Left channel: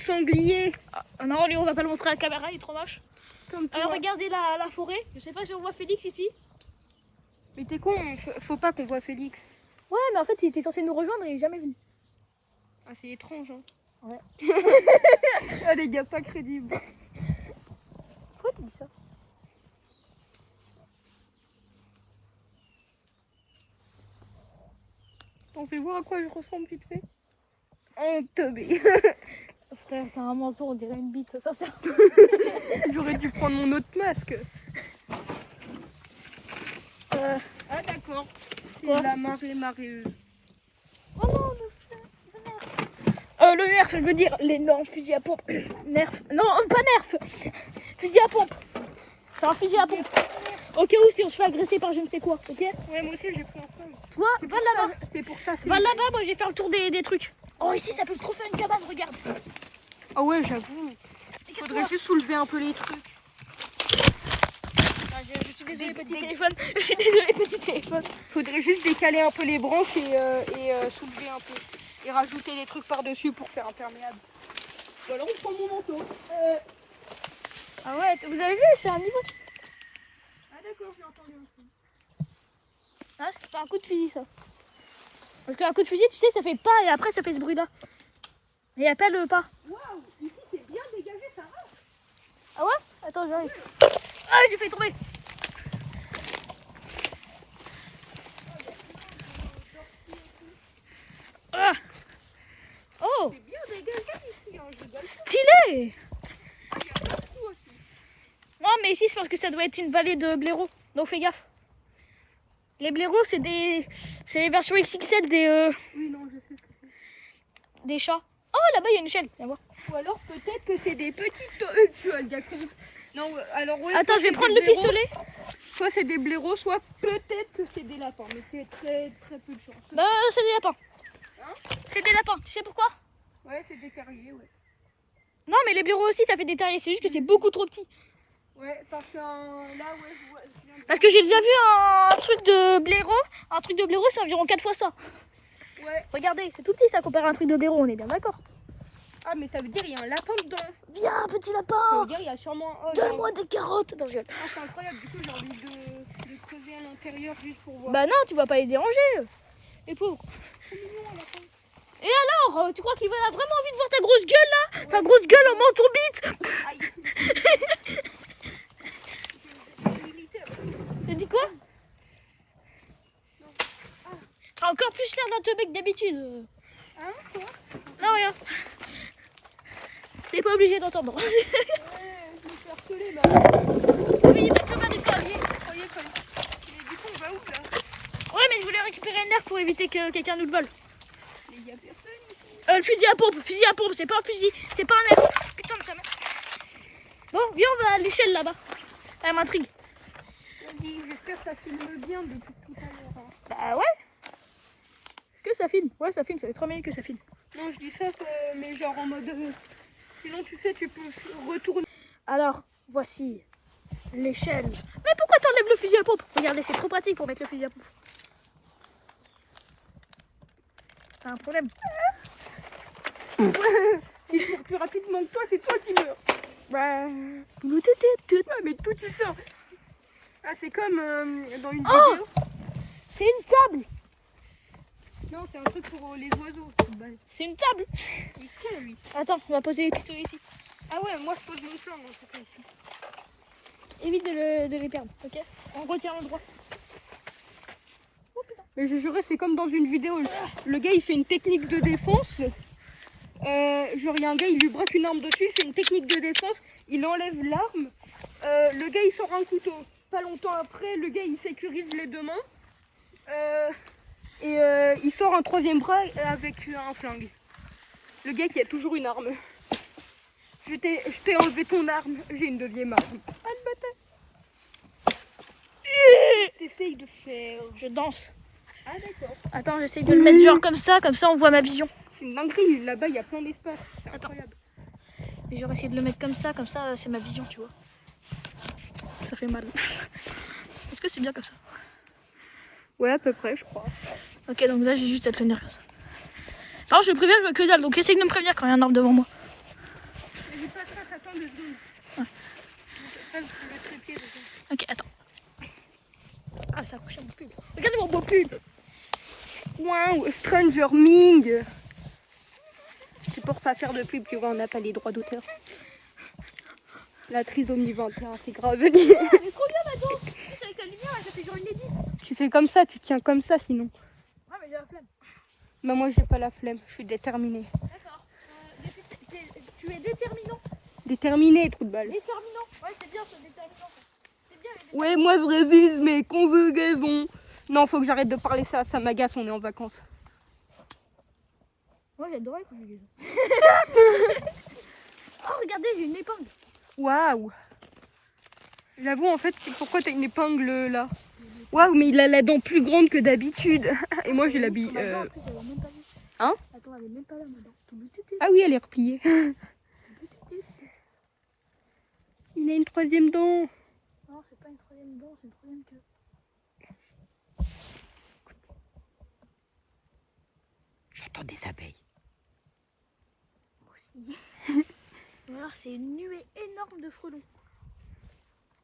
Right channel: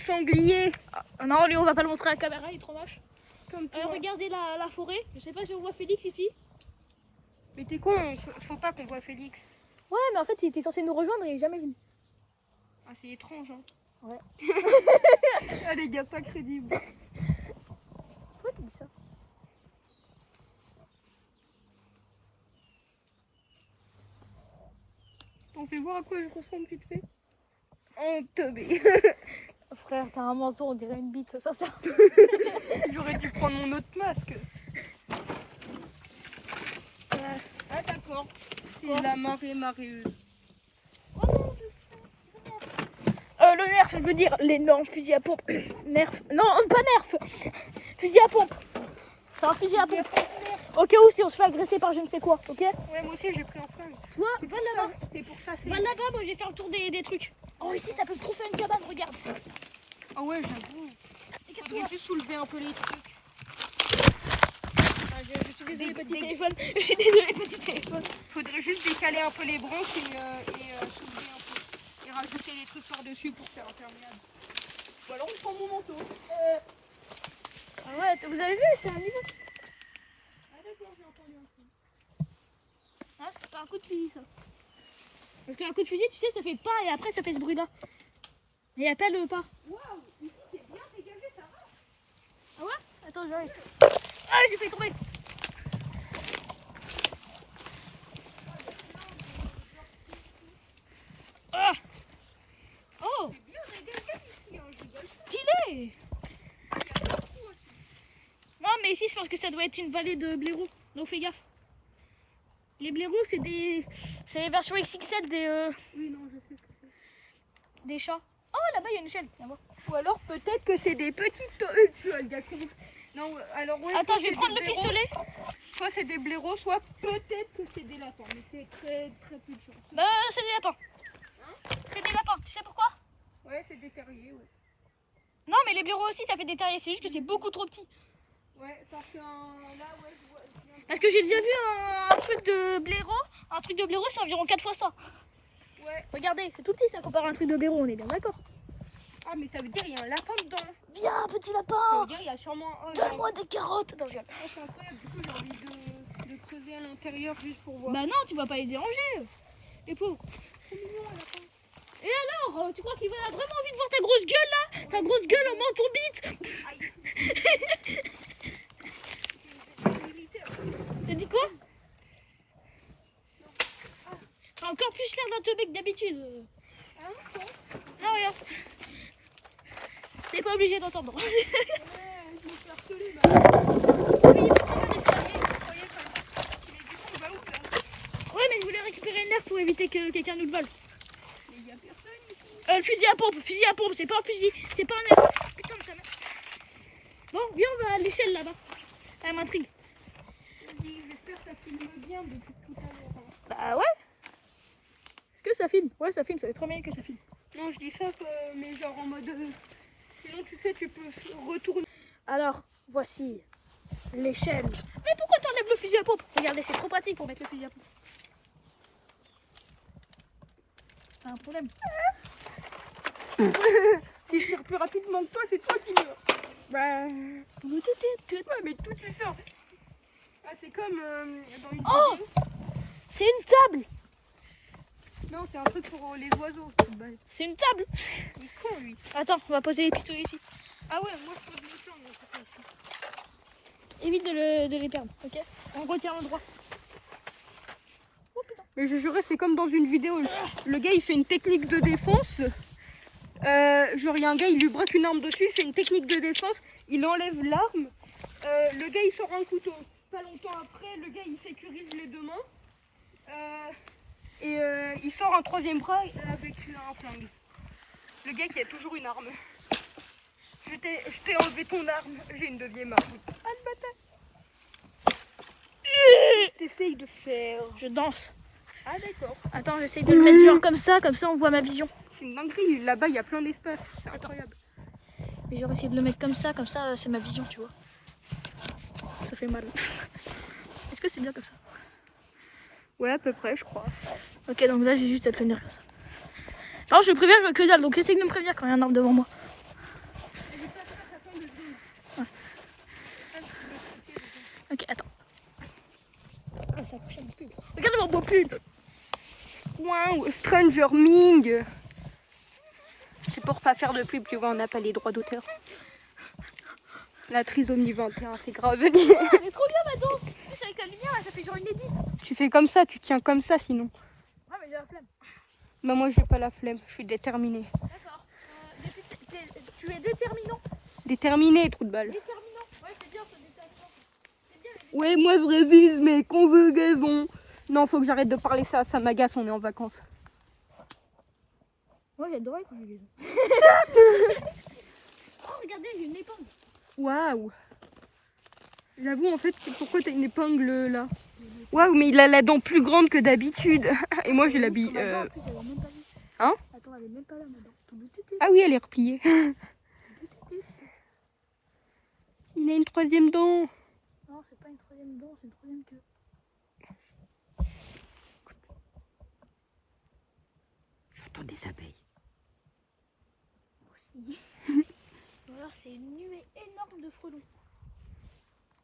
sanglier. Ah, non, lui on va pas le montrer à la caméra, il est trop moche. Comme toi. Alors regardez la forêt, je sais pas si on voit Félix ici. Mais t'es con, faut pas qu'on voit Félix. Ouais, mais en fait il était censé nous rejoindre et il est jamais venu. Ah, c'est étrange, hein. Ouais. Ah, les gars, pas crédibles. Pourquoi tu dis ça? On fait voir à quoi je ressemble vite fait. En teubé. Frère, t'as un manteau, on dirait une bite, ça. J'aurais dû prendre mon autre masque. Ah d'accord. C'est Ouais. la marée maréeuse. Oh, le nerf, je veux dire l'énorme fusil à pompe. Nerf, non, pas nerf. Fusil à pompe. C'est un fusil à pompe. Au cas où si on se fait agresser par je ne sais quoi, ok? Ouais, moi aussi j'ai pris un flingue. Toi, va là-bas. C'est pour ça. Va là-bas, moi j'ai fait le tour des trucs. Oh, ici ça peut trop faire une cabane, regarde. Ah ouais, j'avoue. Faudrait juste soulever un peu les trucs. Je suis désolée, petit téléphone. Je suis désolée, petit téléphone. Faudrait juste décaler un peu les branches et soulever un peu. Et rajouter des trucs par-dessus pour faire imperméable. Ou alors on prend mon manteau. Ah ouais, vous avez vu, c'est un niveau. Ah d'accord, j'ai entendu un truc. Ah, c'était un coup de fusil ça. Parce qu'un coup de fusil, tu sais, ça fait pas et après ça fait ce bruit là. Et il n'y a pas le pas. Waouh, ici c'est bien dégagé, ça va. Ah ouais? Attends, j'arrive. Ah, j'ai fait tomber. Ah. Oh, C'est bien dégagé ici, hein, je rigole. stylé. Non, mais ici, je pense que ça doit être une vallée de blaireaux. Donc fais gaffe. Les blaireaux, c'est les versions XXL Oui, non, je sais ce que c'est. des chats. Oh, là-bas, il y a une échelle. Viens voir. Ou alors peut-être que c'est des petites... tu vois, le gars con. Non, alors ouais. Attends, soit je vais c'est prendre des le blaireaux, pistolet. Soit c'est des blaireaux, soit peut-être que c'est des lapins. Mais c'est très très peu de chance. Bah, c'est des lapins. Hein? C'est des lapins. Tu sais pourquoi? Ouais, c'est des terriers, ouais. Non, mais les blaireaux aussi, ça fait des terriers. C'est juste que c'est beaucoup trop petit. Ouais, parce que là, ouais, je vois... je viens de Parce que j'ai déjà vu un truc de blaireau. Un truc de blaireau, c'est environ 4 fois ça. voir. Ouais. Regardez, c'est tout petit ça comparé à un truc de blaireau, on est bien d'accord. Ah, mais ça veut dire qu'il y a un lapin dedans. Viens, petit Ça lapin. veut dire qu'il y a sûrement... Oh, Donne-moi des carottes. Non, je rigole. ah, c'est incroyable, du coup j'ai envie de creuser à l'intérieur juste pour voir. Bah non, tu vas pas les déranger. Les pauvres. C'est mignon, un lapin. Et alors, tu crois qu'il va vraiment envie de voir ta grosse gueule là? Ouais. Ta grosse gueule en manteau bite. Aïe. T'as dit quoi? T'as encore plus l'air d'un teubé que d'habitude. Hein? Non, rien. T'es pas obligé d'entendre. Ouais, je me fais harceler, bah. Oui, il va très bien les faire. Ça y est, ça y est. Mais du coup, on va où là? Ouais, mais je voulais récupérer un nerf pour éviter que quelqu'un nous le vole. Mais il y a personne ici. Le fusil à pompe, c'est pas un fusil, c'est pas un nerf. Putain de sa mère. Bon, viens, on va à l'échelle là-bas. Elle m'intrigue. Vas-y, j'espère que ça filme bien depuis tout à l'heure. Hein. Bah ouais. Est-ce que ça filme? Ouais, ça filme, ça fait 3 minutes que ça filme. Non, je dis ça, mais genre en mode... sinon, tu sais, tu peux retourner. Alors, voici l'échelle. Mais pourquoi t'enlèves le fusil à pompe? Regardez, c'est trop pratique pour mettre le fusil à pompe. T'as un problème? Si je tire plus rapidement que toi, c'est toi qui meurs. Bah... Ouais, mais tout ça. Ah, c'est comme dans une vidéo. C'est une table. Non, c'est un truc pour les oiseaux. C'est une table. Il est con, lui. Attends, on va poser les pistolets ici. Ah ouais, moi je pose le champ, moi, c'est ça ici. Évite de les perdre, ok? On retient le droit. Mais je jurais, c'est comme dans une vidéo. Le gars, il fait une technique de défense. Genre, il y a un gars, il lui braque une arme dessus, il fait une technique de défense, il enlève l'arme. Le gars, il sort un couteau. Pas longtemps après, le gars, il sécurise les deux mains. Il sort un troisième bras avec un flingue. Le gars qui a toujours une arme. Je t'ai enlevé ton arme, j'ai une deuxième arme. Ah, le bâtard. T'essayes de faire. Je danse. Ah, d'accord. Attends, j'essaye de le mettre genre comme ça on voit ma vision. C'est une dinguerie, là-bas il y a plein d'espace. C'est Attends. incroyable. Et j'aurais essayé de le mettre comme ça c'est ma vision, tu vois. Ça fait mal. Est-ce que c'est bien comme ça? Ouais, à peu près, je crois. Ok, donc là j'ai juste à tenir comme ça. Alors je préviens, je vois que dalle, donc essaye de me prévenir quand il y a un arbre devant moi. Ok, attends. Ah, c'est accroché à mon pull. Regardez mon beau pull. Wow, Stranger Ming. C'est pour pas faire de pub, tu vois, on n'a pas les droits d'auteur. La trisomie 21, c'est grave. Elle est trop bien ma danse. C'est avec la lumière, là, ça fait genre une édite. Tu fais comme ça, tu tiens comme ça sinon. Ah, mais j'ai la flemme. Bah moi j'ai pas la flemme, je suis déterminée. D'accord. Tu es déterminant. Déterminée, trou de balle. Déterminant. Ouais, c'est bien ce déterminant. C'est bien les Ouais, moi je résiste, mais conjugaison. Non, faut que j'arrête de parler ça m'agace, on est en vacances. Moi j'adorais les conjugaisons. Oh, regardez, j'ai une épingle. Waouh. J'avoue, en fait, pourquoi t'as une épingle là? Waouh, mais il a la dent plus grande que d'habitude. Et moi j'ai la bille. En plus, elle est même pas là. Hein? Attends, elle est même pas là, ma dent. Ah oui, elle est repliée. Il a une troisième dent. Non, c'est pas une troisième dent, c'est une troisième queue. J'entends des abeilles. Moi aussi. Alors, c'est une nuée énorme de frelons.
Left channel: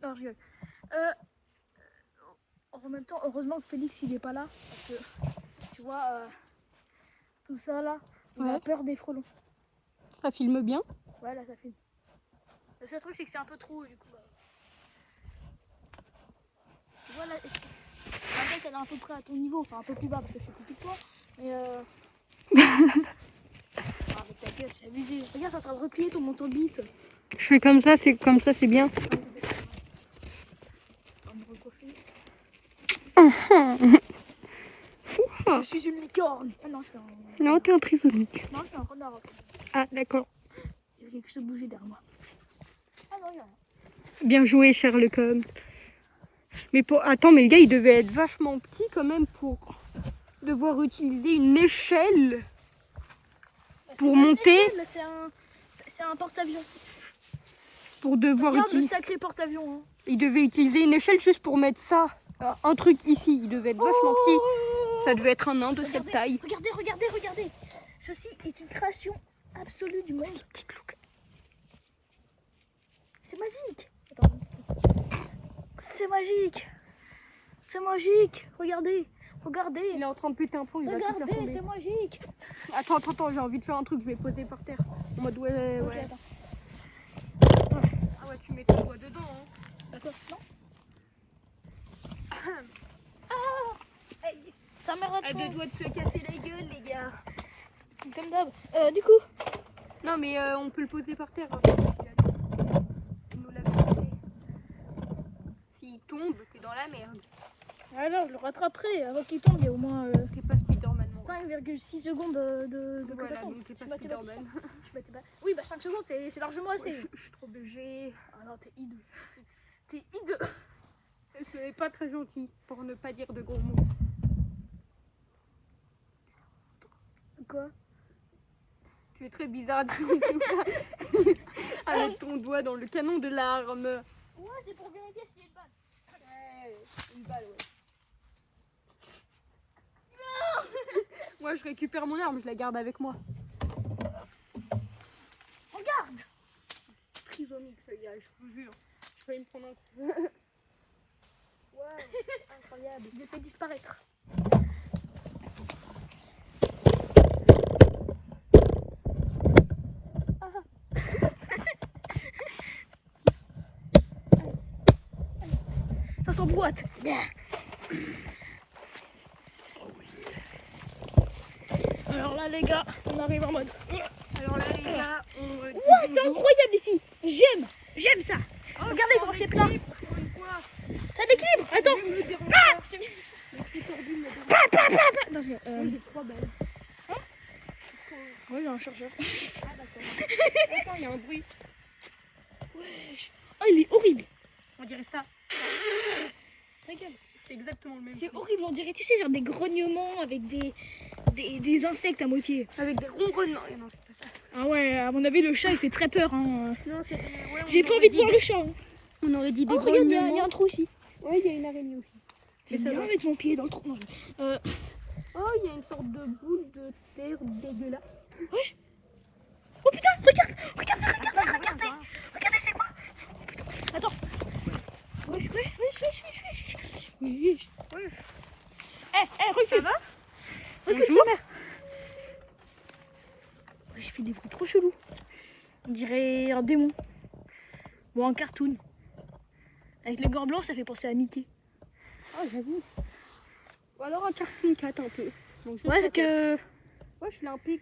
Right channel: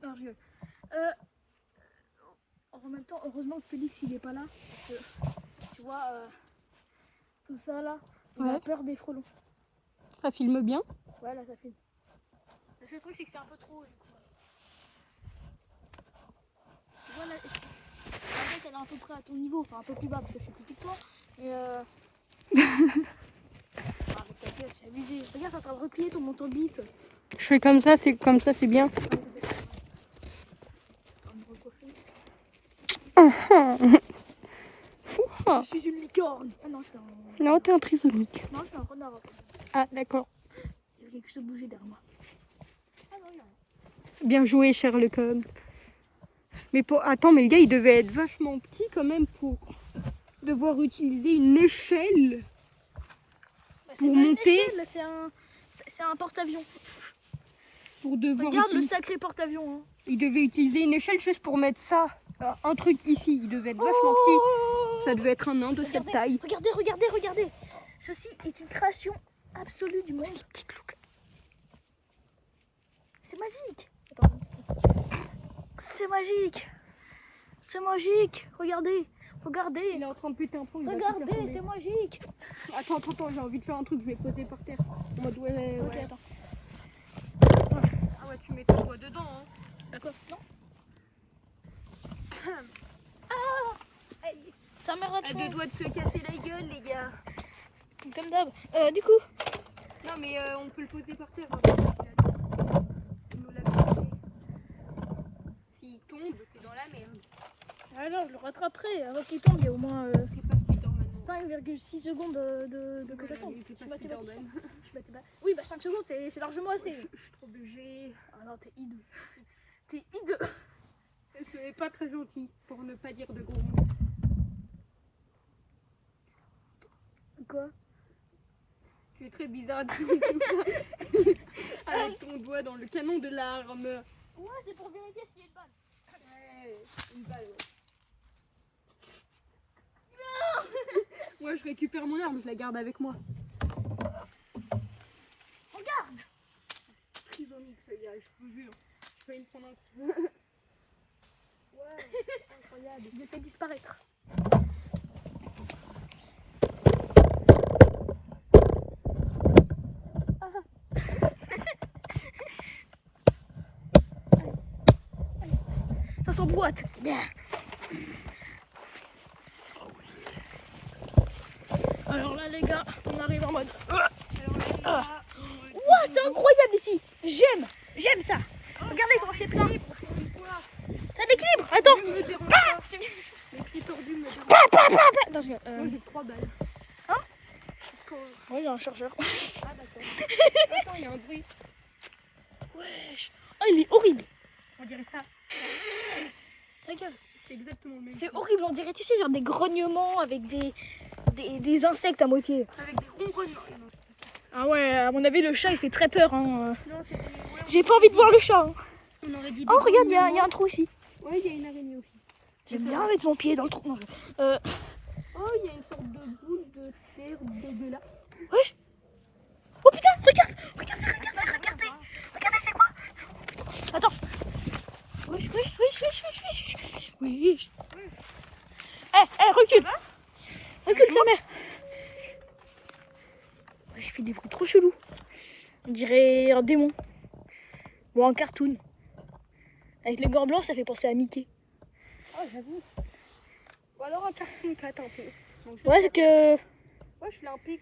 Non, je rigole. En même temps, heureusement que Félix il est pas là. Parce que, tu vois, tout ça là, il a Ouais. peur des frelons. Ça filme bien. Ouais, là ça filme. Le seul truc, c'est que c'est un peu trop du coup. Tu vois là, la tête elle est à peu près à ton niveau, enfin un peu plus bas parce que je suis plus petit que toi. Mais ah, mais ta gueule, c'est abusé. Regarde, t'es en train de replier ton montant de bite. Je fais comme ça, c'est bien. En train de me recoiffer. Je suis une licorne. Ah non, je suis un. Non, t'es un trisomique. Non, je suis un renard. Ah, d'accord. Il y a quelque chose de bougé derrière moi. Ah non, il y a rien. Bien joué, Sherlock Holmes. Mais attends, mais le gars, il devait être vachement petit quand même pour devoir utiliser une échelle Bah, pour c'est pas une monter. échelle, c'est un porte-avions. Pour devoir Regarde le utiliser. sacré porte-avions. Hein. Il devait utiliser une échelle juste pour mettre ça. Un truc ici. Il devait être vachement petit. Ça devait être un nain de cette taille. Regardez. Ceci est une création absolue du monde. C'est magique. Attends. C'est magique. Regardez. Il est en train de péter un plomb. Il va tout faire Regardez, tomber. c'est magique. Attends, j'ai envie de faire un truc. Je vais poser par terre. En mode ouais. Ok, attends. Ah ouais, tu mets ton doigt dedans. Hein. D'accord. Non. Ça m'arrête. À deux doigts de se casser la gueule, les gars. Comme d'hab. Du coup. Non, mais on peut le poser par terre. Hein. Il nous l'a fait. S'il tombe, t'es dans la merde. Alors, je le rattraperai. Avant qu'il tombe, il y a au moins T'es pas Spider-Man. 5,6 secondes de que Voilà, ça tombe. donc t'es Je pas mathématicien. Spider-Man. Je mathématicien. Oui, bah 5 secondes, c'est largement assez. Ouais, je suis trop BG. Ah non, t'es hideux. T'es hideux. Ce n'est pas très gentil, pour ne pas dire de gros mots. Quoi? Tu es très bizarre avec ton doigt dans le canon de l'arme. Ouais, c'est pour vérifier s'il y a une balle. Ouais, une balle, ouais. Moi, je récupère mon arme, je la garde avec moi. Regarde. Trisomique, ce gars, je vous jure. Je vais me prendre un coup. Ouais, incroyable. Je l'ai fait disparaître. Ça s'emboîte. Alors là les gars, on arrive en mode. Alors là, les gars, Ouah, c'est incroyable ici. J'aime ça. Regardez comment c'est plat. Ça l'équilibre. Attends. Ah, non, J'ai 3 balles. ouais, j'ai un chargeur. Attends, il y a un bruit. Wesh. Oh, il est horrible. On dirait ça. Ta gueule. C'est exactement le même. C'est horrible, on dirait, tu sais, genre des grognements avec des insectes à moitié. Avec des ronronnements. Non, c'est pas ça. Ah ouais, à mon avis, le chat, il fait très peur. Hein. Non, c'est pas J'ai pas envie de voir le chat. Hein. On aurait dit des Oh, regarde, il y a grognements. un trou ici. Ouais, il y a une araignée aussi. J'aime C'est bien ça. mettre mon pied dans le trou. Non, Oh, il y a une sorte de boule de terre dégueulasse. wesh. Oh putain, regardez. regardez, c'est quoi? Oh, putain, attends. Oui. Oui. Recule. Recule, sa mère. Ouais, je fais des bruits trop chelous. On dirait un démon. Ou un cartoon. Avec les gants blancs, ça fait penser à Mickey. Ah, j'avoue. Ou alors un cartoon cat, ok. Donc, Ouais, c'est que... ouais, je fais un pic.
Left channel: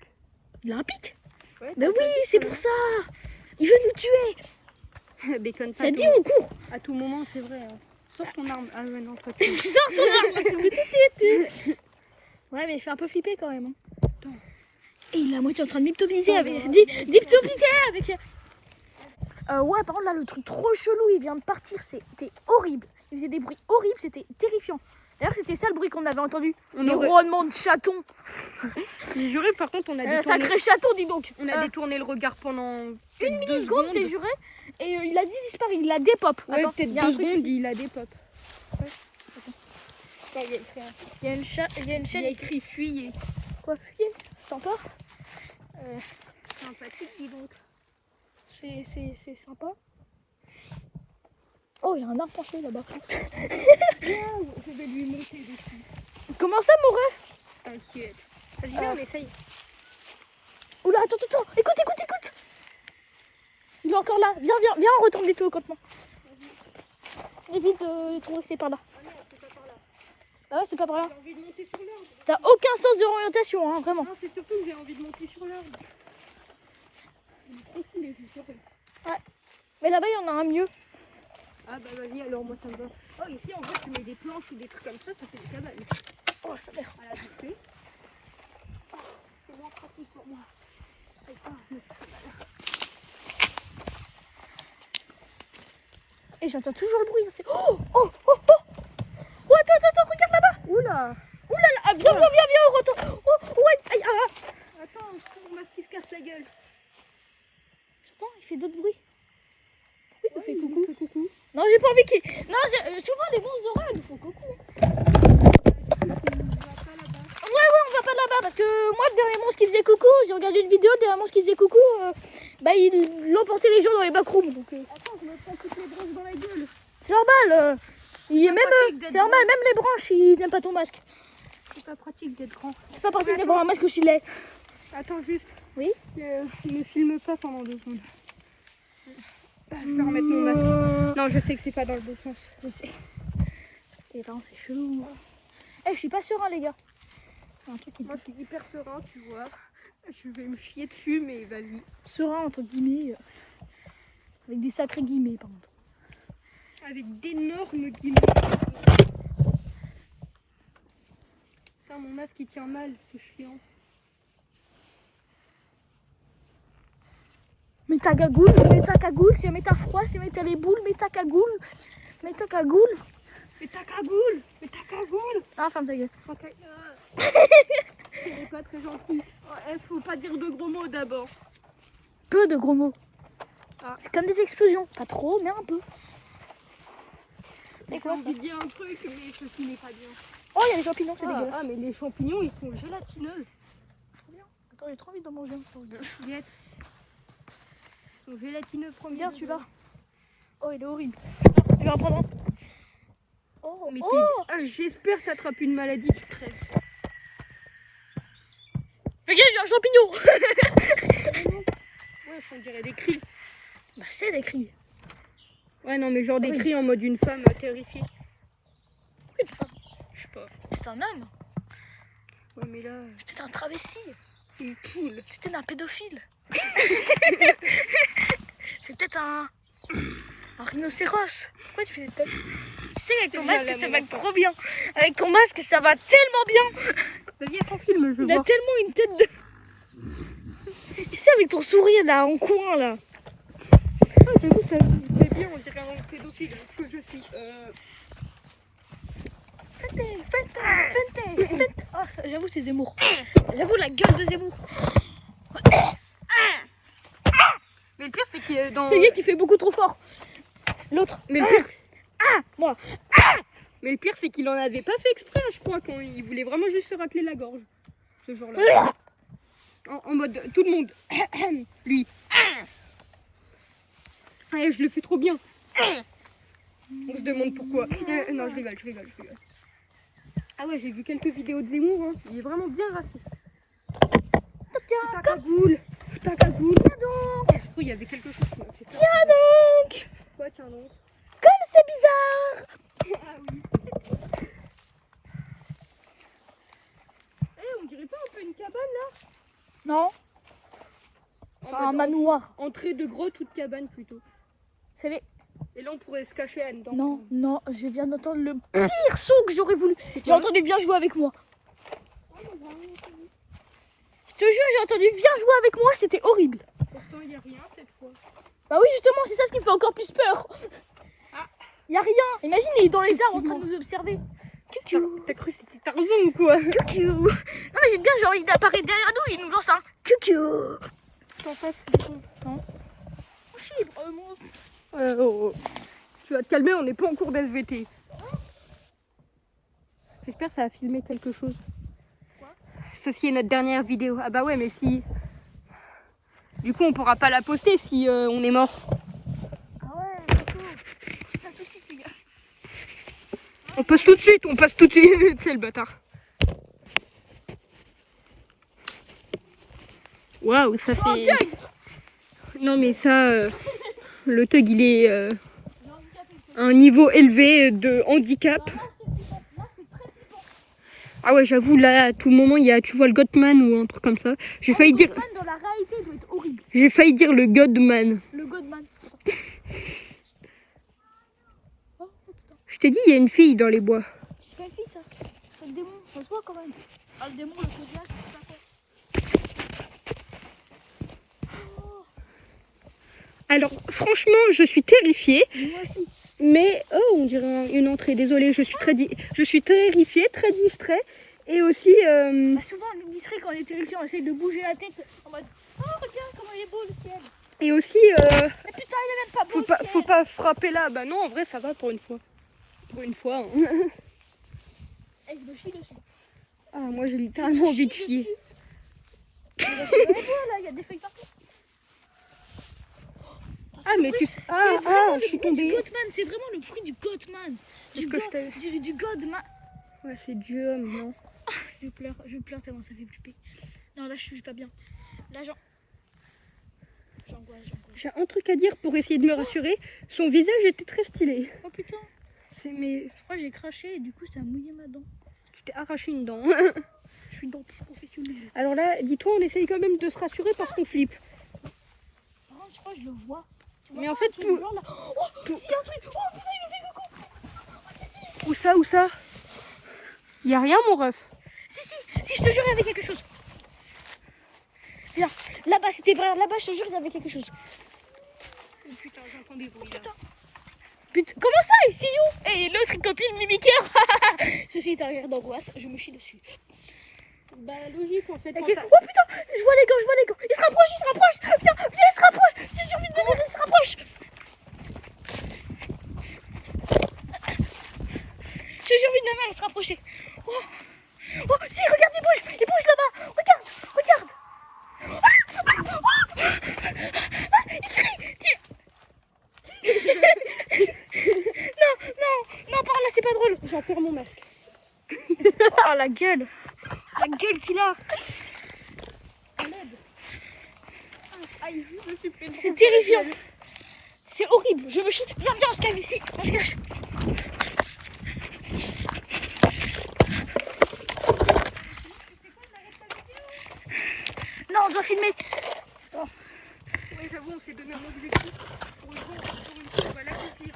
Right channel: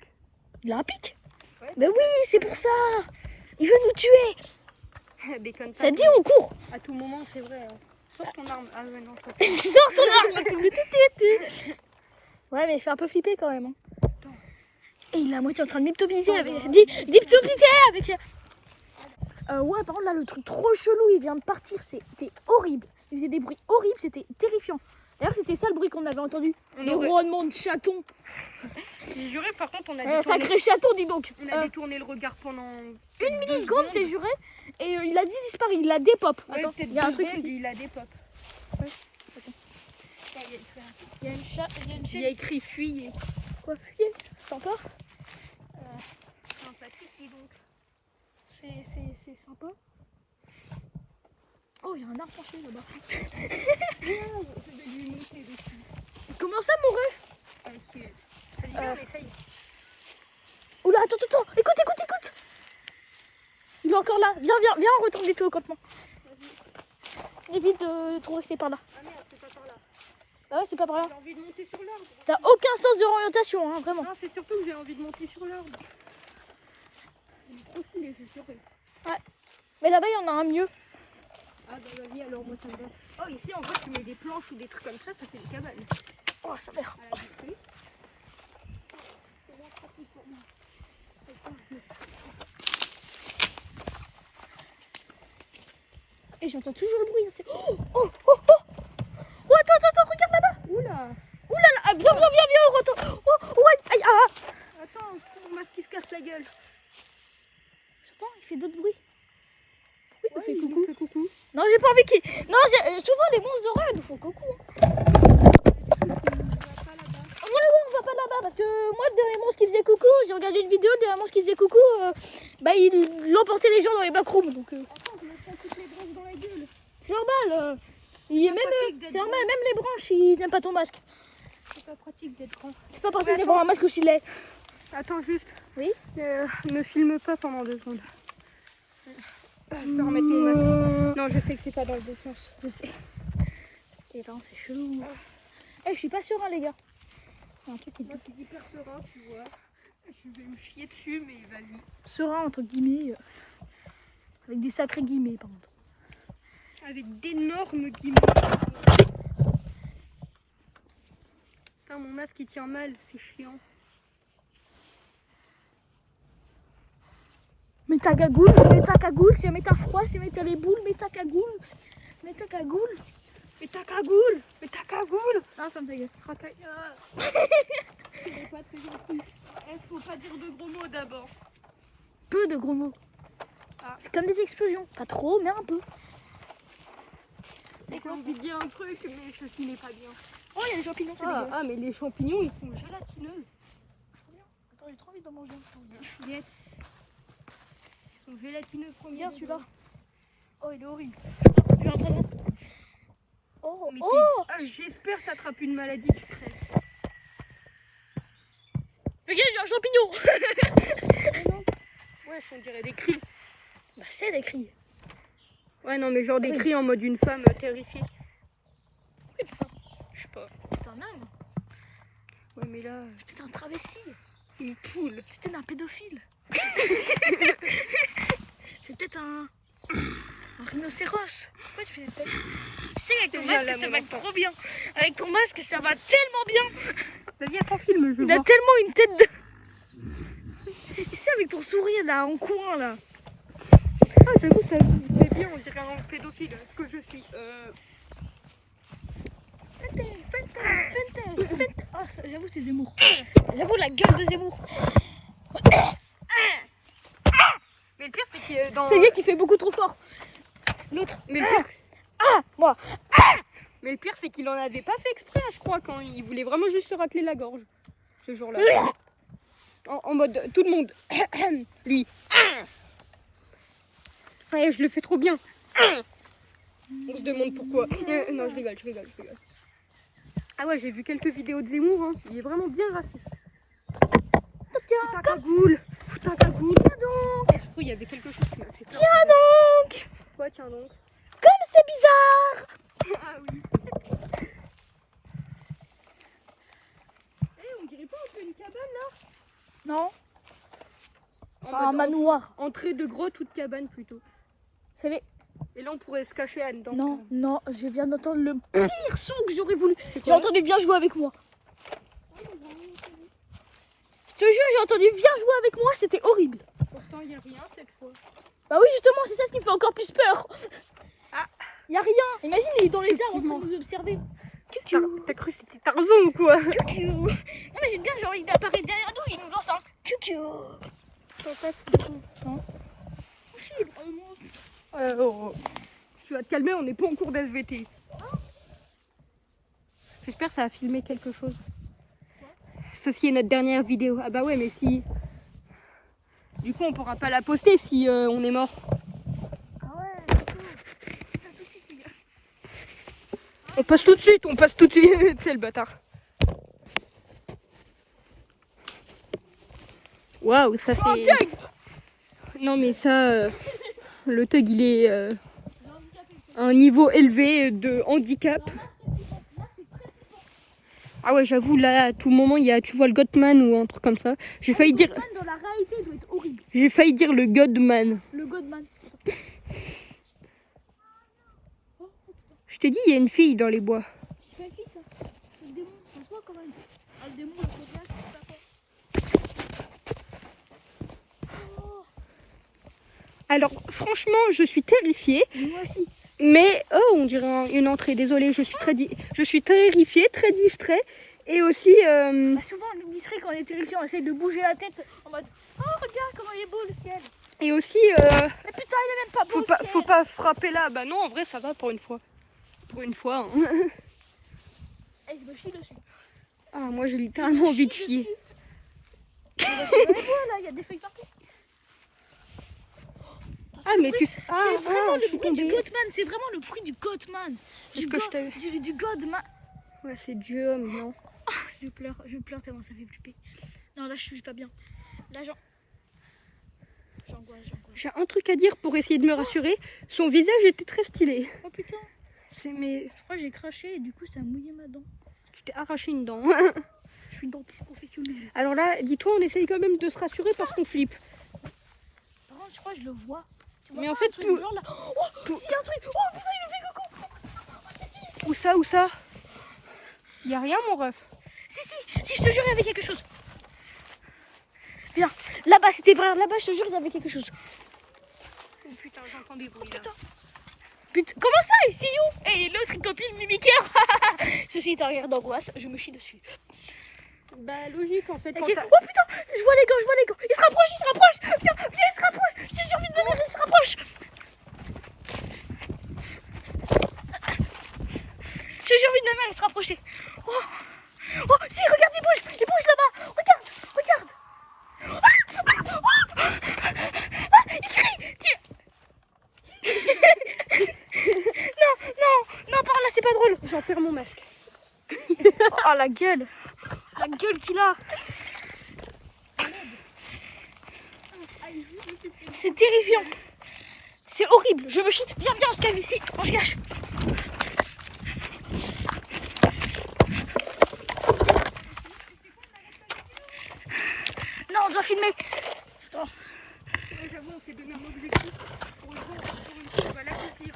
Il a un pic. Ouais, Mais oui, c'est pour ça. Il veut nous tuer. Bacon Ça cat, dit, on court. à tout moment, c'est vrai. Hein. Sors ton arme. Ah, ouais, non, toi. Sors ton arme. Ouais, mais il fait un peu flipper quand même. Hein. Et il est à moitié en train de m'hypnotiser avec... D'hypnotiser avec... Ouais, par contre, là, le truc trop chelou, il vient de partir. C'était horrible. Il faisait des bruits horribles, c'était terrifiant. D'ailleurs, c'était ça le bruit qu'on avait entendu. Les ronronnements de chatons. J'ai juré, par contre, on a Sacré chaton, dis donc. On a détourné le regard pendant une milliseconde, c'est juré. Et il a disparu, il a dépop. Ouais, attends, il y a un truc ici. Il a des potes. Ouais, attends. Il y a une chaîne. Il y a écrit fuyez. Quoi, fuyez? Sympa. Sympathique, dis donc. C'est sympa. Oh, il y a un arbre caché là-bas. Je vais lui monter dessus. Comment ça, mon ref? Essaye. Oula, attends. Écoute. Il est encore là. Viens, on retourne les tout au campement. Évite de trouver que c'est par là. Ah non, c'est pas par là. Ah ouais, c'est pas par là. J'ai envie de monter sur l'arbre. T'as aucun sens d'orientation, hein, vraiment. Non, c'est surtout que j'ai envie de monter sur l'arbre. Il est trop stylé, c'est sûr. Ouais. Mais là-bas, il y en a un mieux. Ah bah vas-y, alors moi ça me va. Oh, ici en vrai, tu mets des planches ou des trucs comme ça fait des cabanes. Oh, ça merde. À la vite fait. Oh, c'est moins pratique pour moi. Et j'entends toujours le bruit. Oh, attends, regarde là-bas. Oula. Viens, on retourne. Oh, aïe. Attends, mon masque qui se casse la gueule. Attends, il fait d'autres bruits. Il fait il coucou. fait coucou. Non, j'ai pas envie qu'il... Non, souvent les monstres d'horreur, ils nous font coucou. Ouais, on va pas là-bas parce que moi, le dernier monstre qui faisait coucou, j'ai regardé une vidéo, le dernier monstre qui faisait coucou, il emportait les gens dans les backrooms. Donc, Attends, je me prends toutes les branches dans la gueule. c'est normal. C'est normal, même les branches, ils aiment pas ton masque. C'est pas pratique d'être grand. C'est pas pratique d'avoir un masque au gilet. Attends, juste. Oui. Ne filme pas pendant 2 secondes. Je vais remettre mon masque. Non, je sais que c'est pas dans le bon sens. Je sais. Et par contre, c'est chelou. Je suis pas serein, les gars. Il y a un truc qui... Moi, je suis hyper serein, tu vois. Je vais me chier dessus, mais vas-y. Serein, entre guillemets. Avec des sacrés guillemets, par contre. Avec d'énormes guillemets. Putain, mon masque il tient mal, c'est chiant. Mets ta cagoule, si jamais t'as froid, si jamais t'as les boules, mets ta cagoule. Mais ta cagoule. Ah, ferme ta gueule. C'est pas très gentil. Faut pas dire de gros mots d'abord. Peu de gros mots. Ah. C'est comme des explosions. Pas trop, mais un peu. J'ai envie de dire un truc, mais ceci n'est pas bien. Oh, il y a les champignons, c'est dégueulasse. Ah, mais les champignons, ils sont gélatineux. Attends, j'ai trop envie de manger. Ils sont gélatineux, prends bien celui-là. Oh, il est horrible. Je vais en prendre un. Oh, Mais oh. j'espère que t'attrapes une maladie, tu crèves. Regarde, j'ai un champignon. Ouais, on dirait des cris. Bah, c'est des cris. Ouais, non, mais genre des Oui. cris en mode une femme terrifiée. C'est un homme. Ouais, mais là, C'était un travesti. une poule. C'était un pédophile. C'est peut-être un rhinocéros. Pourquoi tu fais cette tête? Tu sais qu'avec ton masque, ça va trop bien. Avec ton masque, ça va tellement bien. Vas-y, prends film, je veux Il a voir. tellement une tête de... Tu sais, avec ton sourire là, en coin là. Ah, j'avoue, ça me fait bien, on dirait un pédophile, ce que je suis. Fente. Ah, j'avoue, c'est Zemmour. J'avoue, la gueule de Zemmour. Mais le pire, c'est qu'il est dans... C'est lui qui fait beaucoup trop fort. L'autre. Mais le pire, Moi. mais le pire, c'est qu'il en avait pas fait exprès, je crois, quand il voulait vraiment juste se rateler la gorge. Ce jour-là. En mode, tout le monde. Lui. Ouais, je le fais trop bien. On se demande pourquoi. Non, je rigole. Ah ouais, j'ai vu quelques vidéos de Zemmour, hein. Il est vraiment bien raciste. Tiens, Putain, cagoule. tiens donc. Oui, il y avait quelque chose qui m'a fait peur. Tiens donc. Quoi, tiens donc. Comme c'est bizarre. Ah oui. On dirait pas un peu une cabane là? Non. C'est un mode manoir. Entrée de grotte ou de cabane plutôt. C'est les... Et là on pourrait se cacher là-dedans. Non, je viens d'entendre le pire son que j'aurais voulu. J'ai entendu Viens jouer avec moi. Je te jure, j'ai entendu Viens jouer avec moi, c'était horrible. Pourtant il n'y a rien cette fois. Bah oui, justement, c'est ça ce qui me fait encore plus peur. Ah. Y a rien. Imagine, il est dans les arbres en train de nous observer. Coucou. T'as cru que c'était Tarzan ou quoi? Coucou. Non mais j'aime bien, genre il apparaît derrière nous, il nous lance un coucou. T'en fasses. Vraiment. Tu vas te calmer, on n'est pas en cours d'SVT. J'espère que ça a filmé quelque chose. Quoi? Ceci est notre dernière vidéo. Ah bah ouais, mais si... Du coup, on pourra pas la poster si on est mort. Ah ouais, d'accord. Ça tout de suite, les gars. On passe tout de suite. C'est le bâtard. Waouh, ça Oh, fait... Doug. Non mais ça... le Tug, il est à un niveau élevé de handicap. Là, c'est très flippant. Ah ouais, j'avoue, là, à tout moment, tu vois le Godman ou un truc comme ça. J'ai failli dire... Godman, dans la réalité, il doit être horrible. J'ai failli dire le Godman. Le Godman. Je t'ai dit, il y a une fille dans les bois. C'est une fille, ça. C'est le démon. Ça se voit quand même. Ah, le démon, le Godman, c'est ça. Oh, Alors, franchement, je suis terrifiée. moi aussi. Mais, oh, on dirait une entrée. Désolée, je suis terrifiée, très distrait. Et aussi, Bah, souvent, on est distrait quand on est terrifié, on essaie de bouger la tête en mode oh, regarde comment il est beau le ciel. et aussi, Mais putain, il est même pas beau. le ciel. faut pas frapper là. Bah non, en vrai, ça va pour une fois. Pour une fois. Hein. Eh, je me chie dessus. Ah, moi, j'ai littéralement envie de chier. Il y a des feuilles partout. Ah, mais tu sais. Ah, je suis tombée. C'est vraiment le bruit du Goatman. C'est ce que je t'ai... Du Godman. Ouais, c'est Dieu homme, non? Je pleure tellement ça fait flipper. Non, là, je suis pas bien. Là, j'angoisse. J'ai un truc à dire pour essayer de me rassurer. Son visage était très stylé. Oh putain, C'est mais... je crois que j'ai craché et du coup, ça a mouillé ma dent. Tu t'es arraché une dent. Je suis une dentiste professionnelle. Alors là, dis-toi, on essaye quand même de se rassurer parce qu'on flippe. Par contre, je crois que je le vois. Mais en fait, C'est un truc blanc, là. Oh, tout- c'est un truc. Oh, putain, il a fait le con. Où ça? Y a rien, mon ref. Si, je te jure, il y avait quelque chose. Viens, là-bas, c'était vrai. Là-bas, je te jure, il y avait quelque chose. Oh putain, j'entends des bruits là. Putain, comment ça, ici où? Et l'autre copine mimiqueur. Ceci est un rire d'angoisse, je me chie dessus. Bah logique en fait. Ok. Oh putain, je vois les gants. Il se rapproche. Viens, il se rapproche. J'ai envie de me dire, il se rapproche. J'ai envie de me mettre, se rapprocher. Oh, si, regarde, il bouge là-bas. Regarde. Il crie. Non, par là, c'est pas drôle. J'en perds mon masque. Oh, la gueule qu'il a. C'est terrifiant. C'est horrible. Je me chie. Viens, on se cache ici. On se cache. Non, on doit filmer. Ouais, j'avoue, on s'est donné un objectif. Pour une fois, on va l'accomplir.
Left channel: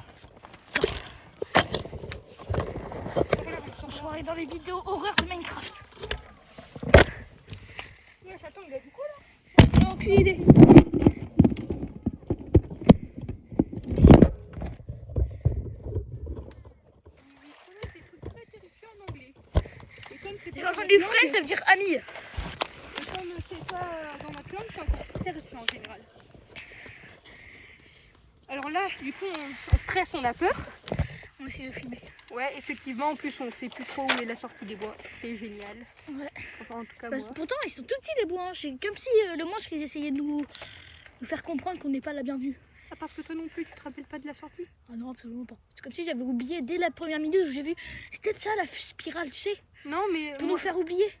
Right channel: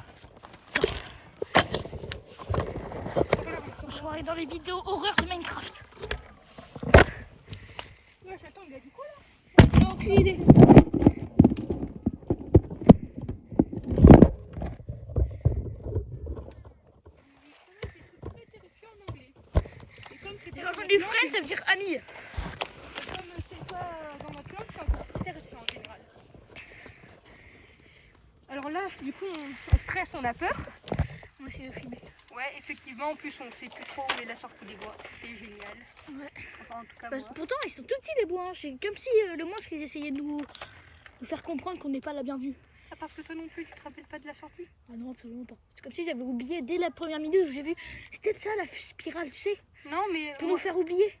On va aller dans les vidéos horreur de Minecraft. Ouais, attends, il a dit quoi là? J'ai aucune idée. J'ai entendu friend, ça veut dire ami. Alors là, du coup, on stresse, on a peur. On va essayer de filmer. Ouais, effectivement, en plus, on sait tout chaud où est la sortie des bois. C'est génial. Ouais. Enfin, en tout cas, Parce, moi. pourtant, ils sont tout petits les bois. Hein. C'est comme si le monstre ils essayait de nous faire comprendre qu'on n'est pas la bienvenue. Ah, parce que toi non plus, tu te rappelles pas de la sortie? Ah non, absolument pas. C'est comme si j'avais oublié dès la première minute où j'ai vu. C'est peut-être ça la spirale, tu sais, Non, mais pour nous faire oublier.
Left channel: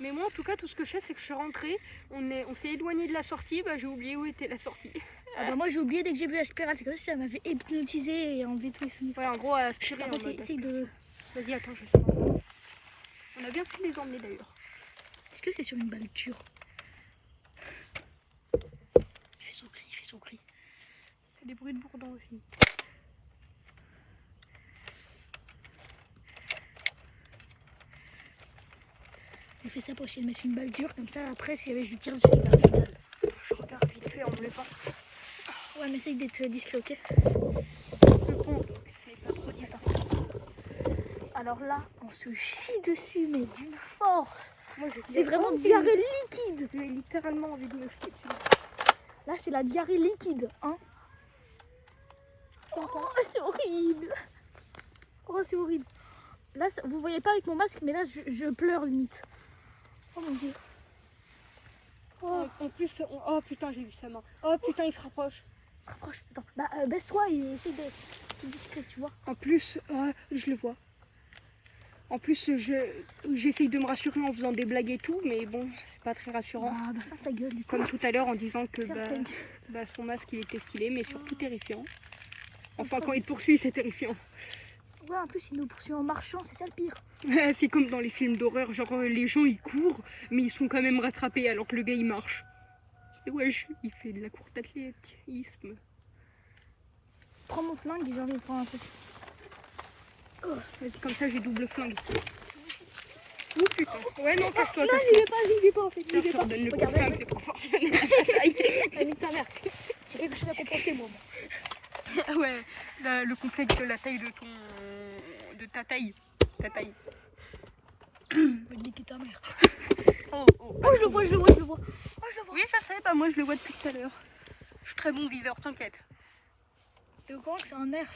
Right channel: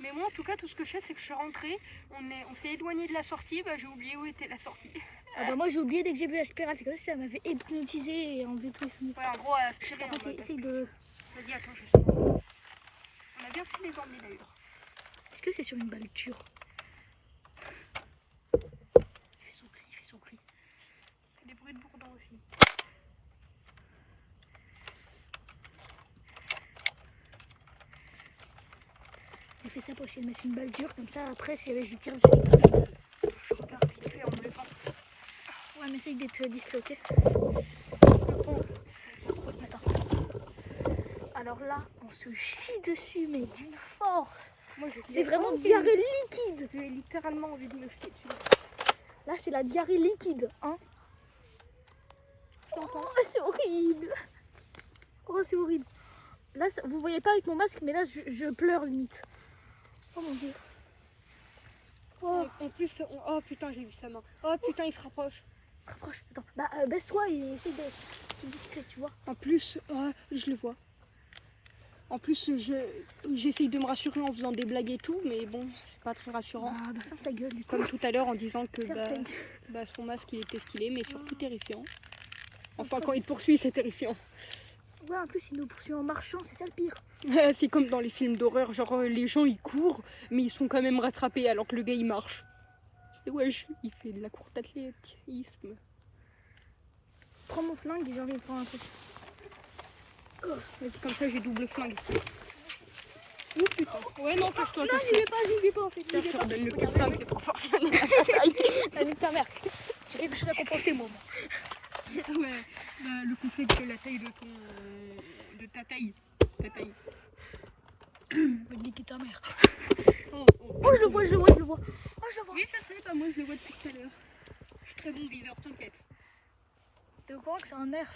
mais moi, en tout cas, tout ce que je sais, c'est que je suis rentrée, on s'est éloigné de la sortie, bah j'ai oublié où était la sortie. Ah bah moi j'ai oublié dès que j'ai vu la spirale, c'est comme si ça m'avait hypnotisé et enlevé tous les souvenirs. Ouais, en gros, à la Par contre, essaye de... Vas-y, attends, j'essaie. On a bien pu les emmener d'ailleurs. Est-ce que c'est sur une balle dure? Il fait son cri, il fait son cri. C'est des bruits de bourdon aussi. Il fait ça pour essayer de mettre une balle dure, comme ça après si je lui tire dessus, il perd la balle. Ouais mais essaye d'être discret, ok? Alors là, on se chie dessus, mais d'une force. C'est vraiment diarrhée liquide. J'ai littéralement envie de me chier dessus. Là, c'est la diarrhée liquide, hein. Oh, c'est horrible. Oh, c'est horrible. Là, vous voyez pas avec mon masque, mais là, je pleure limite. Oh mon dieu. Oh. En plus, oh putain, j'ai vu sa main. Oh putain, il se rapproche. Rapproche. Attends, bah baisse-toi et essaye d'être plus discret, tu vois. En plus, je le vois. En plus, j'essaye de me rassurer en faisant des blagues et tout, mais bon, c'est pas très rassurant. Bah ferme ta gueule. Comme tout à l'heure en disant que Ferme ta gueule. son masque il était stylé, mais surtout terrifiant. Enfin, quand il te poursuit, c'est terrifiant. Ouais, en plus, il nous poursuit en marchant, c'est ça le pire. C'est comme dans les films d'horreur, genre les gens ils courent, mais ils sont quand même rattrapés alors que le gars il marche. Et wesh, il fait de la course d'athlétisme. Prends mon flingue et j'ai envie de prendre un truc. Oh, comme ça j'ai double flingue. Oh putain. Ouais, non, casse-toi. Non, j'y vais pas en fait. J'y vais pas. Donne le Regarde, flingue, c'est proportionnel. avec ta mère. J'ai quelque chose à compenser, moi. Ah ouais, le complexe de la taille de ta taille. Ta taille. Niquer ta mère. Oh, Oh, je le vois. Oh, je le vois. Oui, ça c'est, bah moi je le vois depuis tout à l'heure. Je suis très bon viseur, t'inquiète. T'es au courant que c'est un nerf?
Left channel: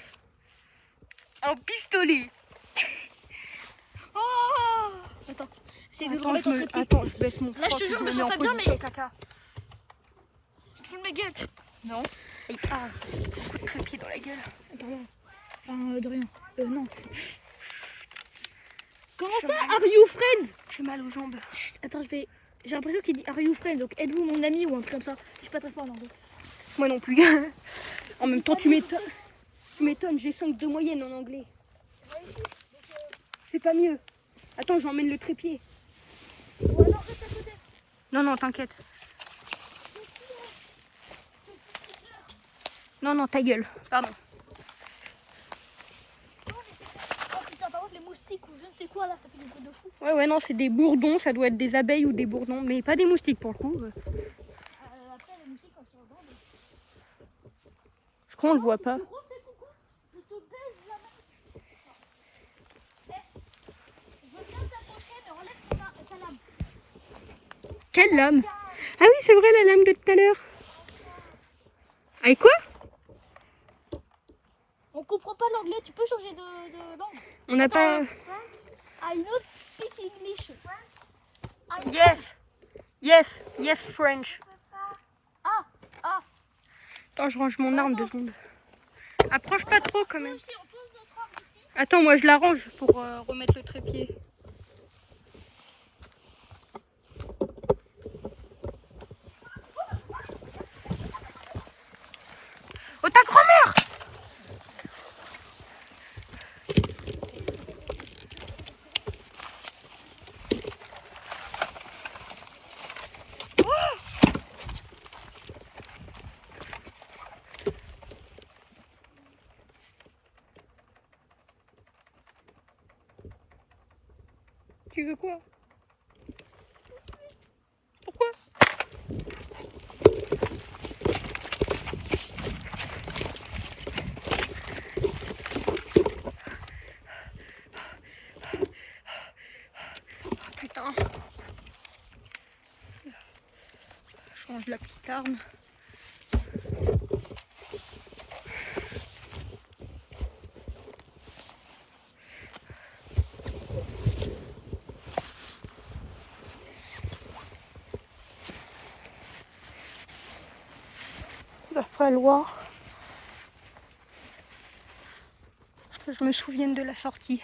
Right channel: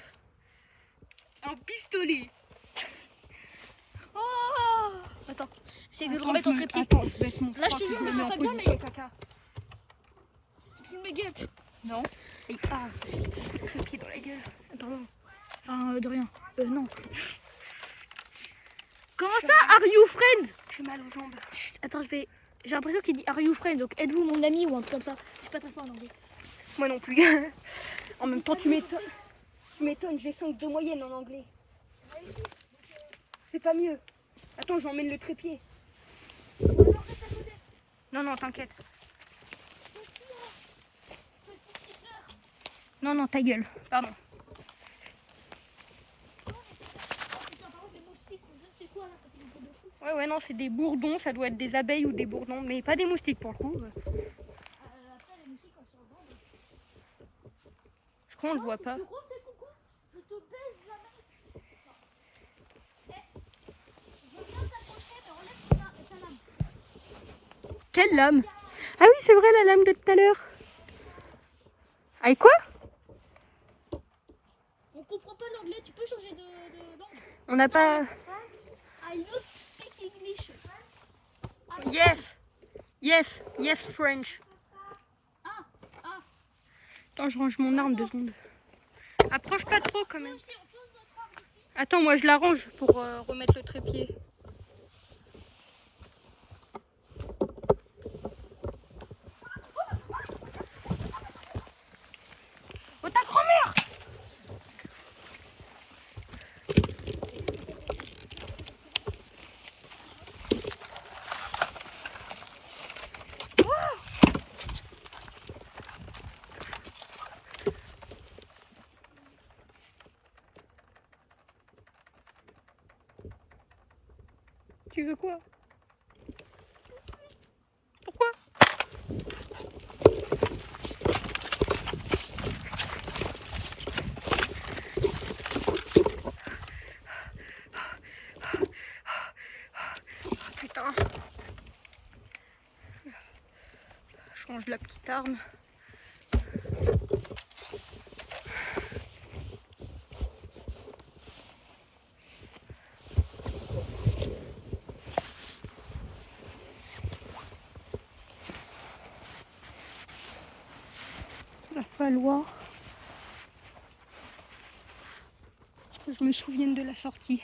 Un pistolet. Oh! Attends, essaye de le remettre en trépied. Là, je te jure, je me sens pas bien, mais. Caca. Tu te fous de ma gueule. Non. Trépied dans la gueule. Pardon. Enfin, de rien. Non. Comment ça, are you friends? J'ai mal aux jambes. Chut, attends, j'ai l'impression qu'il dit are you friends, donc êtes-vous mon ami ou un truc comme ça. Je suis pas très fort en anglais. Moi non plus. En même temps, tu m'étonnes. Tu m'étonnes, j'ai 5 de moyenne en anglais. C'est pas mieux. Attends, j'emmène le trépied. Non, non, t'inquiète. Non, non, ta gueule. Pardon. Oh putain, par contre, les moustiques ou je ne sais quoi là, ça fait des bruits de fou. Ouais, non, c'est des bourdons. Ça doit être des abeilles ou des bourdons. Mais pas des moustiques pour le coup. Après, les moustiques, quand ils sont vendent. Je crois qu'on le voit pas. Tu refais coucou, je te baise la main. Je viens t'approcher, mais enlève ta lame. Quelle lame? Ah oui, c'est vrai, la lame de tout à l'heure. Avec quoi? On comprend pas l'anglais, tu peux changer de langue? On n'a pas... I not speak English. Yes, French. Ah. Attends, je range mon arme 2 secondes. Approche pas trop quand même. On pose notre arme ici. Attends, moi je la range pour remettre le trépied. Oh, ta grand-mère! Tu veux quoi? Pourquoi? Putain. Je range la petite arme. Il va falloir que je me souvienne de la sortie.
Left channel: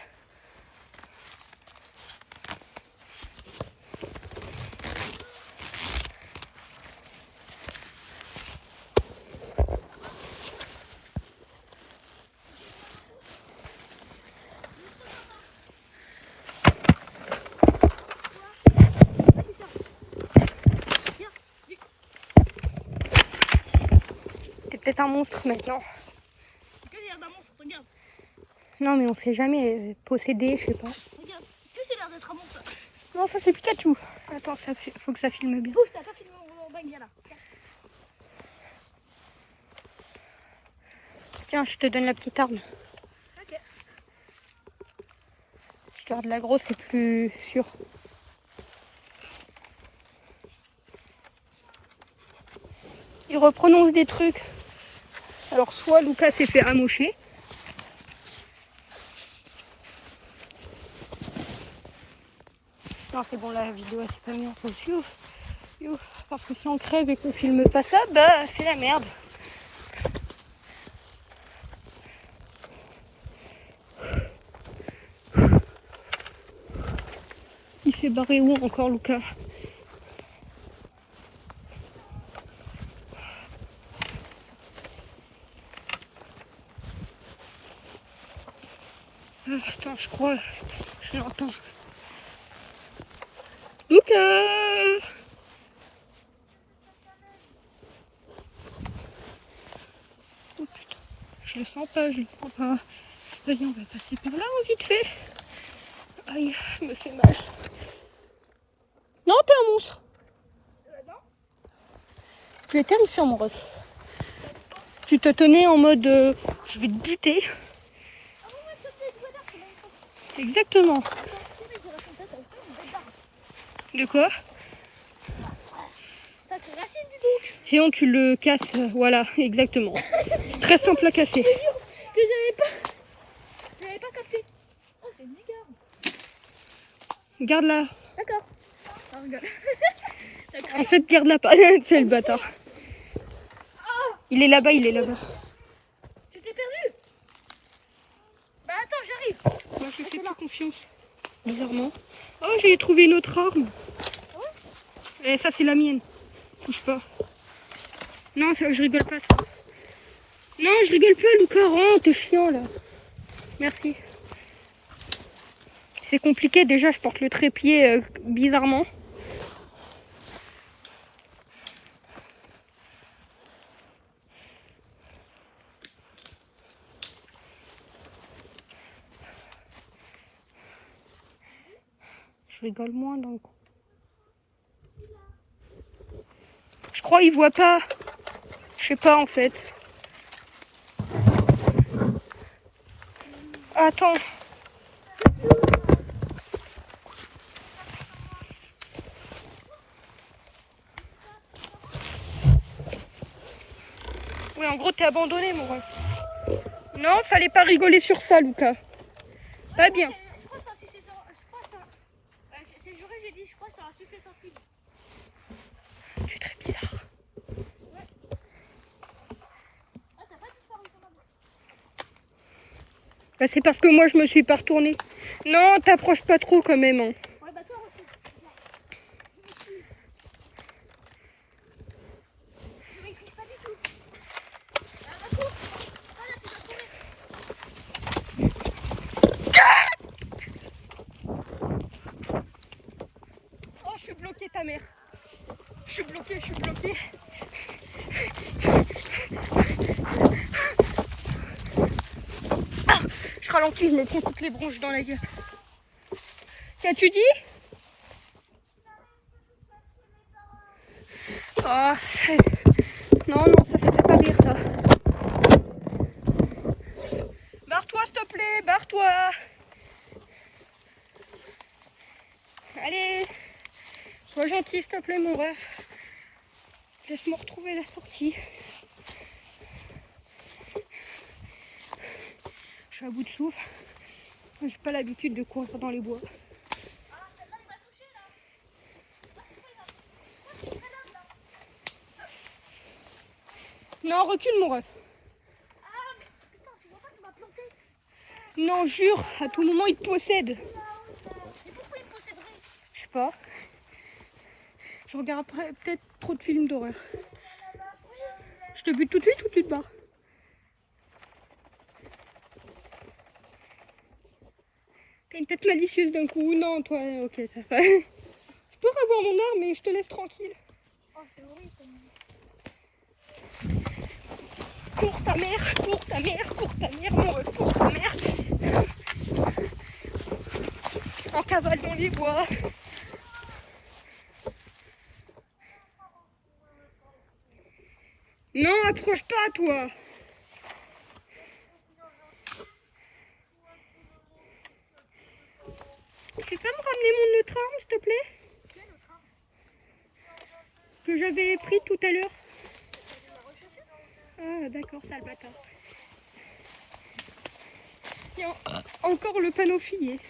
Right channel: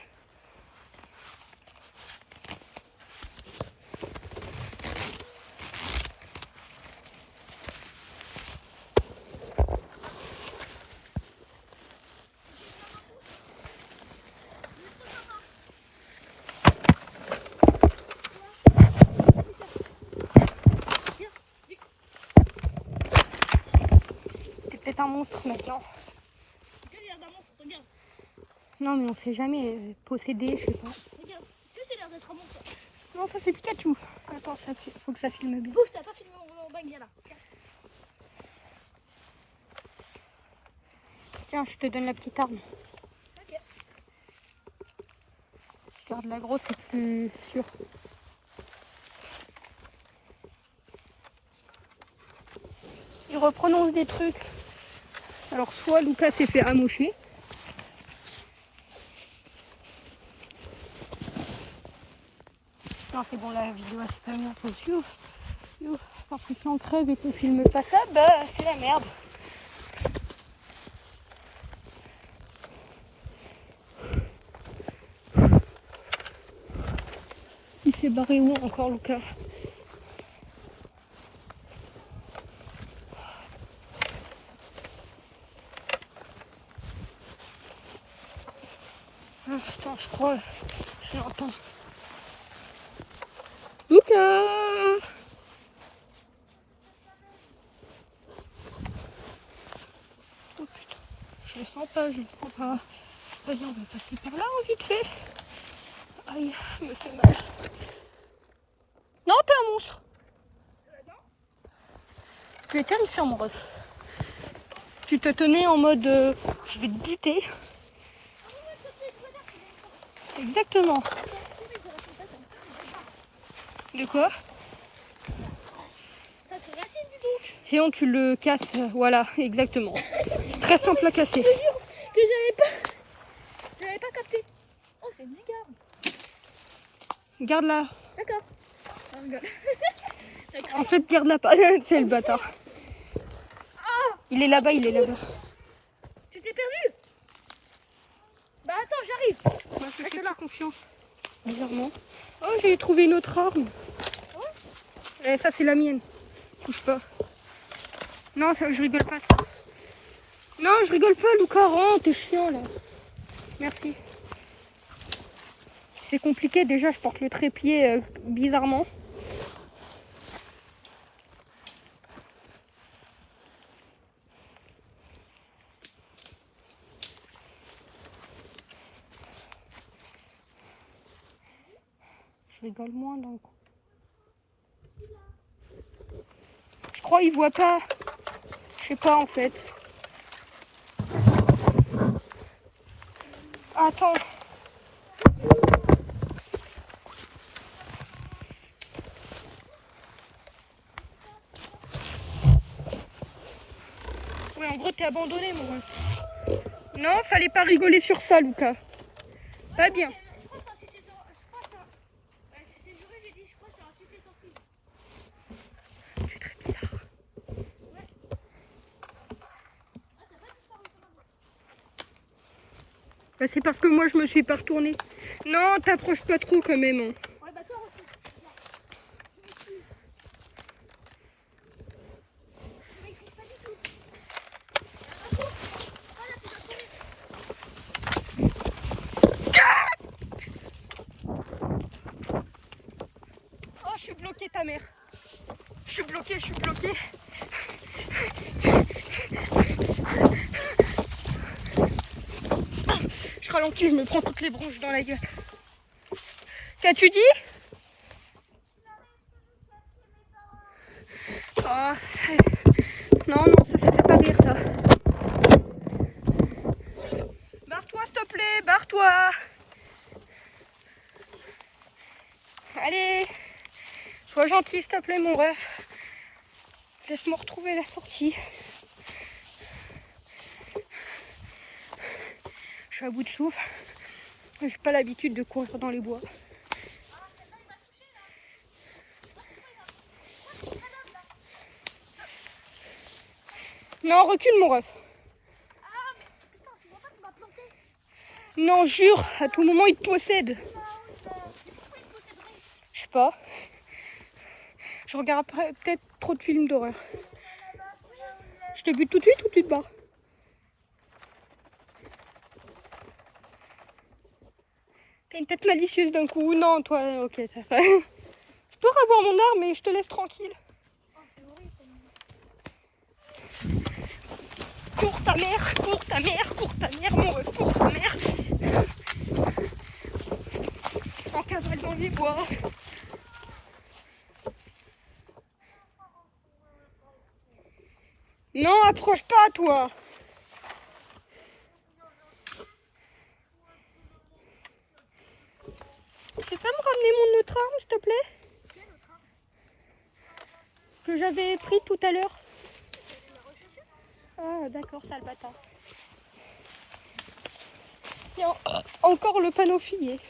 T'es peut-être un monstre maintenant. T'as l'air d'un monstre, regarde. Non mais on sait jamais, possédé, je sais pas. Regarde. Est-ce que c'est l'air d'être un monstre? Non, ça c'est Pikachu. Attends, ça faut que ça filme bien. Oh, ça a pas filmé mon bague, viens là. Tiens. Tiens, je te donne la petite arme. Ok. Je garde la grosse, c'est plus sûr. Il reprononce des trucs. Alors soit Lucas s'est fait amocher. Non c'est bon, la vidéo c'est pas bien. Faut suivre. Parce que si on crève et qu'on filme pas ça, bah c'est la merde. Il s'est barré où encore Lucas? Ah, attends, je crois, je l'entends. Lucas! Oh, putain. Je le sens pas, je le sens pas. Vas-y, on va passer par là, vite fait. Aïe, je me fais mal. Non, t'es un monstre. Tu es terrifiant, mon ref. Tu te tenais en mode je vais te buter. Exactement. De quoi? Ça te racine, dis donc. Sinon tu le casses, voilà, exactement. Très simple à casser. Que j'avais pas capté. Oh, c'est une mégarde. Garde-la. D'accord. Ah, regarde. En fait, garde-la pas. C'est le bâtard. Il est là-bas, il est là-bas. Tu t'es perdu? Bah attends, j'arrive. Moi, je fais pas confiance. Bizarrement. Oh, j'ai trouvé une autre arme. Eh, ça, c'est la mienne. Touche pas. Non, ça, je rigole pas. Ça. Non, je rigole pas, Lucas. Oh, t'es chiant, là. Merci. C'est compliqué. Déjà, je porte le trépied bizarrement. Je rigole moins, donc. Je crois qu'il voit pas. Je sais pas, en fait. Attends. Ouais, en gros, t'es abandonné, mon ref. Non, fallait pas rigoler sur ça, Lucas. Pas bien. Je crois que c'est un succès sans... Je crois que c'est un... C'est le jour j'ai dit, je crois que c'est un succès sans fil. Tu es très bizarre. Ouais. Ah, t'as pas disparu sur ma bouche. Bah, c'est parce que moi, je me suis pas retournée. Non, t'approches pas trop quand même. Hein. Ouais, bah toi, refuse. Je maîtrise pas du tout. Refuse. Ah, là, tu vas tomber. Oh, je suis bloquée, ta mère. Je suis bloquée, je suis bloquée. Ah, je ralentis, je me prends toutes les bronches dans la gueule. Qu'as-tu dit? Oh, non, non, ça fait pas rire, ça. Barre-toi, s'il te plaît, barre-toi. Allez, sois gentil, s'il te plaît, mon ref. Laisse-moi retrouver la sortie. Je suis à bout de souffle. J'ai pas l'habitude de courir dans les bois. Non, recule, mon ref. Ah, mais putain, tu vois pas, tu m'as planté. Non, jure, à tout moment il te possède. Je sais pas. Je regarde peut-être trop de films d'horreur. Je te bute tout de suite ou tu te bats? T'as une tête malicieuse d'un coup. Non, toi, ok, ça va. Je peux revoir mon arme, mais je te laisse tranquille. Oh, c'est horrible. Cours ta mère, mon ref, cours ta mère. En cavale dans les bois. Non, approche pas, toi. Tu peux pas me ramener mon autre arme, s'il te plaît? Que j'avais pris tout à l'heure. Ah, d'accord, sale bâtard. Il y a encore le panneau fillé.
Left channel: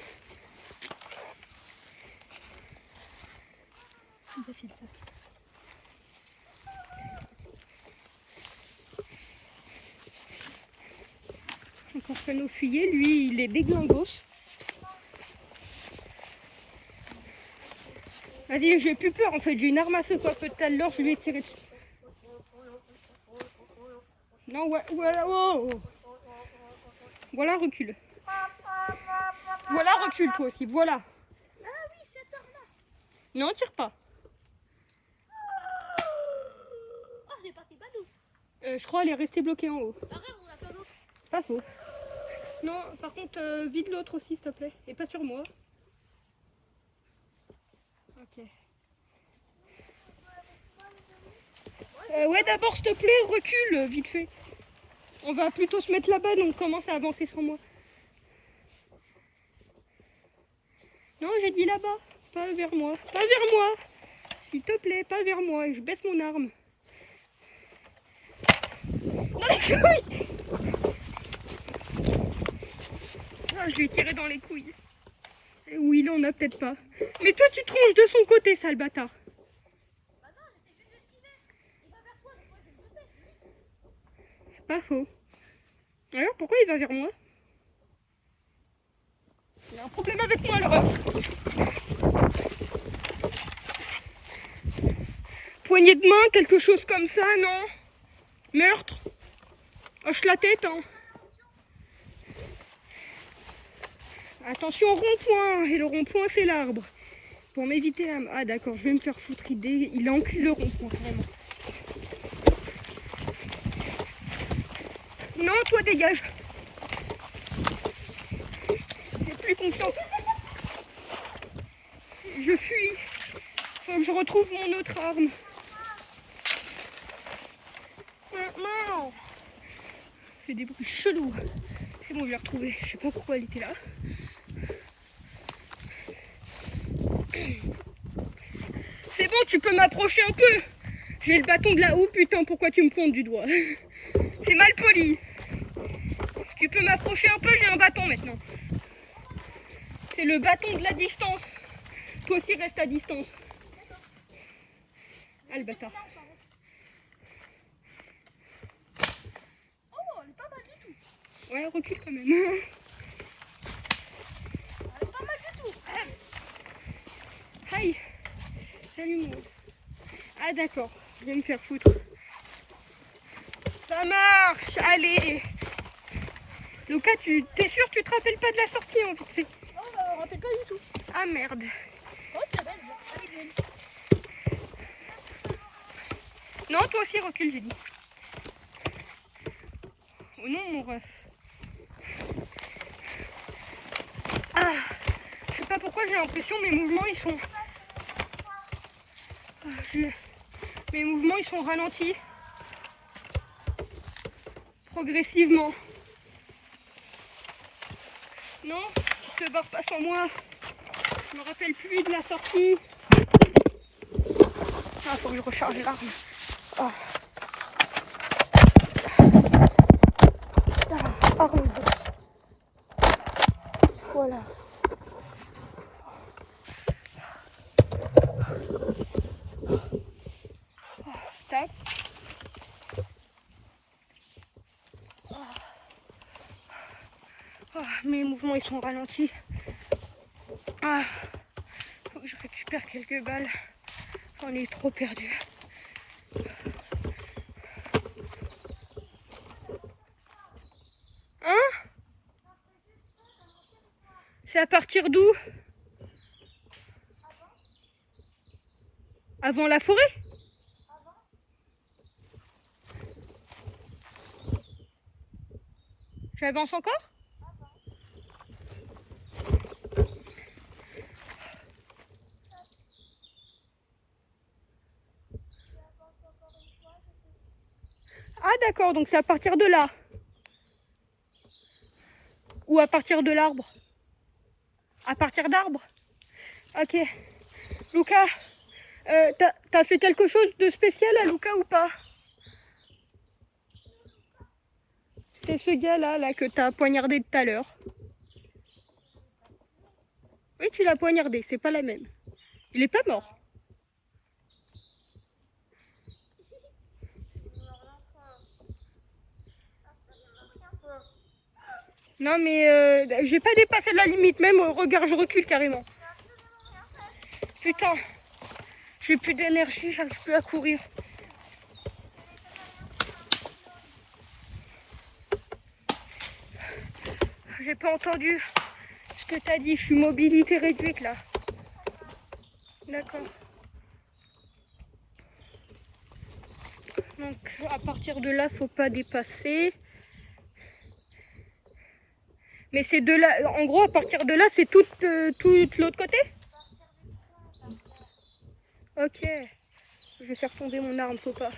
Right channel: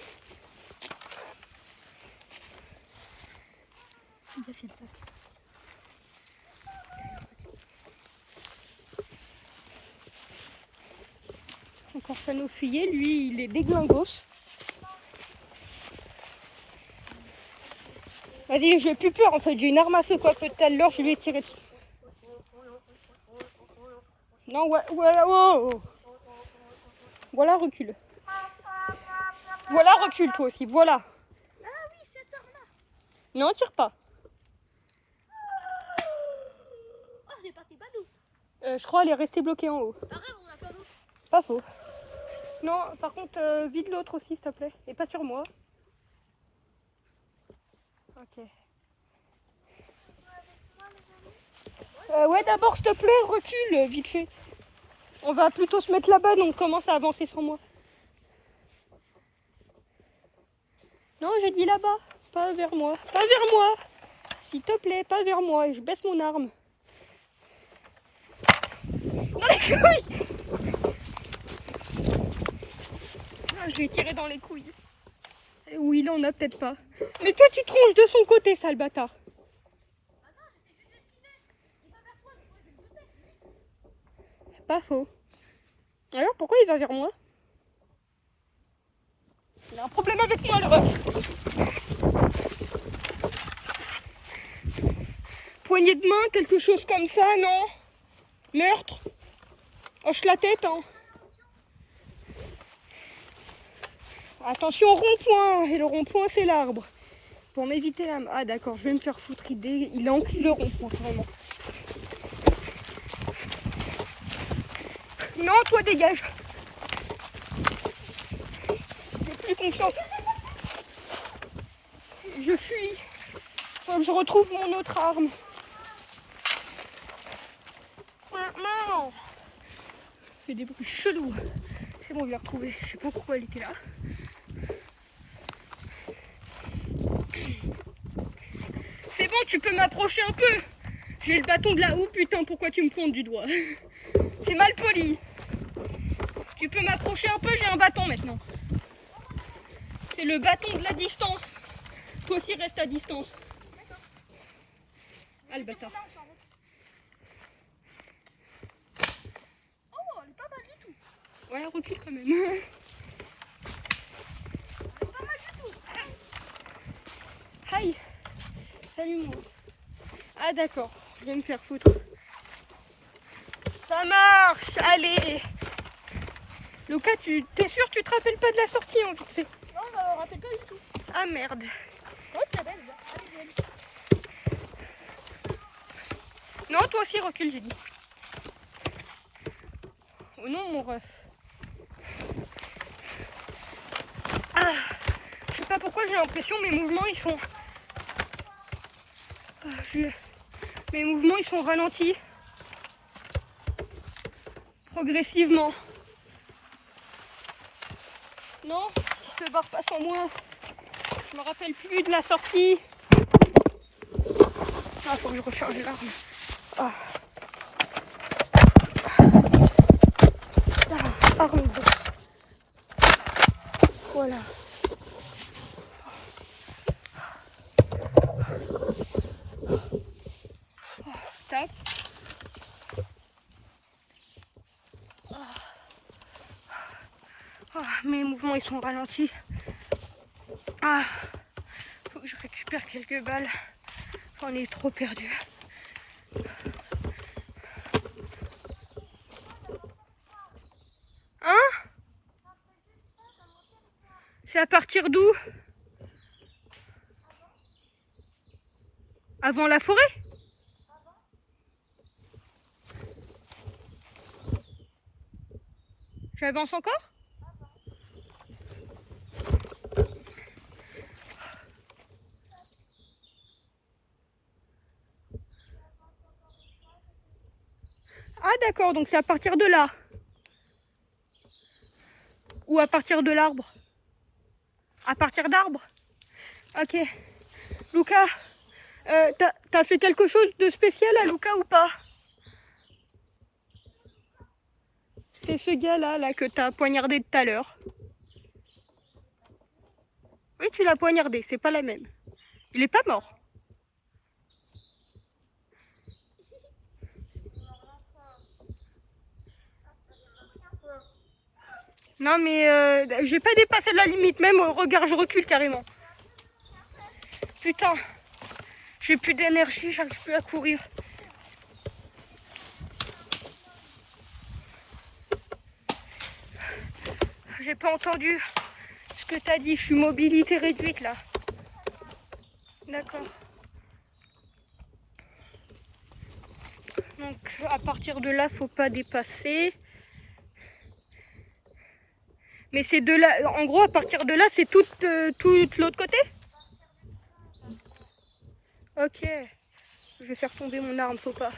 Il a fait le sac. Encore panneau fillé, lui, il est déglingos. Vas-y, j'ai plus peur en fait, j'ai une arme à feu quoi que tout à l'heure, je lui ai tiré dessus. Non, ouais, oh, oh. Voilà, recule. Voilà, recule toi aussi, voilà. Ah oui, cette arme-là. Non, tire pas. Oh, c'est parti badou. Je crois qu'elle est restée bloquée en haut. Arrête, on a pas d'autre. Pas faux. Non, par contre, vide l'autre aussi s'il te plaît. Et pas sur moi. Ok. Ouais, d'abord s'il te plaît, recule vite fait. On va plutôt se mettre là-bas, donc commence à avancer sans moi. Non, j'ai dit là-bas, pas vers moi. Pas vers moi. S'il te plaît, pas vers moi. Et je baisse mon arme. Dans les couilles. Non, je vais tirer dans les couilles. Et oui, là, on a peut-être pas. Mais toi, tu tronches de son côté, sale bâtard. Bah non, j'essaie juste d'esquiver. Il va vers toi, donc moi je vais le buter. Pas faux. Alors, pourquoi il va vers moi? Il a un problème avec moi, le ref. Poignée de main, quelque chose comme ça, non? Meurtre? Hoche la tête, hein. Attention au rond-point. Et le rond-point, c'est l'arbre. Pour m'éviter la... Ah, d'accord, je vais me faire foutre. Il encule le rond-point, vraiment. Non, toi, dégage. J'ai plus confiance. Je fuis. Faut que je retrouve mon autre arme. Non. C'est des bruits chelous. C'est bon, je l'ai retrouvé. Je sais pas pourquoi elle était là. C'est bon, tu peux m'approcher un peu. J'ai le bâton de la haut, putain, pourquoi tu me pointes du doigt? C'est mal poli. Tu peux m'approcher un peu, j'ai un bâton maintenant. C'est le bâton de la distance. Toi aussi reste à distance. Ah le bâtard. Oh, elle est pas mal du tout. Ouais, recule quand même. Elle est pas mal du tout. Aïe. Salut moi. Ah d'accord, je vais me faire foutre. Ça marche, allez. Lucas, t'es sûr tu te rappelles pas de la sortie hein, vite fait. Non, je me rappelle pas du tout. Ah merde. Ouais, c'est belle. Elle est belle. Non, toi aussi recule, j'ai dit. Oh non, mon ref. Ah, je sais pas pourquoi j'ai l'impression mes mouvements ils sont... Mes mouvements ils sont ralentis. Progressivement. Non, tu te barres pas sans moi. Je me rappelle plus de la sortie. Il faut que je recharge l'arme. Ah. Arme de... Voilà. Tac. Mes mouvements ils sont ralentis. Faut que je récupère quelques balles. On est trop perdu. Hein? C'est à partir d'où? Avant la forêt? J'avance encore? Ah d'accord, donc c'est à partir de là. Ou à partir de l'arbre? À partir d'arbre? Ok. Lucas, t'as fait quelque chose de spécial à Lucas ou pas? C'est ce gars-là là, que t'as poignardé tout à l'heure. Oui, tu l'as poignardé, c'est pas la même. Il est pas mort. Non mais j'ai pas dépassé la limite, même regarde, je recule carrément. Putain, j'ai plus d'énergie, j'arrive plus à courir. J'ai pas entendu ce que t'as dit, je suis mobilité réduite là. D'accord. Donc à partir de là, faut pas dépasser. Mais c'est de là, en gros à partir de là, c'est tout l'autre côté? Ok. Je vais faire tomber mon arme, faut pas.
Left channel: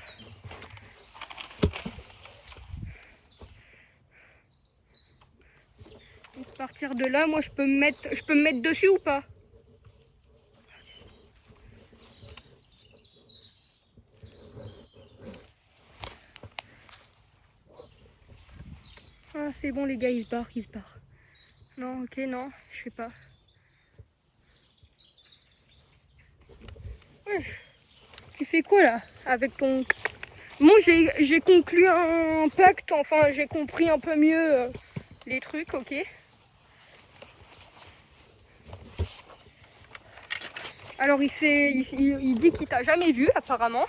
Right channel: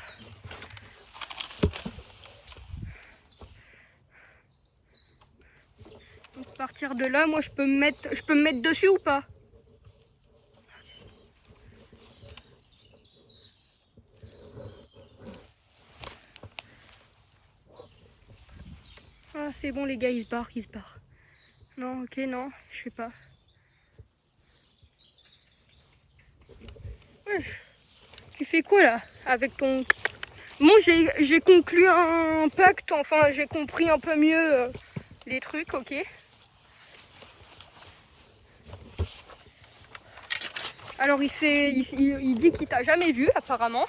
Donc, à partir de là, moi je peux me mettre dessus ou pas? Ah c'est bon les gars, ils se barrent. Non, ok, non, je sais pas. Ouais. Tu fais quoi là avec ton... Bon, j'ai conclu un pacte, enfin j'ai compris un peu mieux les trucs, ok. Alors il dit qu'il t'a jamais vu apparemment,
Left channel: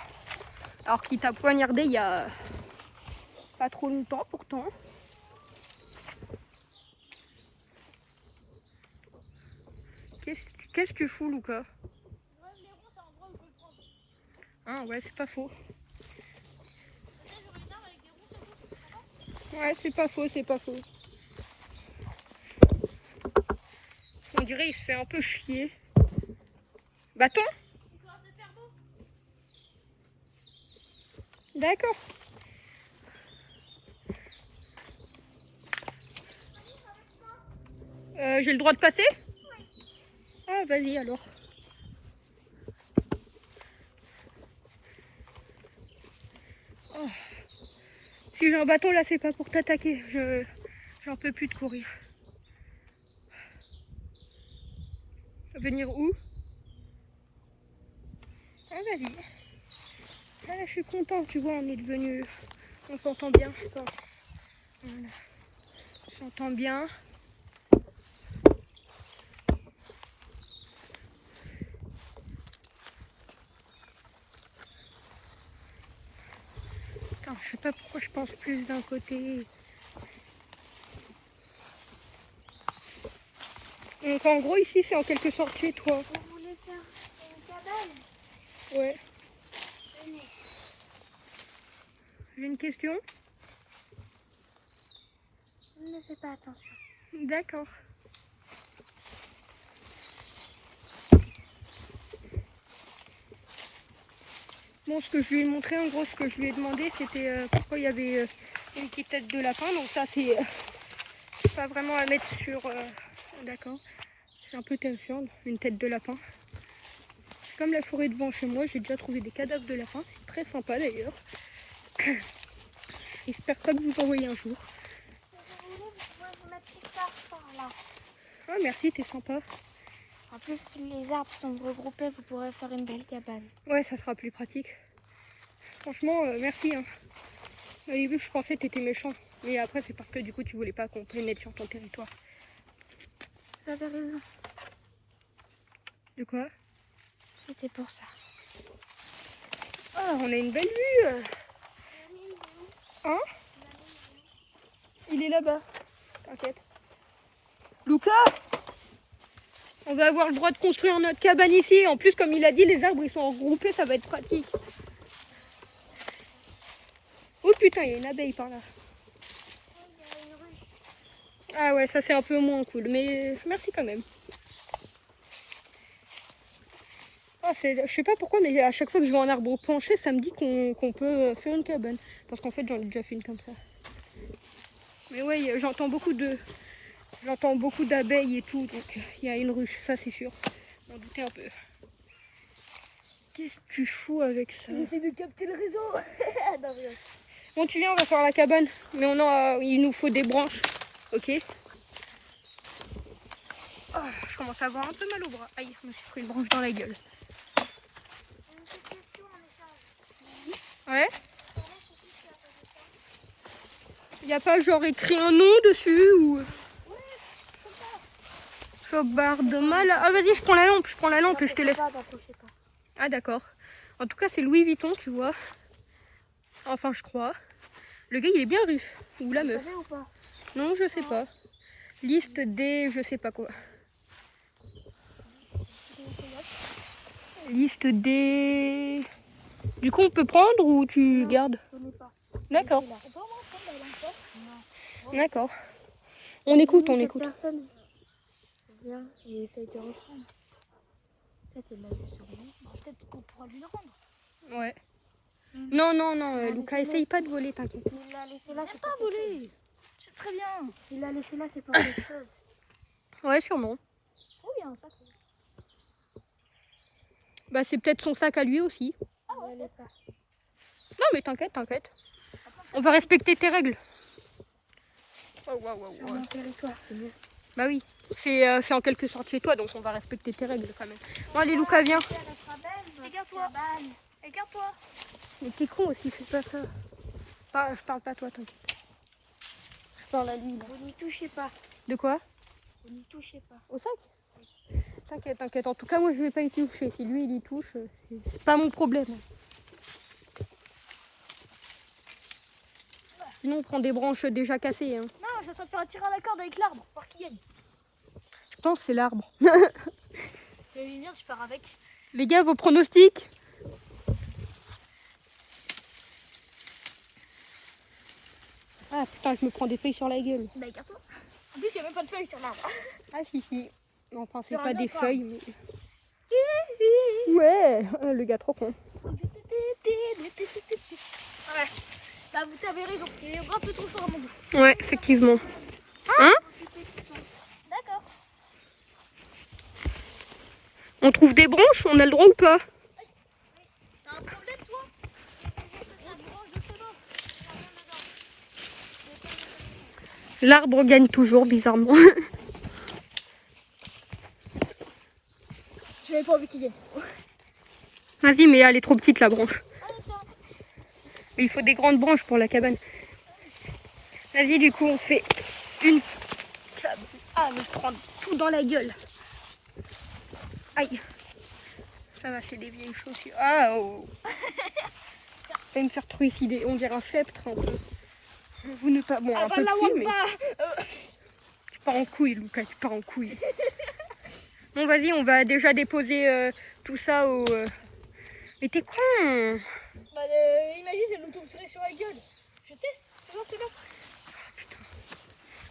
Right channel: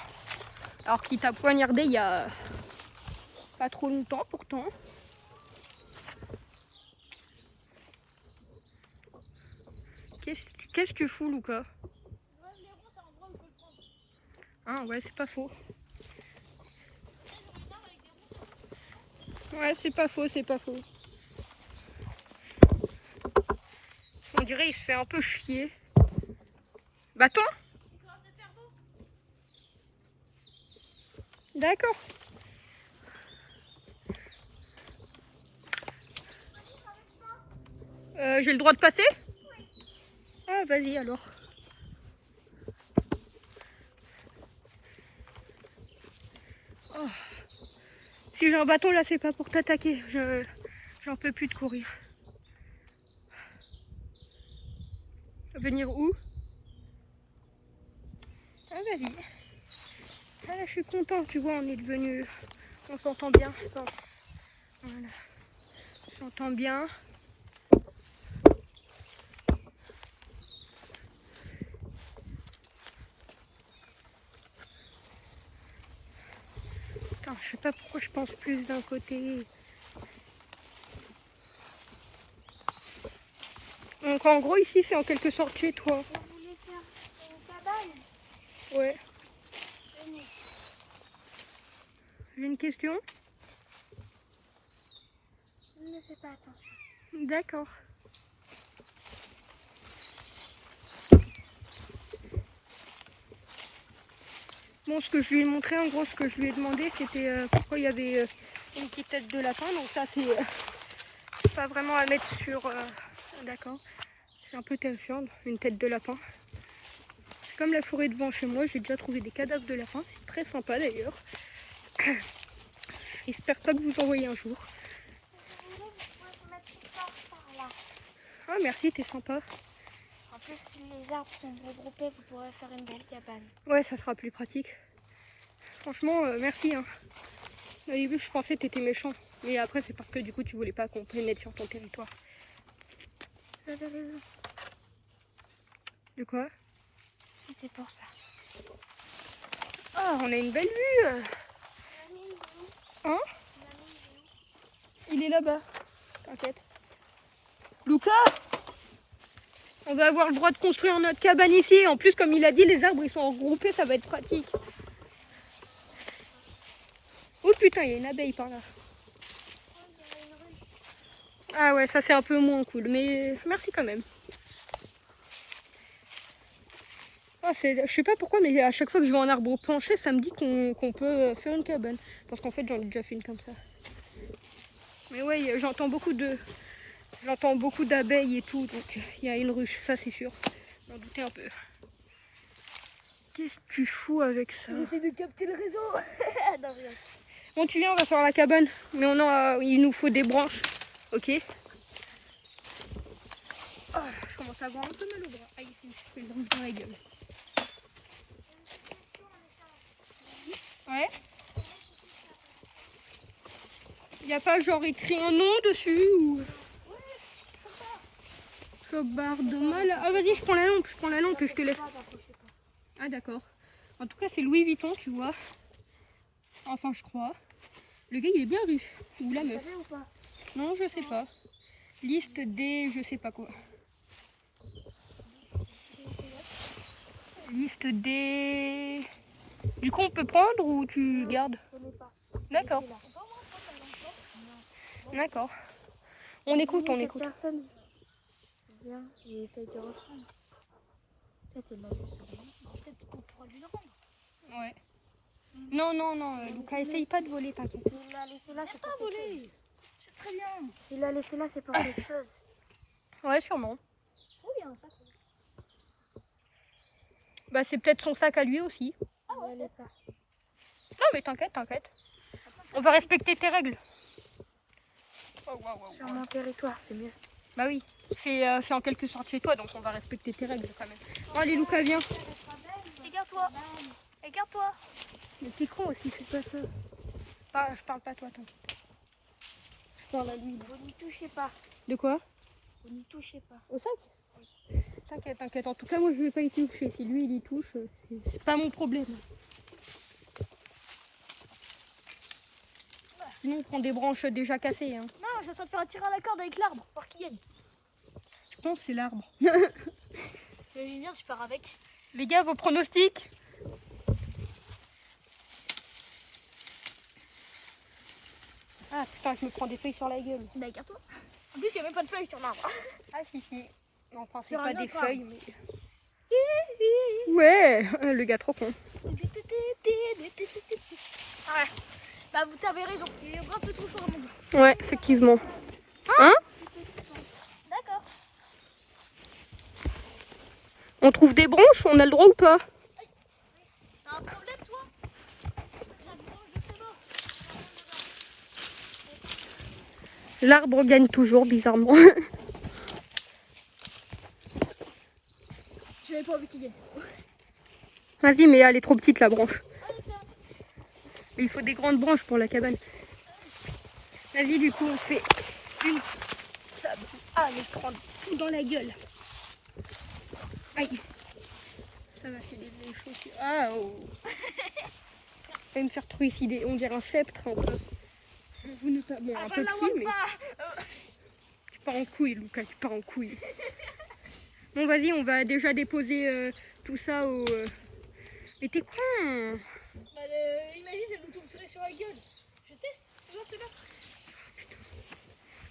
alors qu'il t'a poignardé il y a pas trop longtemps pourtant. Qu'est-ce que tu fous Lucas? Ah ouais, c'est pas faux. Ouais, c'est pas faux. On dirait il se fait un peu chier. Bâton? D'accord. J'ai le droit de passer? Ah vas-y alors. Oh. Si j'ai un bâton là, c'est pas pour t'attaquer. J'en peux plus de courir. Venir où? Ah vas-y. Ah là je suis content, tu vois, on est devenu... On s'entend bien. Attends. Voilà. On s'entend bien. Attends, je sais pas pourquoi je pense plus d'un côté. Donc en gros ici c'est en quelque sorte chez toi. Vous voulez faire une cabane? Ouais. Venez. J'ai une question. Ne fais pas attention. D'accord. Bon, ce que je lui ai montré, en gros, ce que je lui ai demandé, c'était pourquoi il y avait une petite tête de lapin. Donc ça, c'est pas vraiment à mettre sur... D'accord. C'est un peu terrifiant, une tête de lapin. Comme la forêt devant chez moi, j'ai déjà trouvé des cadavres de lapin. C'est très sympa d'ailleurs. J'espère pas que vous en voyez un jour. Ah merci, t'es sympa. En plus, si les arbres sont regroupés, vous pourrez faire une belle cabane. Ouais, ça sera plus pratique. Franchement, merci. Hein. Au début, je pensais que t'étais méchant. Mais après, c'est parce que du coup, tu voulais pas qu'on pénètre sur ton territoire. J'avais raison. De quoi? C'était pour ça. Ah, on a une belle vue. Hein? Il est là-bas. T'inquiète. Lucas, on va avoir le droit de construire notre cabane ici. En plus, comme il a dit, les arbres ils sont regroupés, ça va être pratique. Oh putain, il y a une abeille par là. Ah ouais, ça c'est un peu moins cool, mais merci quand même. Ah, je sais pas pourquoi, mais à chaque fois que je vois un arbre penché, ça me dit qu'on peut faire une cabane. Parce qu'en fait, j'en ai déjà fait une comme ça. Mais ouais, j'entends beaucoup d'abeilles et tout, donc il y a une ruche, ça c'est sûr. Je m'en doutais un peu. Qu'est-ce que tu fous avec ça? J'essaie de capter le réseau. Non, rien. Continuez, on va faire la cabane, mais il nous faut des branches, ok? Ah, je commence à avoir un peu mal au bras. Aïe, je me suis pris une branche dans la gueule. Ouais? Il n'y a pas genre écrit un nom dessus ou... Chopard de mal. Ah vas-y, je prends la lampe et je te laisse. Ah d'accord. En tout cas c'est Louis Vuitton, tu vois. Enfin je crois. Le gars il est bien riche. Ou la meuf. Ou pas? Non je sais pas. Liste des... je sais pas quoi. Liste des... Du coup on peut prendre ou tu gardes? D'accord. D'accord. On écoute. Cette personne vient et essaye de reprendre. Peut-être elle l'a vu sur moi. Peut-être qu'on pourra lui le rendre. Ouais. Non, Lucas, essaye pas de voler, t'inquiète. S'il l'a laissé là, c'est pour quelque chose. C'est très bien. S'il l'a laissé là, c'est pour quelque chose. Ouais, sûrement. Oh, il y a un sac. Bah c'est peut-être son sac à lui aussi. Ah ouais, peut-être. Non mais t'inquiète. On va respecter tes règles. Sur mon territoire, c'est mieux. Bah oui, c'est en quelque sorte chez toi, donc on va respecter tes règles. Bon allez Lucas, viens. Regarde-toi. Regarde-toi. Mais t'es con aussi, c'est pas ça. Ah, je parle pas toi, t'inquiète. Je parle à lui là. Vous n'y touchez pas. De quoi? Vous n'y touchez pas. Au sac? T'inquiète. En tout cas, moi je vais pas y toucher. Si lui il y touche, c'est pas mon problème. Sinon on prend des branches déjà cassées. Hein. Non, je vais faire un tir à la corde avec l'arbre pour qu'il gagne. Je pense que c'est l'arbre. Et bien, je pars avec. Les gars, vos pronostics? Ah putain, je me prends des feuilles sur la gueule. Bah, regarde-toi. En plus, il n'y a même pas de feuilles sur l'arbre. Ah si. Enfin, c'est Sur pas un des autre arbre. feuilles. Ouais, le gars trop con. Ouais. Bah, vous avez raison. Il est un peu trop fort à mon goût. Ouais, effectivement. Hein? D'accord. On trouve des branches, on a le droit ou pas? T'as un problème, toi? Il y a une branche de très bas. L'arbre gagne toujours, bizarrement. J'avais pas envie qu'il gagne. Vas-y, mais elle est trop petite la branche. Allez, tiens. Il faut des grandes branches pour la cabane. Vas-y, du coup, on fait une cabane. Ah, mais je prends tout dans la gueule. Aïe. Ça va, c'est des vieilles chaussures. Ah, oh. Ça va me faire trucider. On dirait un sceptre un peu. Vous ne pas. Bon, un peu petit, mais. Tu pars en couille, Lucas, tu pars en couille. Bon, vas-y, on va déjà déposer tout ça au. Mais t'es con! Bah, imagine, elle nous tomberait sur la gueule. Je teste. C'est bon.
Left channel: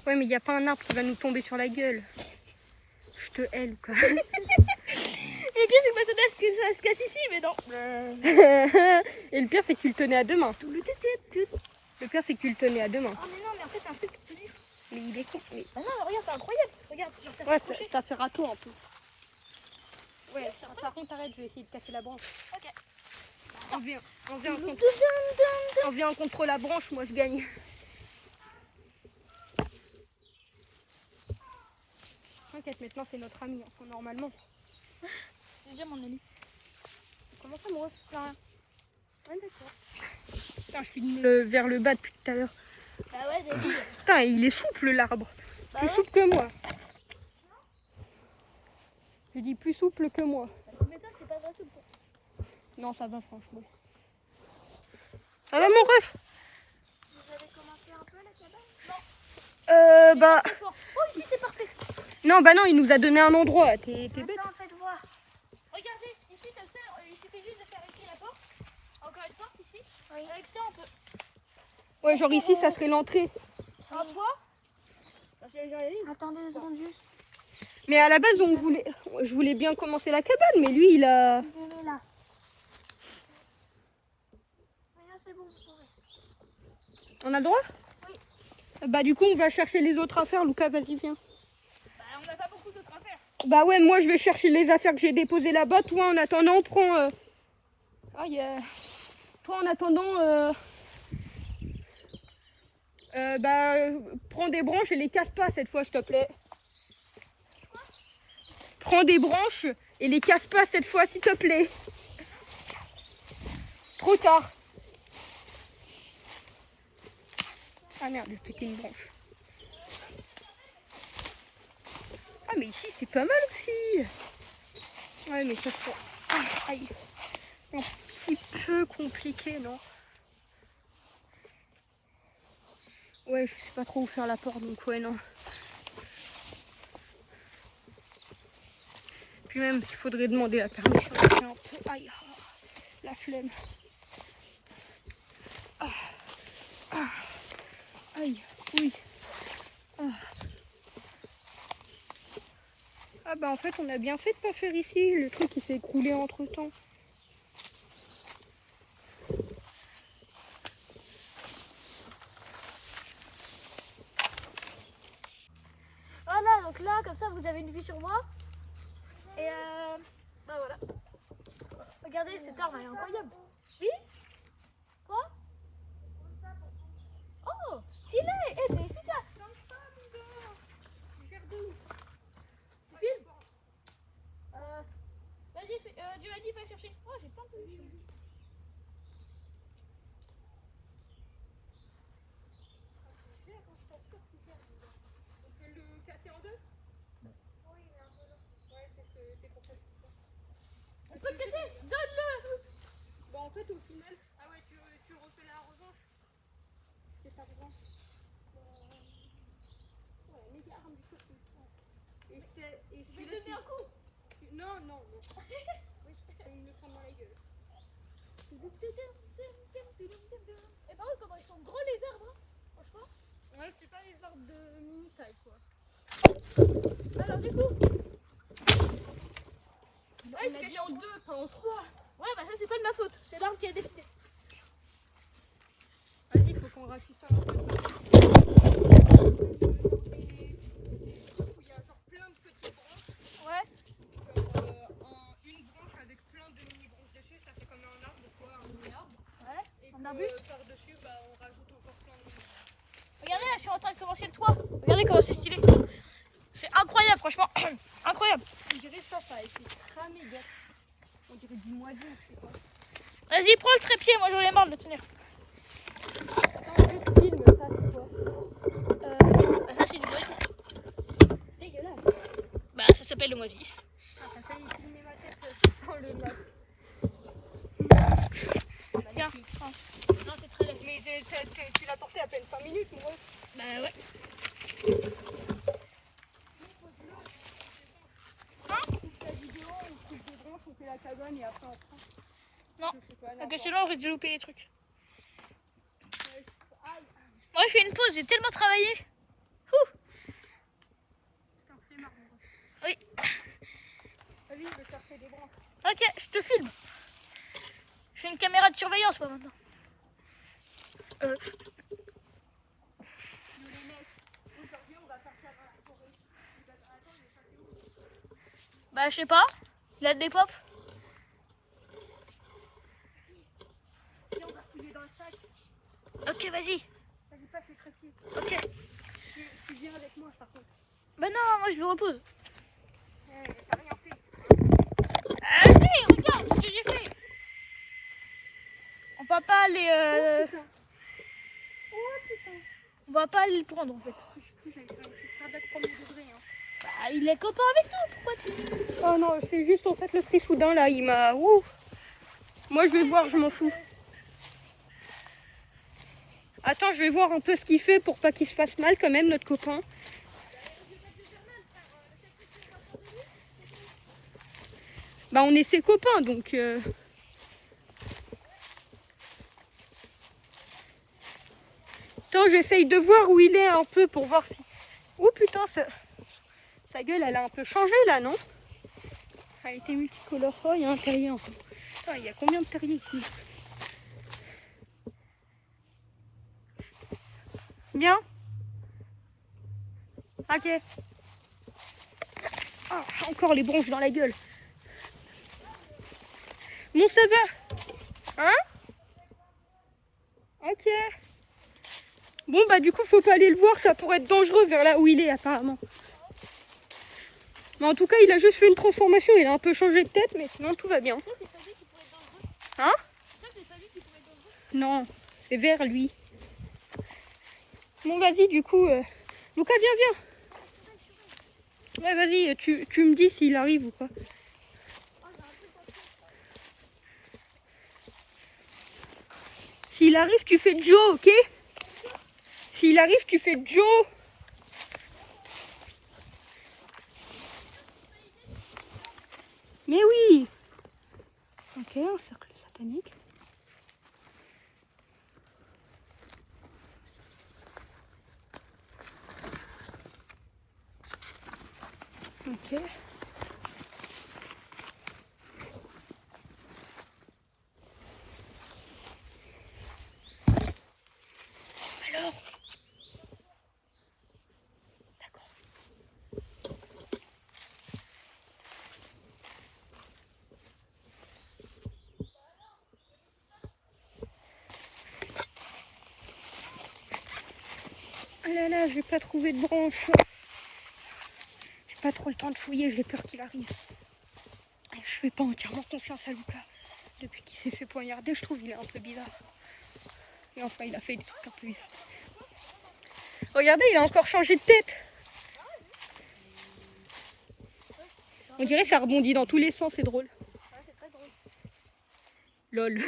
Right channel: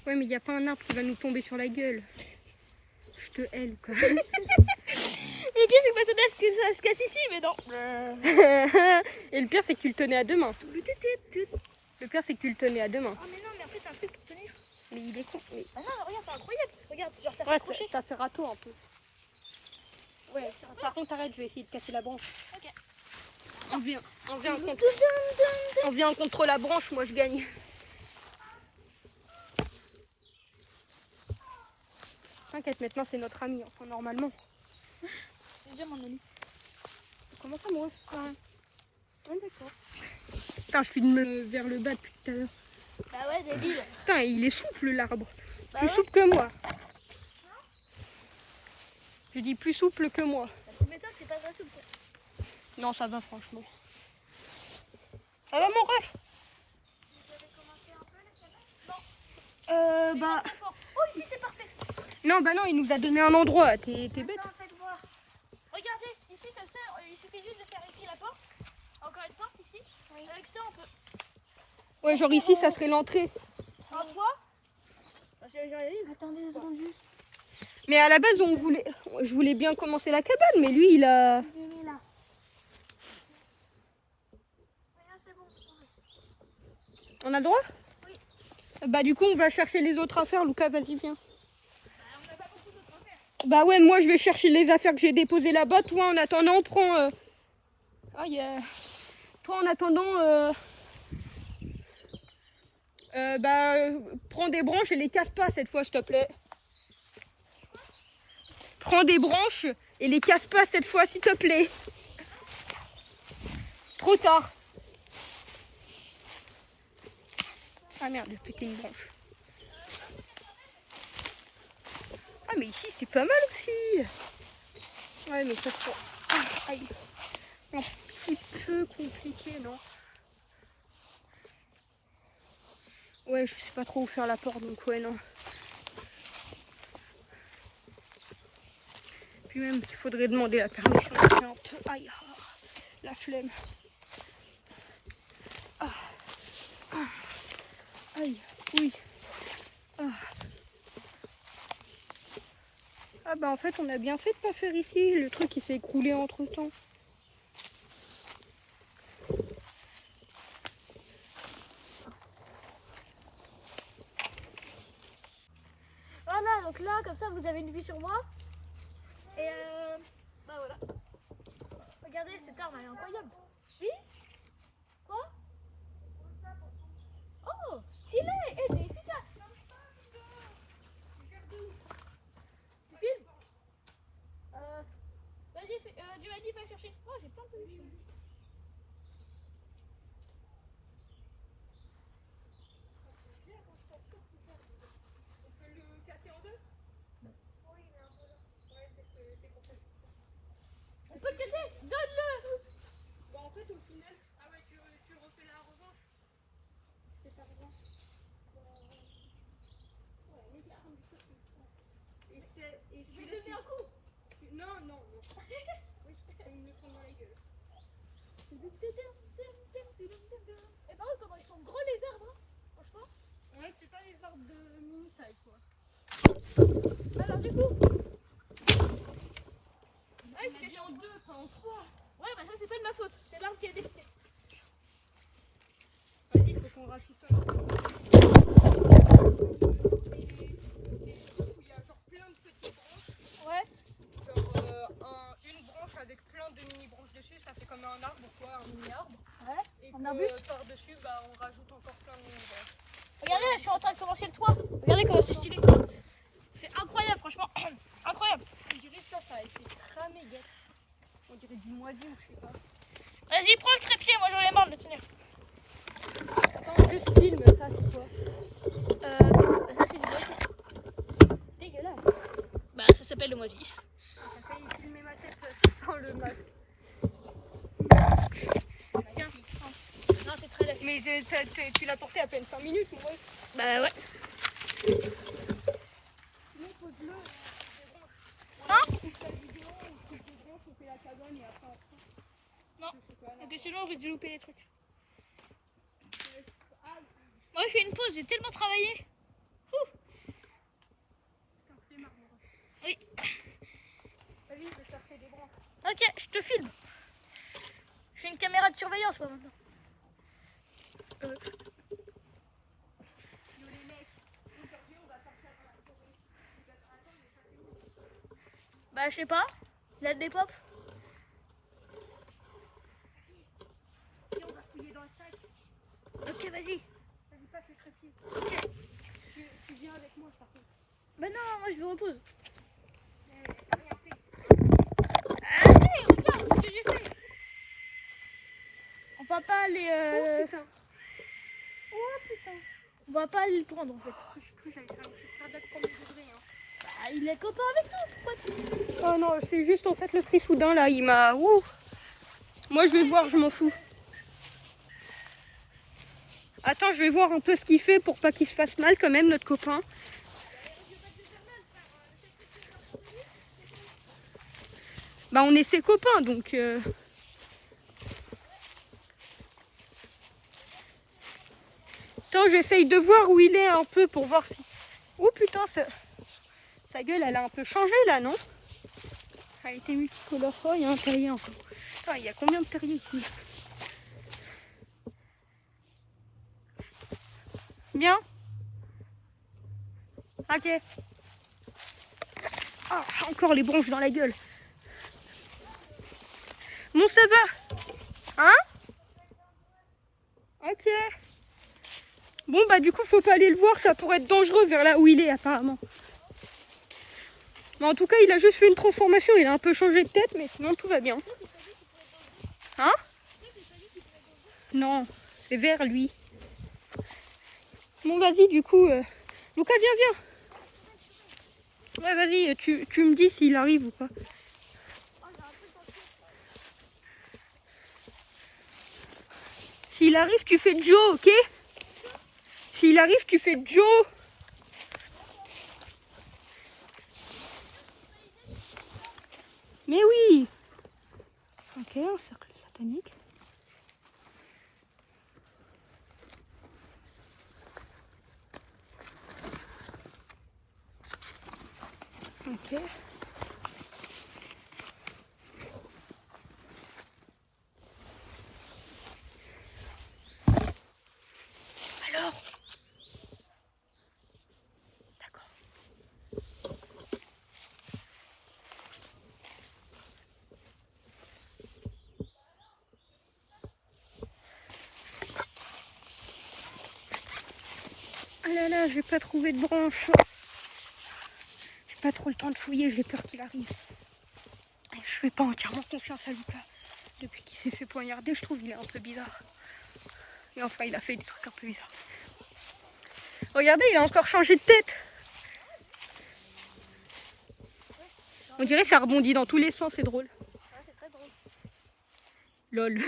Ouais, mais il n'y a pas un arbre qui va nous tomber sur la gueule. Je te hais, Lucas. Et puis, c'est que ça se casse ici, mais non. Et le pire, c'est que tu le tenais à deux mains. Tout le tété. Le pire, c'est que tu le tenais à deux mains. Ah, mais non, mais en fait, c'est un truc qui tenait. Mais il est con. Mais... Non, regarde, c'est incroyable. Regarde, genre, ça Ouais, fait toucher. ça fait râteau un peu. Ouais, par contre, arrête, je vais essayer de casser la branche. Ok. On vient contre la branche, moi je gagne. T'inquiète, maintenant c'est notre ami, enfin normalement. Je veux dire, mon ami. Comment ça, moi? Ouais, d'accord. Putain, je filme vers le bas depuis tout à l'heure. Bah ouais, débile. Putain, il est souple l'arbre. Bah Plus ouais. souple que moi. Je dis plus souple que moi. Mais toi, c'est pas très souple. Non, ça va franchement. Ça va mon ref? Vous avez commencé un peu la cabane? Bah... Oh, si, c'est parfait. Non, bah non, il nous a donné un endroit. T'es bête. Maintenant, faites voir. Regardez, ici, comme ça, il suffit juste de faire ici la porte. Encore une porte ici. Avec ça, on peut. Ouais, genre ici, ça serait l'entrée. Un toit. Attendez une seconde juste. Mais à la base, je voulais bien commencer la cabane, mais lui, il a... Je vais là. On a le droit? Oui. Bah du coup, on va chercher les autres affaires. Lucas, vas-y, viens. Bah, on n'a pas beaucoup d'autres affaires. Bah ouais, moi, je vais chercher les affaires que j'ai déposées là-bas. Toi, en attendant, prends... Toi, en attendant... prends des branches et les casse pas cette fois, s'il te plaît. Prends des branches et les casse pas cette fois, s'il te plaît. Trop tard. Ah merde, j'ai pété une branche. Ah mais ici c'est pas mal aussi. Ouais mais ça sera aïe. Un petit peu compliqué, non? Ouais, je sais pas trop où faire la porte, donc ouais, non. Puis même, il faudrait demander la permission. C'est un peu... Aïe, la flemme. Aïe, oui. Ah bah en fait, on a bien fait de pas faire ici. Le truc, il s'est écroulé entre-temps. Voilà, donc là, comme ça, vous avez une vue sur moi. Et bah voilà. Regardez, cette arme, elle est incroyable. Oui? Quoi? Oh, stylé! Eh, c'est efficace! Tu filmes? Vas-y, Giovanni, va chercher. Oh, j'ai plein de vue. On peut le casser? Donne-le! Bah en fait, au final... Ah ouais, tu refais la revanche. C'est pas revanche. Ouais, les armes du côté. Et Je vais te donner un coup! Non, non, non. Oui, je me prendre dans la gueule. Et par contre, comment ils sont gros les arbres, hein, franchement. Ouais, c'est pas les arbres de mini-taille, quoi. Alors, du coup. Ouais, c'est caché en deux, pas en trois. Ouais, bah ça, c'est pas de ma faute. C'est l'arbre qui a décidé. Vas-y, il faut qu'on raffiche ça. Il y a genre plein de petites branches. Ouais. Genre une branche avec plein de mini-branches dessus, ça fait comme un arbre, quoi, un mini-arbre. Ouais. Et Un arbuste. par-dessus, bah, on rajoute encore plein de branches. Regardez, là, je suis en train de commencer le toit. Regardez comment c'est stylé. C'est incroyable, franchement. Incroyable. On dirait ça a été cramé, gars. On dirait du moisi ou je sais pas. Vas-y, prends le trépied. Moi, j'en ai marre de tenir. Attends, juste filme ça, c'est quoi? Bah, ça, c'est du moisi. Dégueulasse. Bah, ça s'appelle le moisi. Ah, t'as failli filmer ma tête sans le mal. Tiens. Oh. Non, c'est très laid. Mais tu l'as porté à peine 5 minutes, moi. Bah, ouais. La vidéo, on coupe des branches, on fait la cabane et après on prend. Non. Je sais pas, Parce que sinon, on risque de louper les trucs. Moi, je fais une pause. J'ai tellement travaillé. Putain, c'est marrant. Oui. Vas-y, je vais chercher des branches. Ok, je te filme. Je fais une caméra de surveillance, moi, maintenant. Yo les mecs, aujourd'hui on va partir dans la forêt. Attends, mais ça c'est où? Bah, je sais pas. Il a des pop. Et on va fouiller dans le sac. Ok, vas-y. Vas-y, passe les trépieds. Ok. Tu viens avec moi par contre. Bah non, moi je me repose. T'as rien fait. Allez, regarde ce que j'ai fait. En va pas aller... Oh putain. On va pas aller le prendre en fait. Je sais plus, j'avais fait un petit cardiaque premier degré. Hein. Bah, il est copain avec nous, pourquoi tu... Oh non, c'est juste en fait le trifoudain là, il m'a... Ouh. Moi je vais voir, je m'en fous. Attends, je vais voir un peu ce qu'il fait pour pas qu'il se fasse mal quand même, notre copain. Bah on est ses copains donc... Attends, j'essaye de voir où il est un peu pour voir si... Oh putain, sa gueule elle a un peu changé là, non? Elle a été multipliée la fois, il y a un terrier encore. Attends, il y a combien de terriers ici? Bien? Ok. Ah, encore les bronches dans la gueule. Bon, ça va? Hein? Ok. Bon, bah du coup, faut pas aller le voir, ça pourrait être dangereux vers là où il est apparemment. Mais en tout cas, il a juste fait une transformation, il a un peu changé de tête, mais sinon tout va bien. Hein? Non, c'est vers lui. Bon, vas-y, du coup, Lucas, viens. Ouais, vas-y, tu me dis s'il arrive ou pas. S'il arrive, tu fais Joe, ok? S'il arrive, tu fais Joe. Mais oui. Ok, un cercle satanique. Ok. Alors. D'accord. Ah là là, j'ai pas trouvé de branche. J'ai pas trop le temps de fouiller, j'ai peur qu'il arrive. Je fais pas entièrement confiance à Lucas. Depuis qu'il s'est fait poignarder, je trouve qu'il est un peu bizarre. Et enfin, il a fait des trucs un peu bizarres. Regardez, il a encore changé de tête. On dirait que ça rebondit dans tous les sens, c'est drôle. Ouais, c'est très drôle. Lol.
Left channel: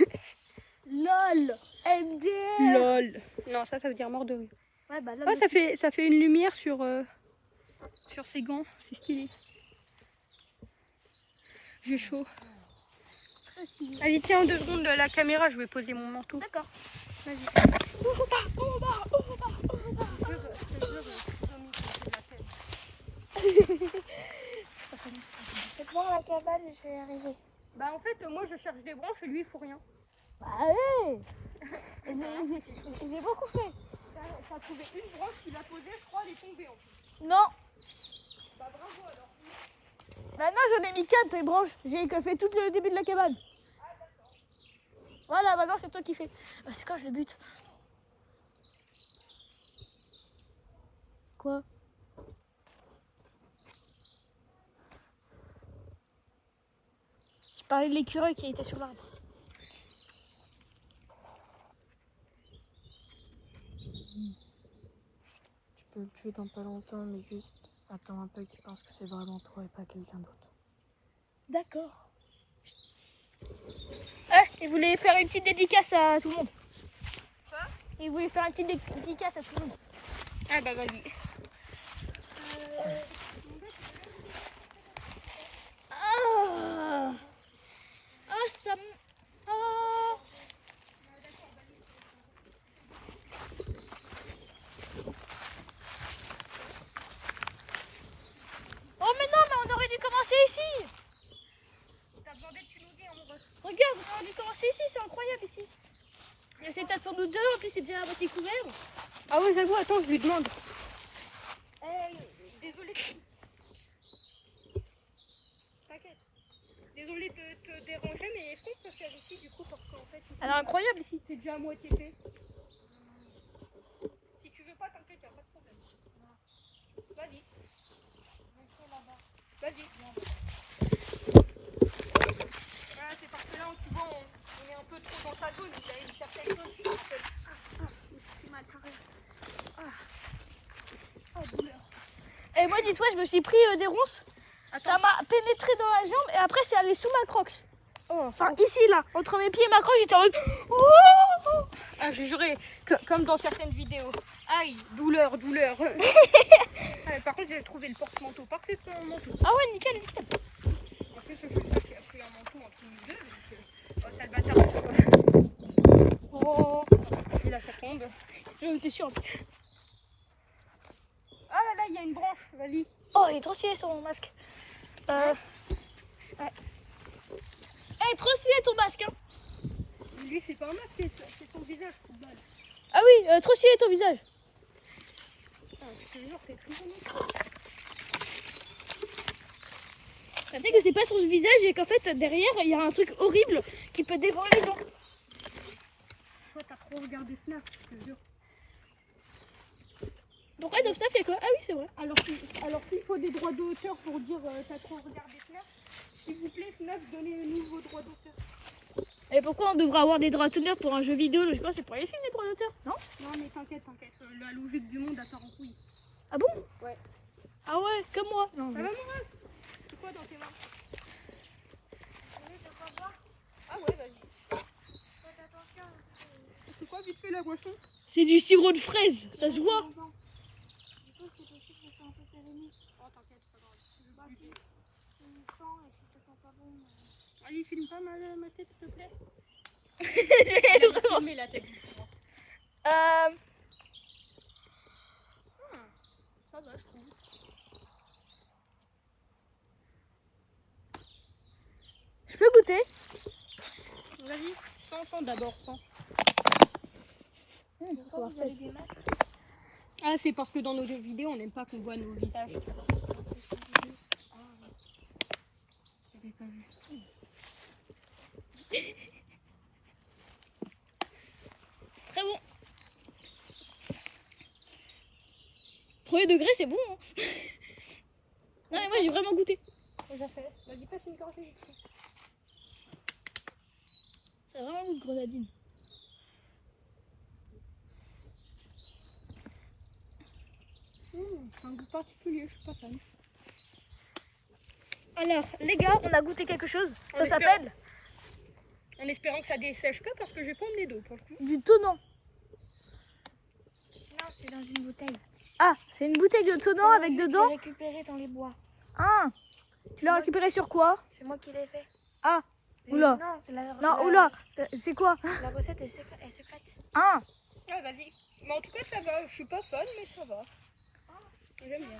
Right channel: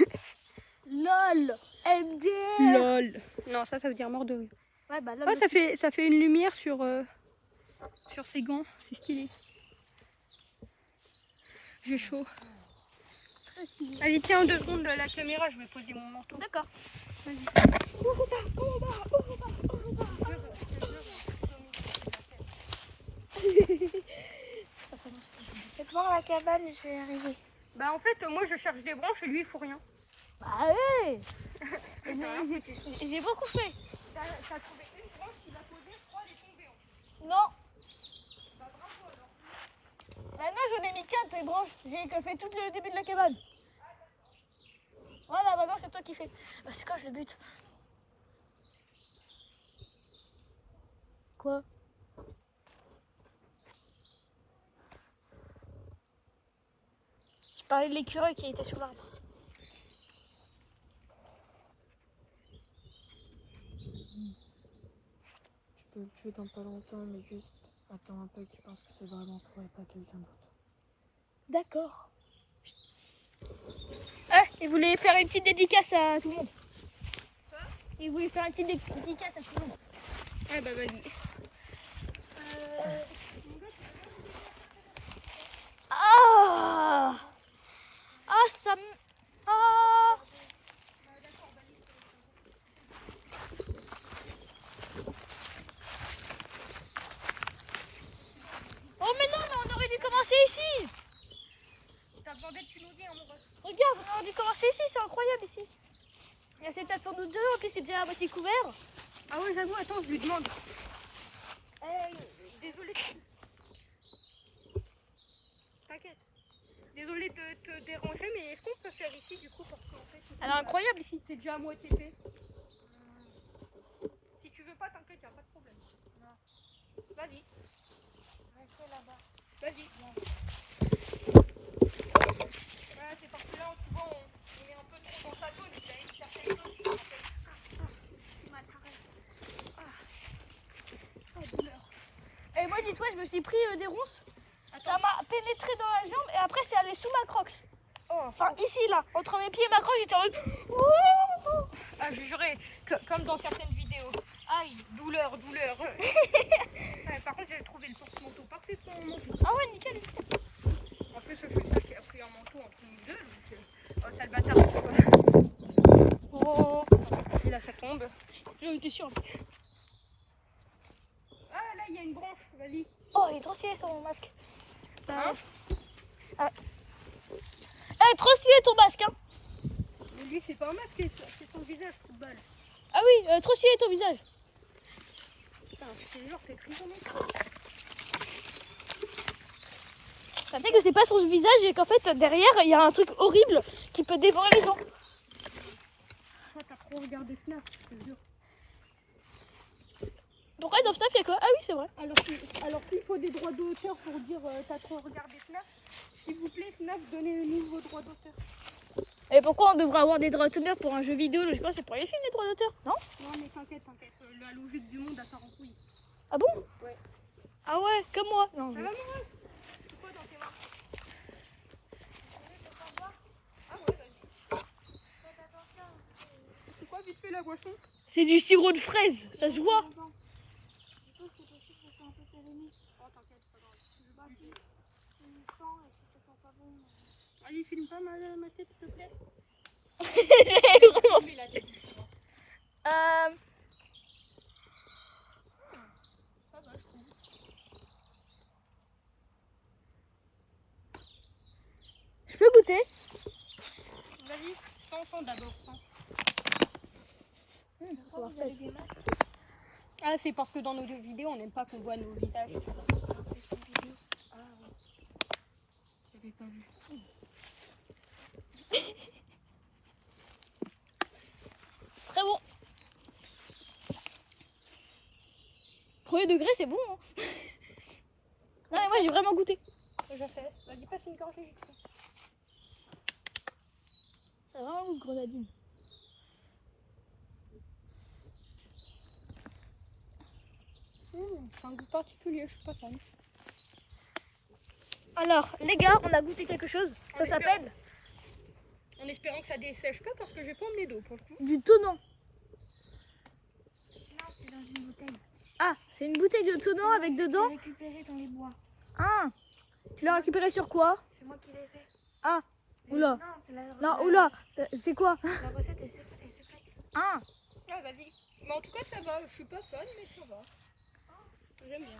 LOL MDR. Lol. Non, ça veut dire mort de rire. Ouais, bah là, Ah, ça fait une lumière sur ses gants. C'est stylé. J'ai chaud. très stylé. Allez, tiens, 2 secondes de la caméra, je vais poser mon manteau. D'accord. Vas-y. C'est devant la cabane et je vais y arriver. Bah en fait, moi je cherche des branches et lui il faut rien. Ah ouais. J'ai beaucoup fait. T'as trouvé une branche qu'il a posée, je crois, elle est tombée en fait. Non. Bah bravo alors. Maintenant j'en ai mis 4 les branches. J'ai fait tout le début de la cabane. Voilà, maintenant c'est toi qui fais. Ah, c'est quand je le bute? Quoi? Je parlais de l'écureuil qui était sur l'arbre. Tu peux le tuer dans pas longtemps, mais juste attends un peu qu'il pense que c'est vraiment toi et pas quelqu'un d'autre. D'accord. Ah, il voulait faire une petite dédicace à tout le monde. Quoi? Il voulait faire une petite dédicace à tout le monde. Ah bah vas-y. Ah, ah, ça me... Ah. Oh mais non, mais on aurait dû commencer ici. Regarde, on aurait dû commencer ici, c'est incroyable ici. Il y a cette place pour nous deux, en plus c'est déjà à moitié couvert. Ah ouais, j'avoue, attends, je lui demande. Désolée. T'inquiète. Désolée de te déranger, mais est-ce qu'on peut faire ici du coup parce qu'en fait, Alors incroyable ici. c'est déjà à moitié fait. Si tu veux pas, t'inquiète, y'a pas de problème. Vas-y. Vas-y. C'est parce que là, tu vois, on est un peu dans sa zone. Et moi, dis-toi, je me suis pris des ronces. Ça m'a pénétré dans la jambe et après, c'est allé sous ma croque. Enfin, ici, là, entre mes pieds et ma croque, j'étais en mode. Oh Ah, je jurais, comme dans certaines vidéos. Aïe, douleur, douleur. Par contre, j'ai trouvé le porte-manteau parfait pour mon manteau. Ah ouais, nickel. Après, ça fait ça qui a pris un manteau entre nous deux. Donc, ça le bâtard. Oh, Là, ça tombe. j'en étais sûre. Ah là là, il y a une branche, vas-y. Oh, il est trop stylé sur mon masque. Hein Trop stylé ton masque, hein. Lui, c'est pas un masque, c'est son visage, football. Ah oui, trop stylé ton visage. Putain, c'est lourd, c'est prisonnier. Ça fait que c'est pas son visage et qu'en fait, derrière, il y a un truc horrible qui peut dévorer les gens. Toi, t'as trop regardé Snap, je te jure. Pourquoi dans Snap, il y a quoi? Ah oui, c'est vrai. Alors s'il faut des droits d'auteur pour dire t'as trop regardé Snap, s'il vous plaît, Snap, donnez-nous vos droits d'auteur. Et pourquoi on devrait avoir des droits d'auteur pour un jeu vidéo? Je sais pas, c'est pour les films, les droits d'auteur, non? Non, mais t'inquiète. La logique du monde a part en couille. Ah bon? Ouais. Ah ouais, comme moi. Non, Ça va, Lina? C'est quoi dans tes mains? Ah ouais, vas-y. C'est quoi vite fait la boisson? c'est du sirop de fraise, ça se voit. Allez, filme pas ma tête, s'il te plaît. Vraiment. Mets la tête. Je peux goûter? Vas-y, sens d'abord, sens. Ça va fraise. Ah, c'est parce que dans nos deux vidéos, on n'aime pas qu'on voit nos visages. C'est très bon. Premier degré, c'est bon. Hein. Non, mais moi, j'ai vraiment goûté. Je sais. Vas-y, passe une gorgée. C'est vraiment un goût de grenadine. C'est un goût particulier, je suis pas fan. Alors, les gars, on a goûté quelque chose. Ça s'appelle En espérant que ça dessèche pas parce que j'ai pas emmené d'eau pour le coup. du tonnant. Non, c'est dans une bouteille. Ah, c'est une bouteille de tonnant avec dedans. Récupéré dans les bois. Ah, tu l'as récupéré sur quoi? C'est moi qui l'ai fait. Ah, oula. Non, c'est la Non, oula. C'est quoi? La recette est secrète. Ah, Ah, vas-y. Mais en tout cas, ça va. Je suis pas fan, mais ça va. J'aime bien.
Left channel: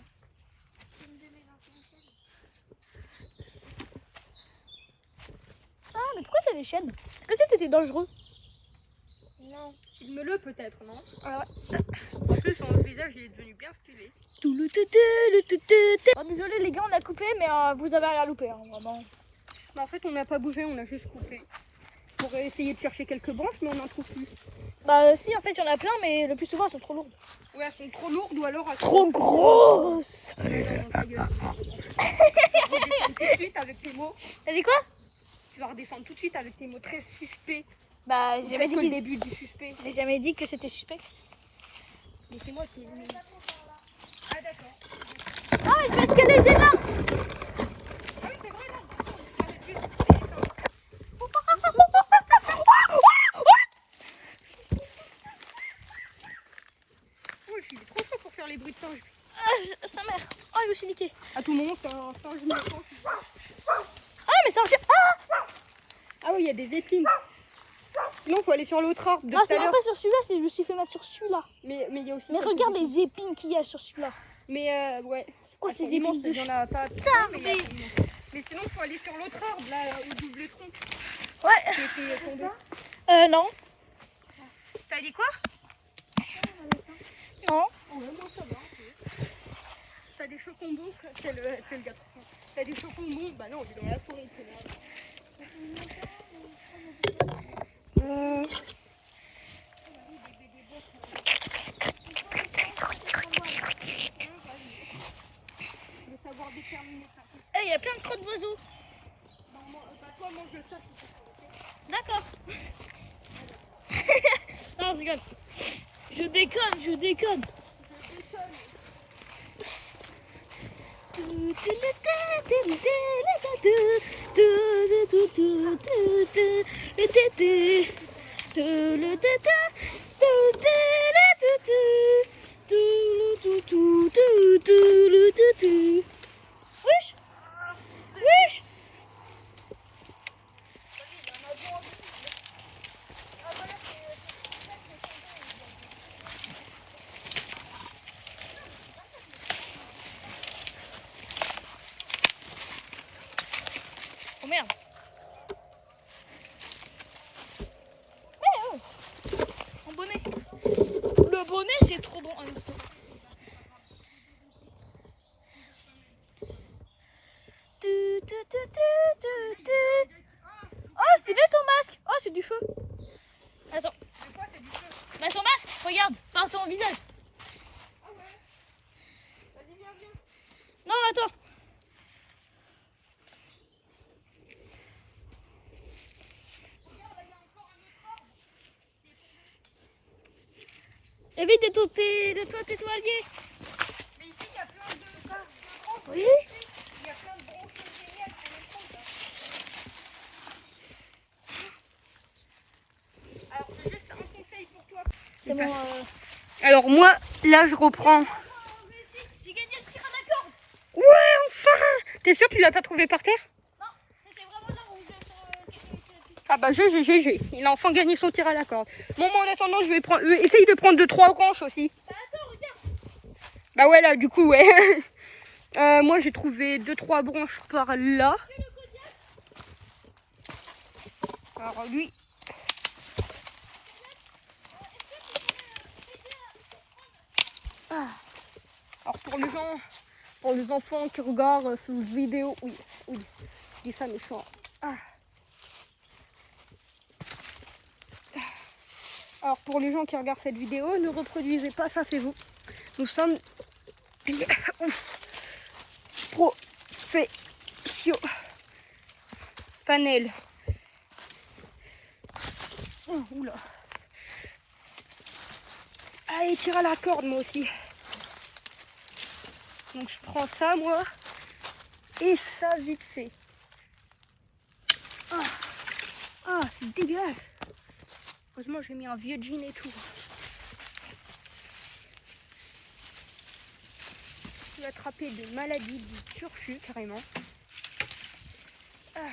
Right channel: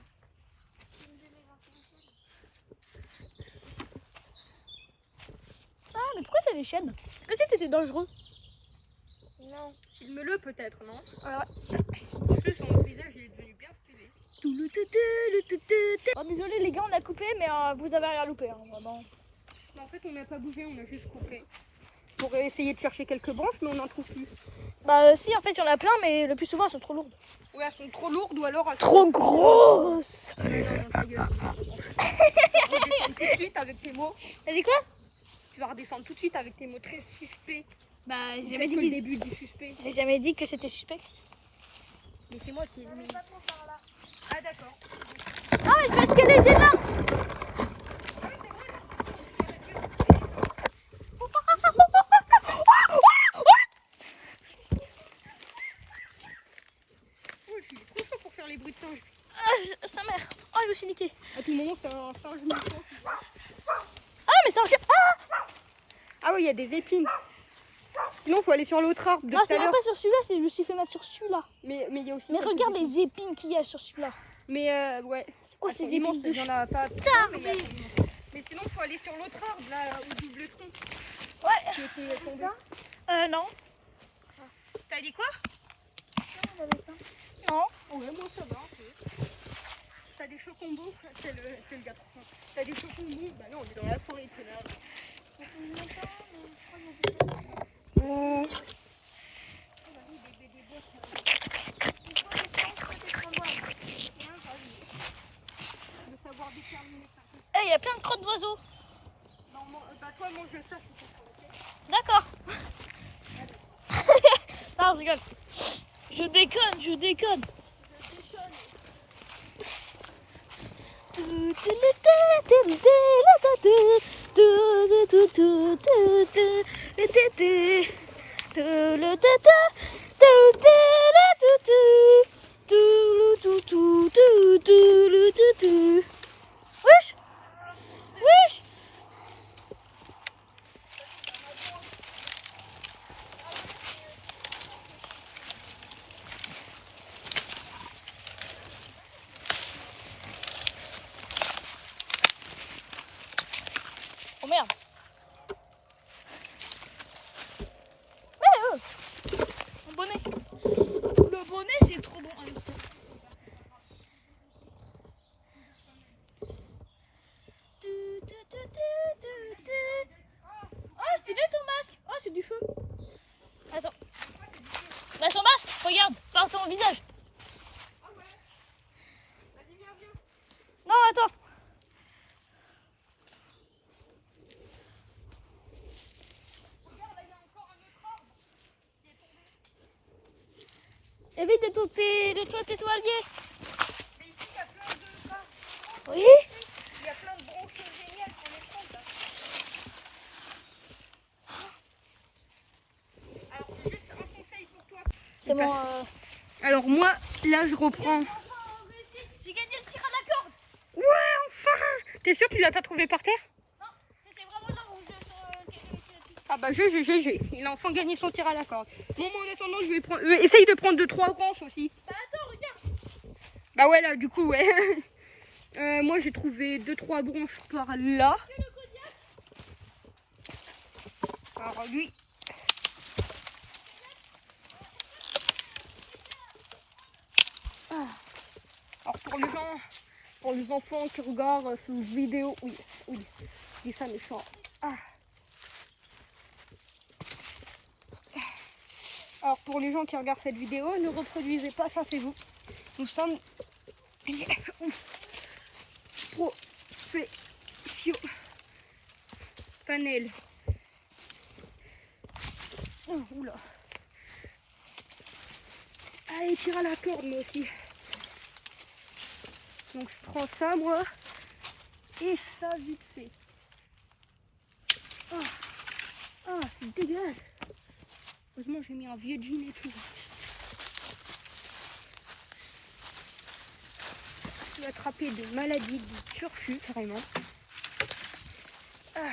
ah, mais pourquoi t'as des chaînes? Est-ce que c'était dangereux? Non. Filme-le peut-être, non? Ah ouais. En plus, son visage, il est devenu bien stylé. Oh, désolé les gars, on a coupé, mais vous avez rien loupé, hein, vraiment. Mais en fait, on n'a pas bougé, on a juste coupé. Pour essayer de chercher quelques branches, mais on n'en trouve plus. Bah si, en fait, il y en a plein, mais le plus souvent, elles sont trop lourdes. Ouais, elles sont trop lourdes ou alors... Trop grosses. Tout de suite avec tes mots. T'as dit quoi? Tu vas redescendre tout de suite avec tes mots très suspects. Bah, j'ai jamais dit Le qu'ils- début du suspect. j'ai jamais dit que c'était suspect. Mais c'est moi qui... Ah d'accord. Ah, je vais escalader des là. Ouais, je suis trop chaud pour faire les bruits de singe. Ah, sa mère. Oh, je me suis niquée. À tout moment, c'est un singe méchant. Ah, mais c'est un chien. Ah, Ah oui, il y a des épines. Sinon, faut aller sur l'autre arbre de non, tout c'est à même l'heure. pas sur celui-là, c'est je me suis fait mettre sur celui-là. Mais il y a aussi... Mais quelques regarde épines. les épines qu'il y a sur celui-là. Mais ouais. C'est quoi ces C'est immense, épines de il y en a pas. Putain, Mais sinon, faut aller sur l'autre arbre, là, au double tronc. Ouais. Qui était tombé. Non. T'as dit quoi? Non. T'as des chocombons, c'est le gars. T'as des chocombons, bah non, il est dans la forêt. De savoir déterminer ça. Eh, il y a plein de crottes d'oiseaux. Non, bah toi, mange ça. D'accord. Non, je rigole. Je déconne. Wesh, wesh. Oh merde. Mon bonnet. Le bonnet c'est trop bon. Oh stylé ton masque. Oh c'est du feu. Attends. Là son masque, regarde. Enfin son visage. Non attends. Évite de t'étoiler. Oui. C'est bon. Alors moi, là je reprends. J'ai gagné le tir à la corde. Ouais, enfin. T'es sûr que tu l'as pas trouvé par terre? Non, c'était vraiment là où Ah bah GG, il a enfin gagné son tir à la corde. Bon, moi en attendant, je vais prendre. Essaye de prendre 2-3 branches aussi. Attends, regarde. Bah ouais, là, du coup, ouais. Moi j'ai trouvé 2-3 branches par là. Alors lui. Ah. Alors pour les enfants qui regardent cette vidéo, oui, je dis ça méchant. Ah. Alors pour les gens qui regardent cette vidéo, ne reproduisez pas ça, c'est vous. Nous sommes professionnels. Oh, oula. Allez, tire à la corde moi aussi. Donc je prends ça moi. Et ça vite fait. Ah, ah c'est dégueulasse. Heureusement j'ai mis un vieux jean et tout. Je vais attraper des maladies, du turfu carrément. Ah.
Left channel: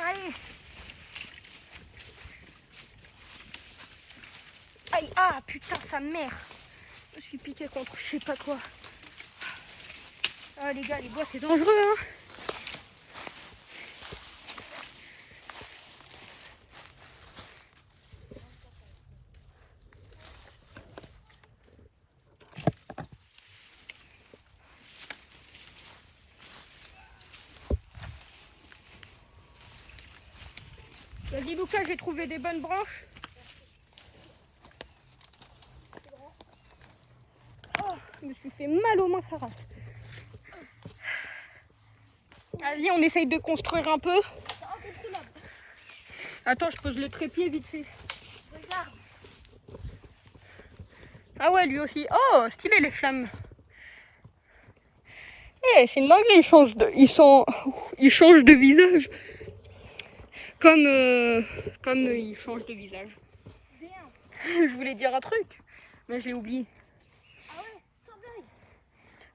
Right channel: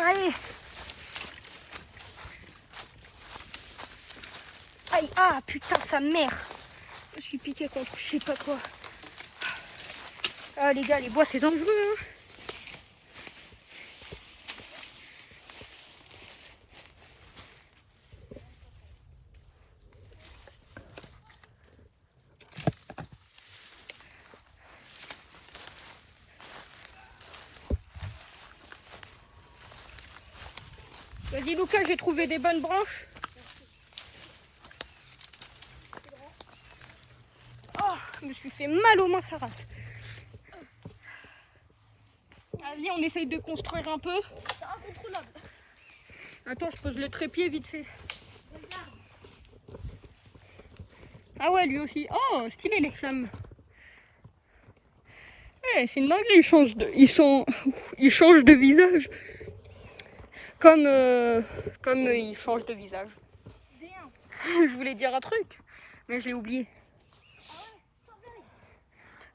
Allez. Aïe, ah putain sa mère. Je suis piqué contre je sais pas quoi. Ah les gars, les bois c'est dangereux hein. Vas-y Lucas, j'ai trouvé des bonnes branches. Oh, je me suis fait mal aux mains sa race. Vas-y, on essaye de construire un peu. Attends, je pose le trépied vite fait. Regarde. Ah ouais, lui aussi. Oh, stylé les flammes. Eh, c'est une dinguerie, ils changent de visage. Comme ils changent de visage. Je voulais dire un truc, mais j'ai oublié. Ah ouais, sans blague.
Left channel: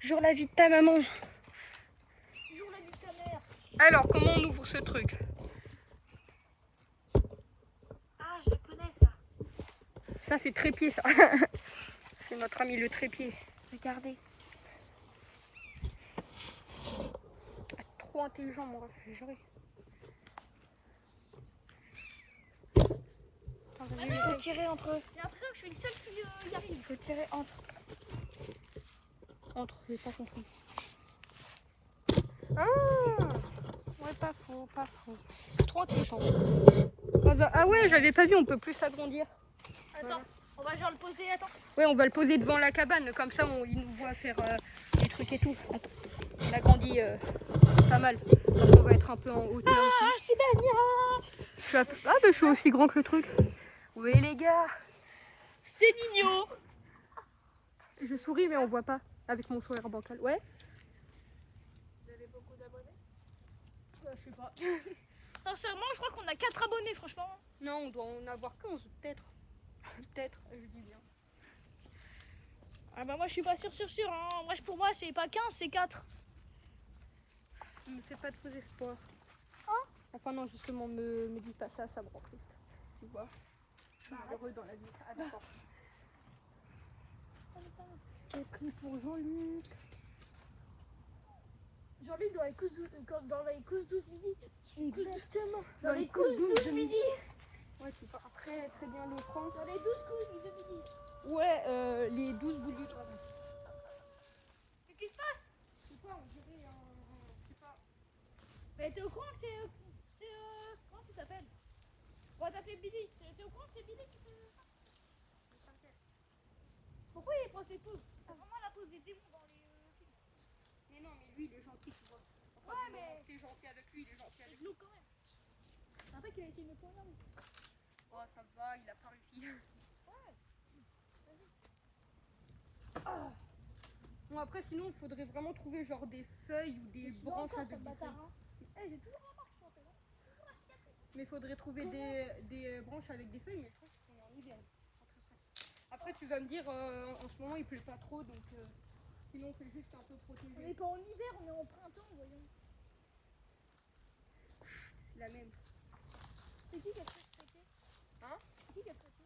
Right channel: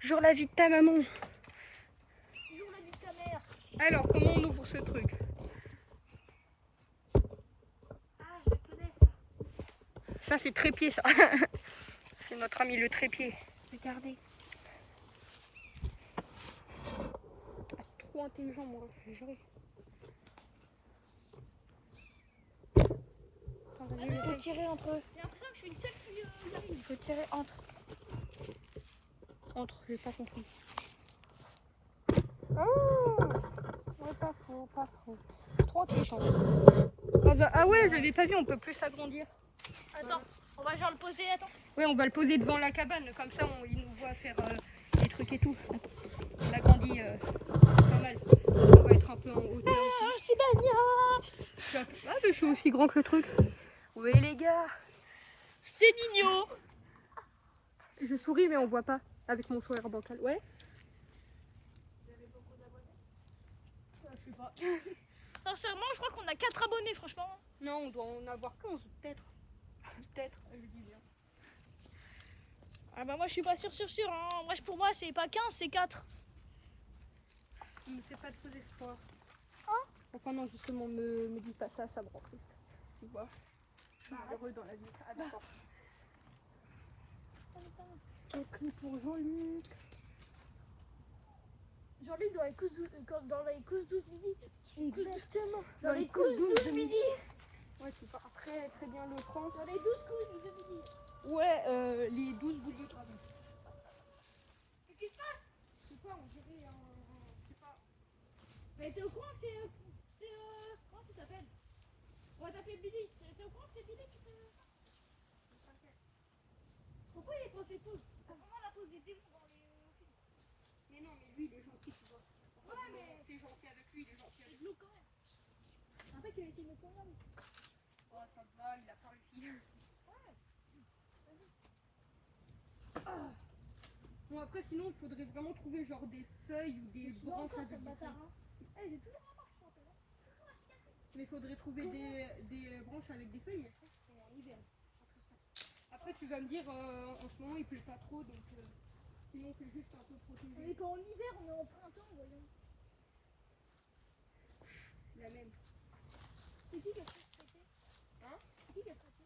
Genre la vie de ta maman. Joue la vie de ta mère. Alors, comment on ouvre ce truc? Ah, je connais ça. Ça, c'est trépied, ça. C'est notre ami le trépied. Regardez. Trop intelligent, mon réfrigéré. Il faut tirer entre eux. J'ai l'impression que je suis le seul qui y arrive. Il faut tirer entre. Entre, j'ai pas compris. Ah ouais, pas faux, pas faux. Trop intelligent. Ah ouais, j'avais pas vu, on peut plus s'agrandir. Attends, Voilà. on va genre le poser, attends. Oui, on va le poser devant la cabane, comme ça il nous voit faire des trucs et tout. Attends, il a grandi. normal. On va être un peu en hauteur. Ah, Sibania! Ah, bah, je suis aussi grand que le truc. Oui, les gars. C'est Nino! Je souris, mais on voit pas avec mon sourire bancal. Ouais. Vous avez beaucoup d'abonnés? Je sais pas. Sincèrement, je crois qu'on a 4 abonnés, franchement. Non, on doit en avoir 11, peut-être. Peut-être, je dis bien. Ah bah moi je suis pas sûr hein. Moi pour moi c'est pas 15 c'est 4. Ne fais pas de faux espoirs. Oh. Enfin non, justement, me dis pas ça, ça me rend triste. Tu vois, je suis malheureux dans la vie. Ah d'accord. J'ai pris pour Jean-Luc. Jean-Luc dans les cousses 12 midi. Exactement. Dans les cousses 12 midi. Ouais, tu vois, après, très bien l'écran. Dans les 12 cousses de midi. Ouais, les 12 bougies, pardon. Qu'est-ce qui se passe? C'est quoi, on dirait c'est pas... Mais t'es au courant que c'est comment ça s'appelle? On va t'appeler Billy. T'es au courant que c'est Billy qui te... Pourquoi il est posé tous? C'est vraiment la pose des démons dans les films. Mais non, mais lui, il est gentil, tu vois. Ouais, mais t'es gentil avec lui, il est gentil c'est avec lui. glauque quand même. C'est un mec qui a essayé de me convenir. Oh, ça va, il a pas réussi. Ah. Bon, après, sinon, il faudrait vraiment trouver genre des feuilles ou des branches avec des feuilles. Eh, j'ai toujours la marque, je m'appelle. Toujours la cicatrice. Mais il faudrait trouver des branches avec des feuilles, mais je pense que c'est en hiver. Après, tu vas me dire, en ce moment, il pleut pas trop, donc sinon, c'est juste un peu On protégé. n'est pas en hiver, on est en printemps, voyons. La même. C'est qui a traité? Hein? C'est qui a traité?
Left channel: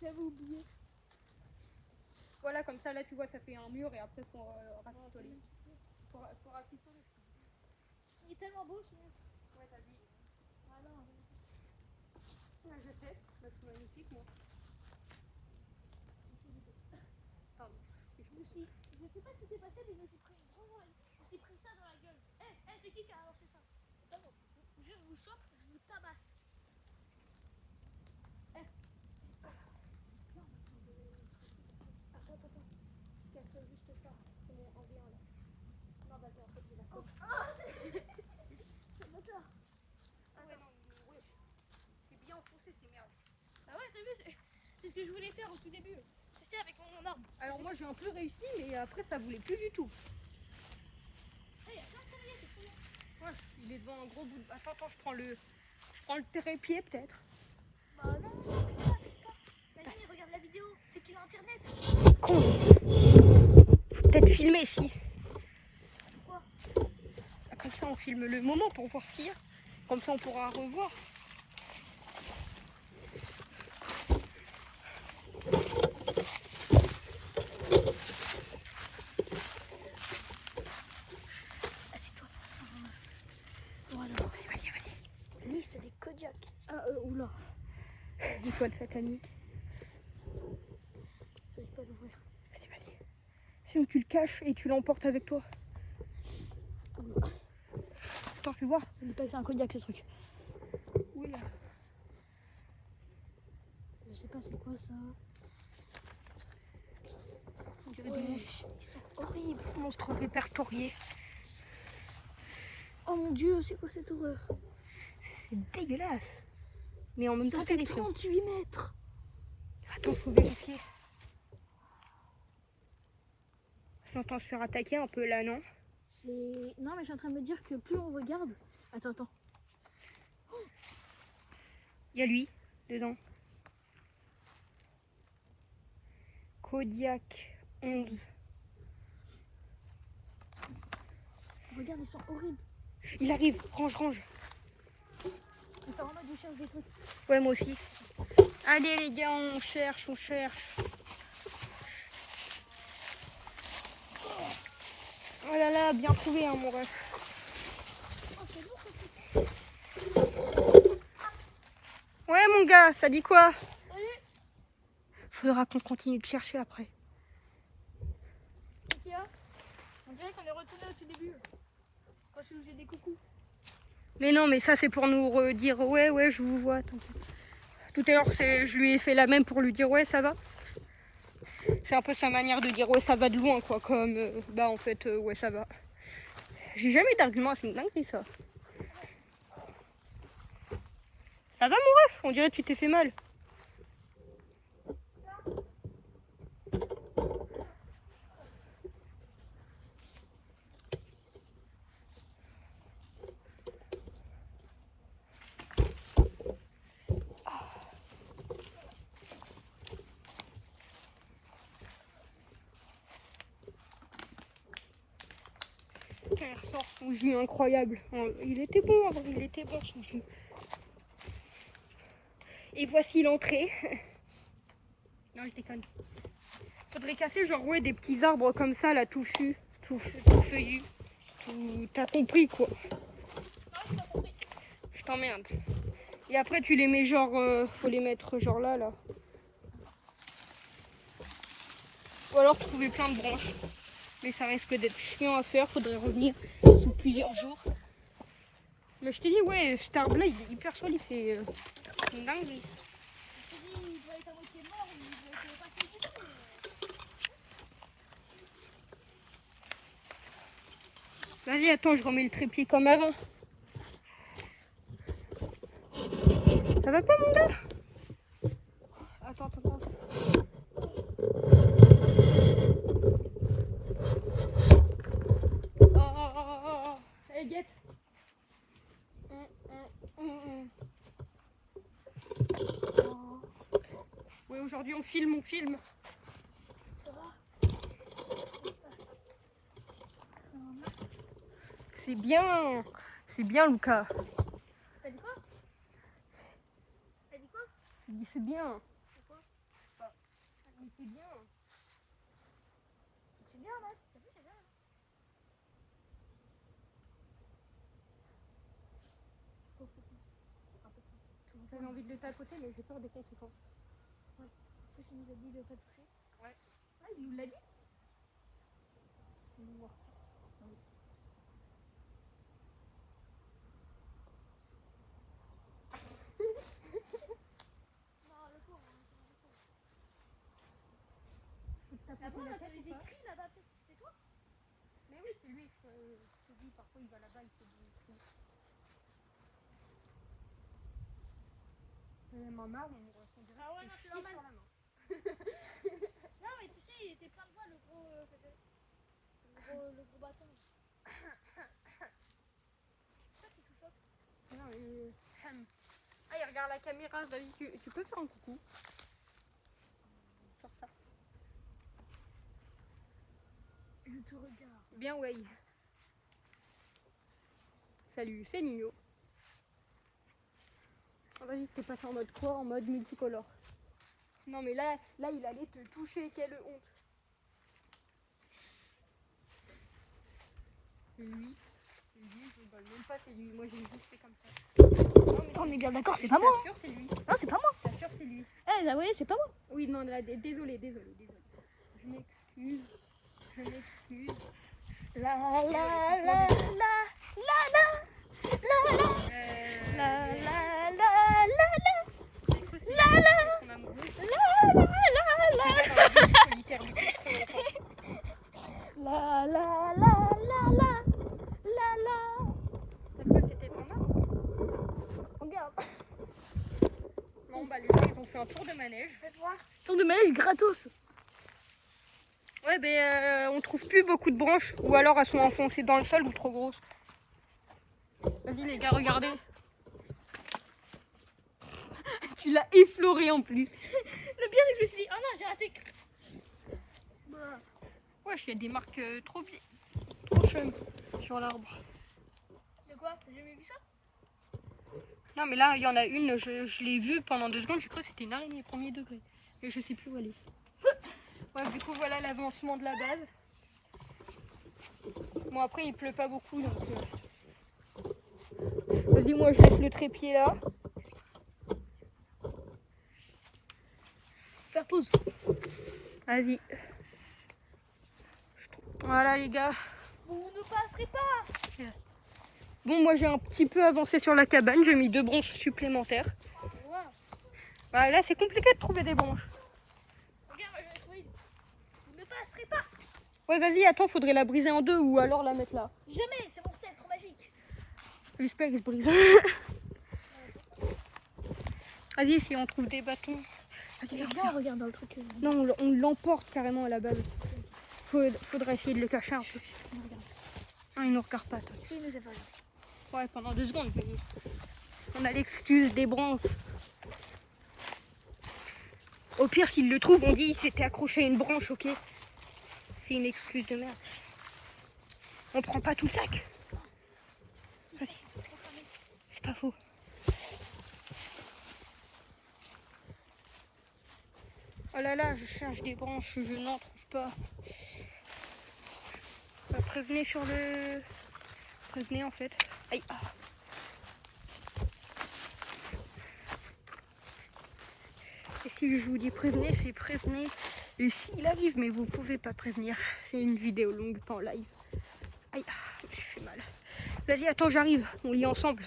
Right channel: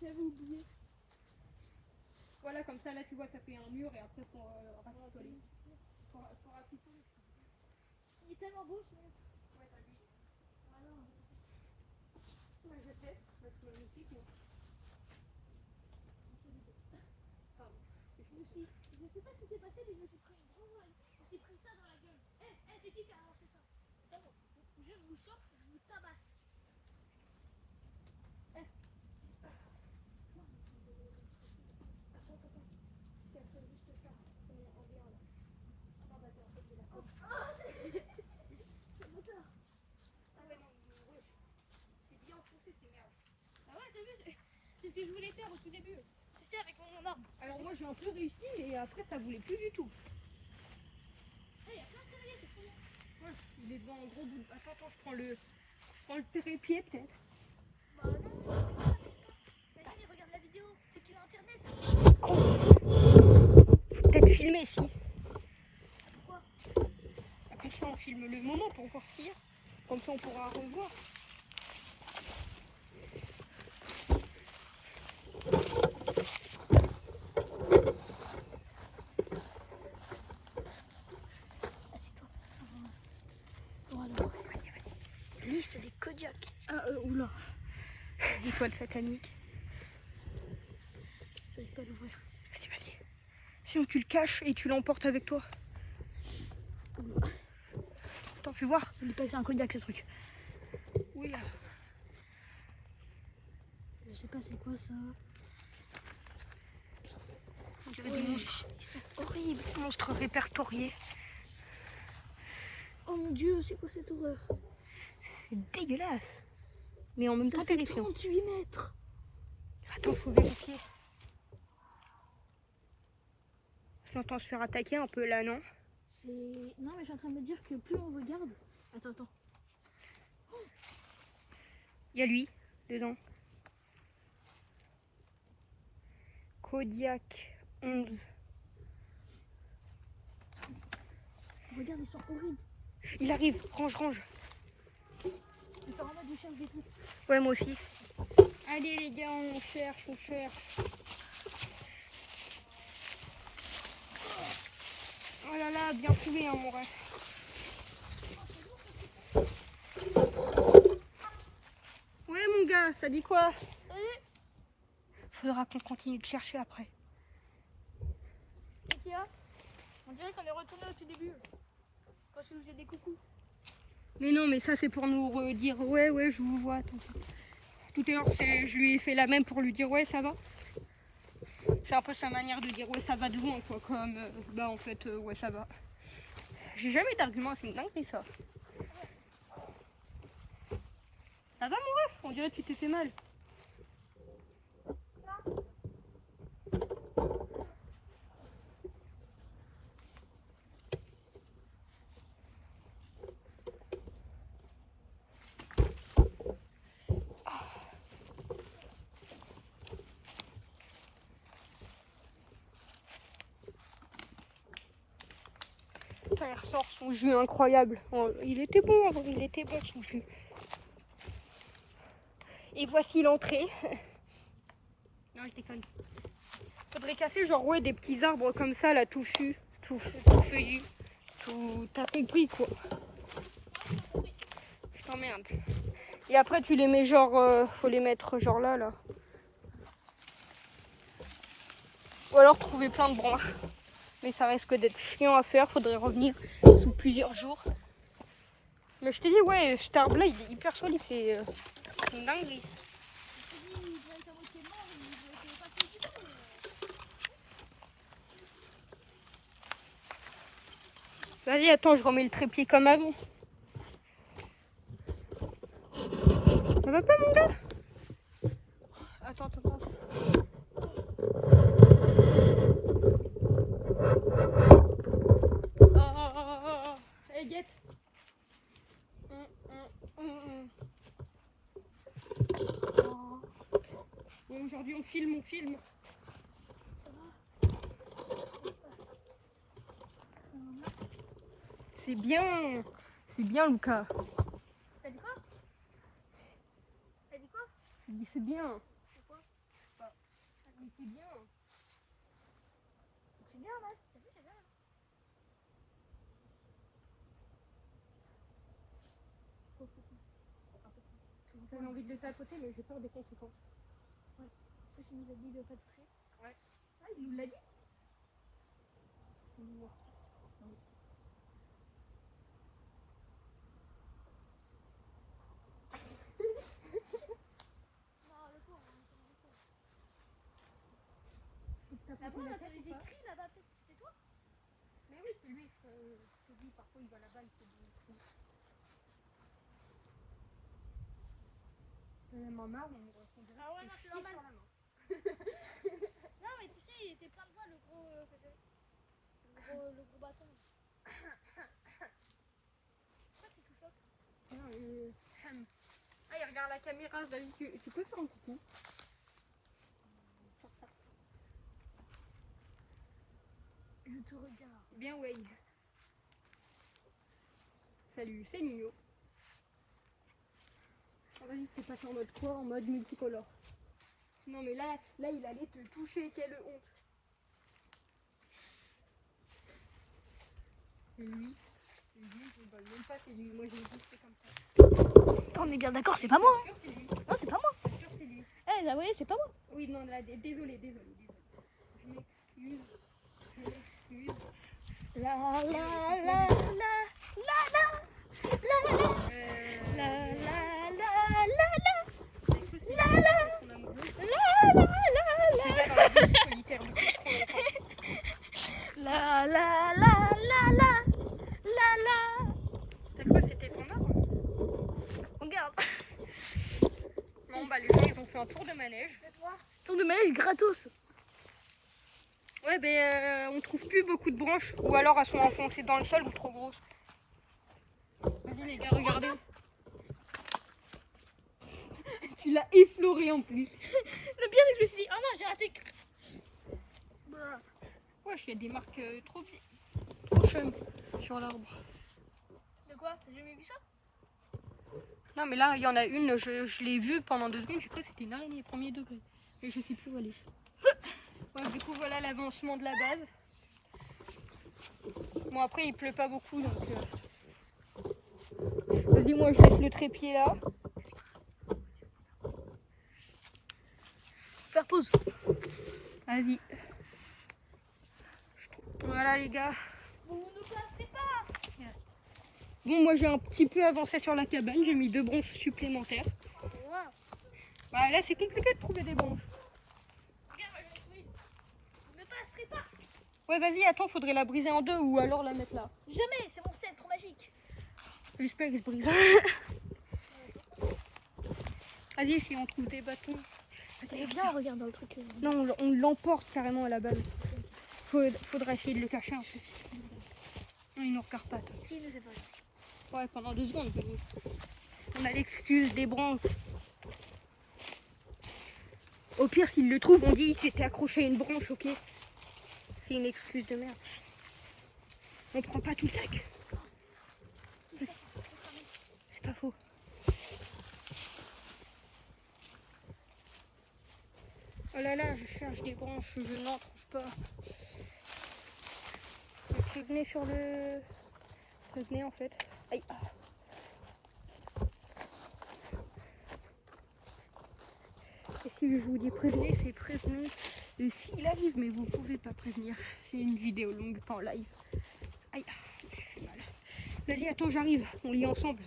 J'avais oublié. Voilà, comme ça, là, tu vois, ça fait un mur et après, faut rafistoler. Faut rafistoler. Il est tellement beau ce mec. Ouais, t'as dit. Ah non. Ouais, je sais. Bah, c'est magnifique, moi. Pardon. Je sais pas ce qui s'est passé, mais je me suis pris une grosse. Je me suis pris ça dans la gueule. C'est qui a lancé ça? C'est pas moi. Je vous chope, je vous tabasse. Attends. Casse juste ça. C'est mon en bien, là. Non, bah, en fait, c'est la faute. C'est le moteur. Ah, mais non, wesh. C'est bien enfoncé, ces merdes. Ah ouais, t'as vu, c'est ce que je voulais faire au tout début. Tu sais, avec mon gendarme. Alors, moi, j'ai un peu réussi, mais après, ça voulait plus du tout. Il y a plein de travail, c'est trop bien. Ouais, il est devant un gros bout de... Attends, je prends le trépied, peut-être. Bah non, imagine, il regarde la vidéo, c'est qu'il a internet. Peut-être filmer, si. Pourquoi? Comme ça, on filme le moment pour voir ce qu'il y a. Comme ça, on pourra revoir. Assieds-toi. Voilà. Vas-y. Lui, c'est des Kodiak. Ah, oula. Des toiles sataniques. J'arrive pas à l'ouvrir. Vas-y. Sinon, tu le caches et tu l'emportes avec toi. Attends, fais voir. Il passe un Kodiak, ce truc. Oui. Je sais pas c'est quoi ça. On dirait des monstres. Ils sont horribles. Monstres répertoriés. Oh mon dieu, c'est quoi cette horreur? C'est dégueulasse. Mais en même temps, Ça fait terrifiant. 38 mètres. Attends, faut vérifier. J'entends se faire attaquer un peu là, non? Non, mais je suis en train de me dire que plus on regarde. Attends. Il y a lui, dedans. Kodiak 11. Regarde, ils sont horribles. Il arrive, range. Il faut vraiment déchirer des trucs. Ouais, moi aussi. Allez les gars, on cherche. Oh là là, bien trouvé, hein, mon ref. Ouais, mon gars, ça dit quoi? Faudra qu'on continue de chercher après. Qu'est-ce qu'il y a? On dirait qu'on est retourné au tout début. Quand je faisais des coucous. Mais non, mais ça c'est pour nous redire ouais, je vous vois. Tout à l'heure, je lui ai fait la même pour lui dire ouais, ça va. C'est un peu sa manière de dire ouais, ça va de loin, quoi. Comme bah en fait, ouais, ça va. J'ai jamais d'argument, c'est une dinguerie ça. Ça va mon ref? On dirait que tu t'es fait mal. Il ressort son jus incroyable. Il était bon, il était bon son jus. Et voici l'entrée. Non, je déconne. Faudrait casser genre ouais des petits arbres comme ça là, touffus, tout feuillus, tout. T'as compris quoi. Je t'emmerde. Et après tu les mets genre, faut les mettre genre là. Ou alors trouver plein de branches. Mais ça risque d'être chiant à faire, faudrait revenir sous plusieurs jours. Mais je te dis ouais, cet arbre là il est hyper solide, c'est une dinguerie. Vas-y, attends, je remets le trépied comme avant. Ça va pas, mon gars? Attends. Oh. Hey, Guette. Oui, aujourd'hui on filme. C'est bien, Lucas. T'as dit quoi? Je dis c'est bien. Pourquoi? Mais c'est bien. C'est bien, là. T'as vu, c'est bien. J'avais envie de le tapoter, mais j'ai peur des conséquences. En plus, il nous a dit de pas toucher. Ouais, il nous l'a dit. Non, le pauvre. Tapoter la tête T'avais ou des pas? cris là-bas, peut-être que c'était toi? Mais oui, c'est lui. Je te dis, parfois il va là-bas, il fait des cris. Ma marre, on dirait Ah ouais, non, c'est normal. sur la main. Non, mais tu sais, il était plein de voix, le gros bâton. Ça, c'est tout ça. Non, ah, il regarde la caméra, vas-y, tu peux faire un coucou. Faire ça. Je te regarde. Bien wave. Salut, c'est Nino. Vas-y, c'est passé en mode quoi? En mode multicolore. Non mais là il allait te toucher, quelle honte. C'est lui. Je rigole même pas, c'est lui. Moi j'ai juste fait comme ça. On est bien d'accord, c'est pas moi. Sûr, c'est lui. Non, c'est pas moi. Sûr, c'est lui. Eh, vous voyez, c'est pas moi. Oui, non, là, désolé. Je m'excuse. La la la la la la la la la la la la. T'as cru que c'était ton arbre? Regarde. Non, bah les gens ils ont fait un tour de manège. Tour de manège gratos. Ouais, on trouve plus beaucoup de branches. Ou alors elles sont enfoncées dans le sol ou trop grosses. Vas-y les gars, regardez. Tu l'as effleuré en plus. Le pire, je me suis dit, oh non, j'ai raté. Wesh, il y a des marques trop chum sur l'arbre. De quoi? T'as jamais vu ça? Non mais là il y en a une, je l'ai vue pendant 2 secondes, j'ai cru que c'était une araignée premier degré. Et je sais plus où elle est. Ouais, du coup voilà l'avancement de la base. Bon après il pleut pas beaucoup donc... Vas-y, moi je laisse le trépied là. Faire pause. Vas-y. Voilà les gars. Vous ne passerez pas. Bon, moi j'ai un petit peu avancé sur la cabane, j'ai mis 2 branches supplémentaires. Bah, là c'est compliqué de trouver des branches. Regarde, je vais trouver. Vous ne passerez pas. Ouais, vas-y, attends, faudrait la briser en deux ou alors la mettre là. Jamais, c'est mon cèdre magique. J'espère qu'il se brise. Vas-y, si on trouve des bâtons. Viens, on regarde dans le truc. Non, on l'emporte carrément à la base. Faudra essayer de le cacher un peu. Ah, il nous regarde pas. Si, nous c'est pas grave. Ouais, pendant 2 secondes, mais on a l'excuse des branches. Au pire, s'il le trouve, on dit il s'était accroché à une branche, ok? C'est une excuse de merde. On prend pas tout le sac. Vas-y. C'est pas faux. Oh là là, je cherche des branches, je n'en trouve pas. Prévenez sur le... Prévenez en fait. Aïe. Ah. Et si je vous dis prévenez, c'est prévenez le signe live, mais vous pouvez pas prévenir. C'est une vidéo longue, pas en live. Aïe, ah, je fais mal. Vas-y, attends, j'arrive. On lit ensemble.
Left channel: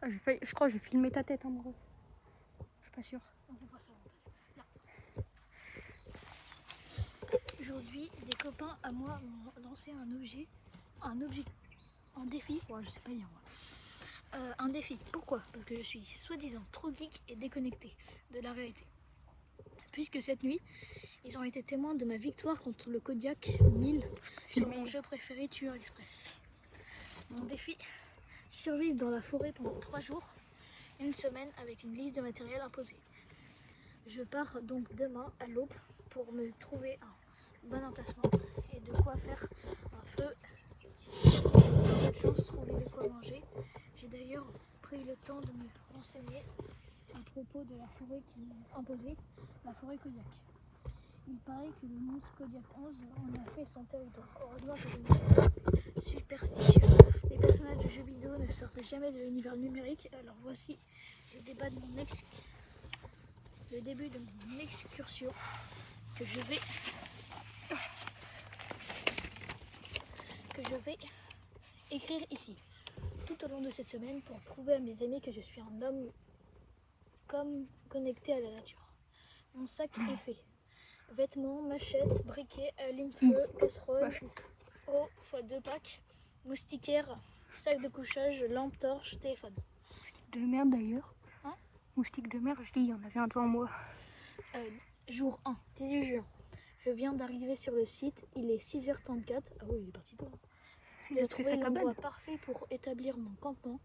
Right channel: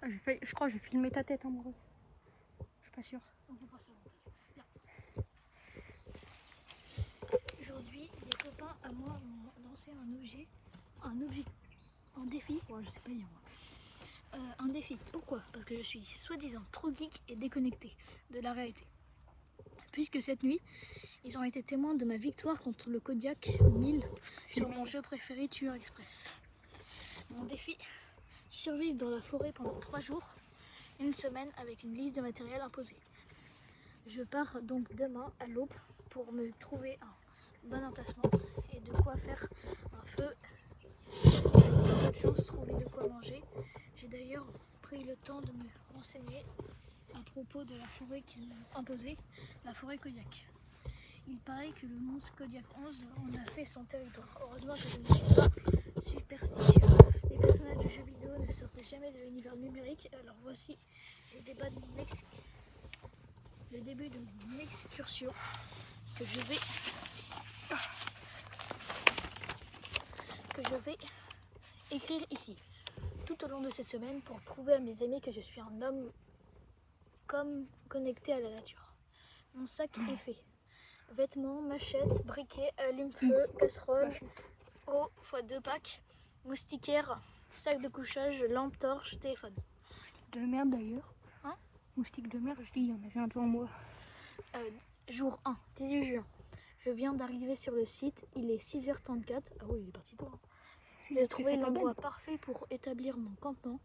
Ah, je crois que j'ai filmé ta tête en gros. Je suis pas sûre. On peut passer au montage. Viens. Aujourd'hui, des copains à moi m'ont lancé un défi. Ouais, je sais pas dire. Un défi. Pourquoi? Parce que je suis soi-disant trop geek et déconnecté de la réalité. Puisque cette nuit, ils ont été témoins de ma victoire contre le Kodiak 1000 sur mon jeu préféré Tueur Express. Mon défi, survivre dans la forêt pendant 3 jours, une semaine avec une liste de matériel imposé. Je pars donc demain à l'aube pour me trouver un bon emplacement et de quoi faire un feu. Trouver de quoi manger. J'ai d'ailleurs pris le temps de me renseigner à propos de la forêt qui m'a imposée, la forêt Kodiak. Il paraît que le monstre Kodiak 11 en a fait son territoire. Heureusement que je ne suis pas superstitieux. Les personnages de jeux vidéo ne sortent jamais de l'univers numérique, alors voici le début de mon excursion que je vais écrire ici. Tout au long de cette semaine pour prouver à mes amis que je suis un homme comme connecté à la nature. Mon sac est fait. Vêtements, machettes, briquets, allume-feu, casserole, eau x2 packs, moustiquaire, sac de couchage, lampe torche, téléphone. Moustique de merde d'ailleurs. Hein? Moustique de merde, je dis, il y en avait un devant moi. Jour 1, 18 juin. Je viens d'arriver sur le site, il est 6h34. Ah oui, il est parti pour. J'ai trouvé l'endroit parfait pour établir mon campement.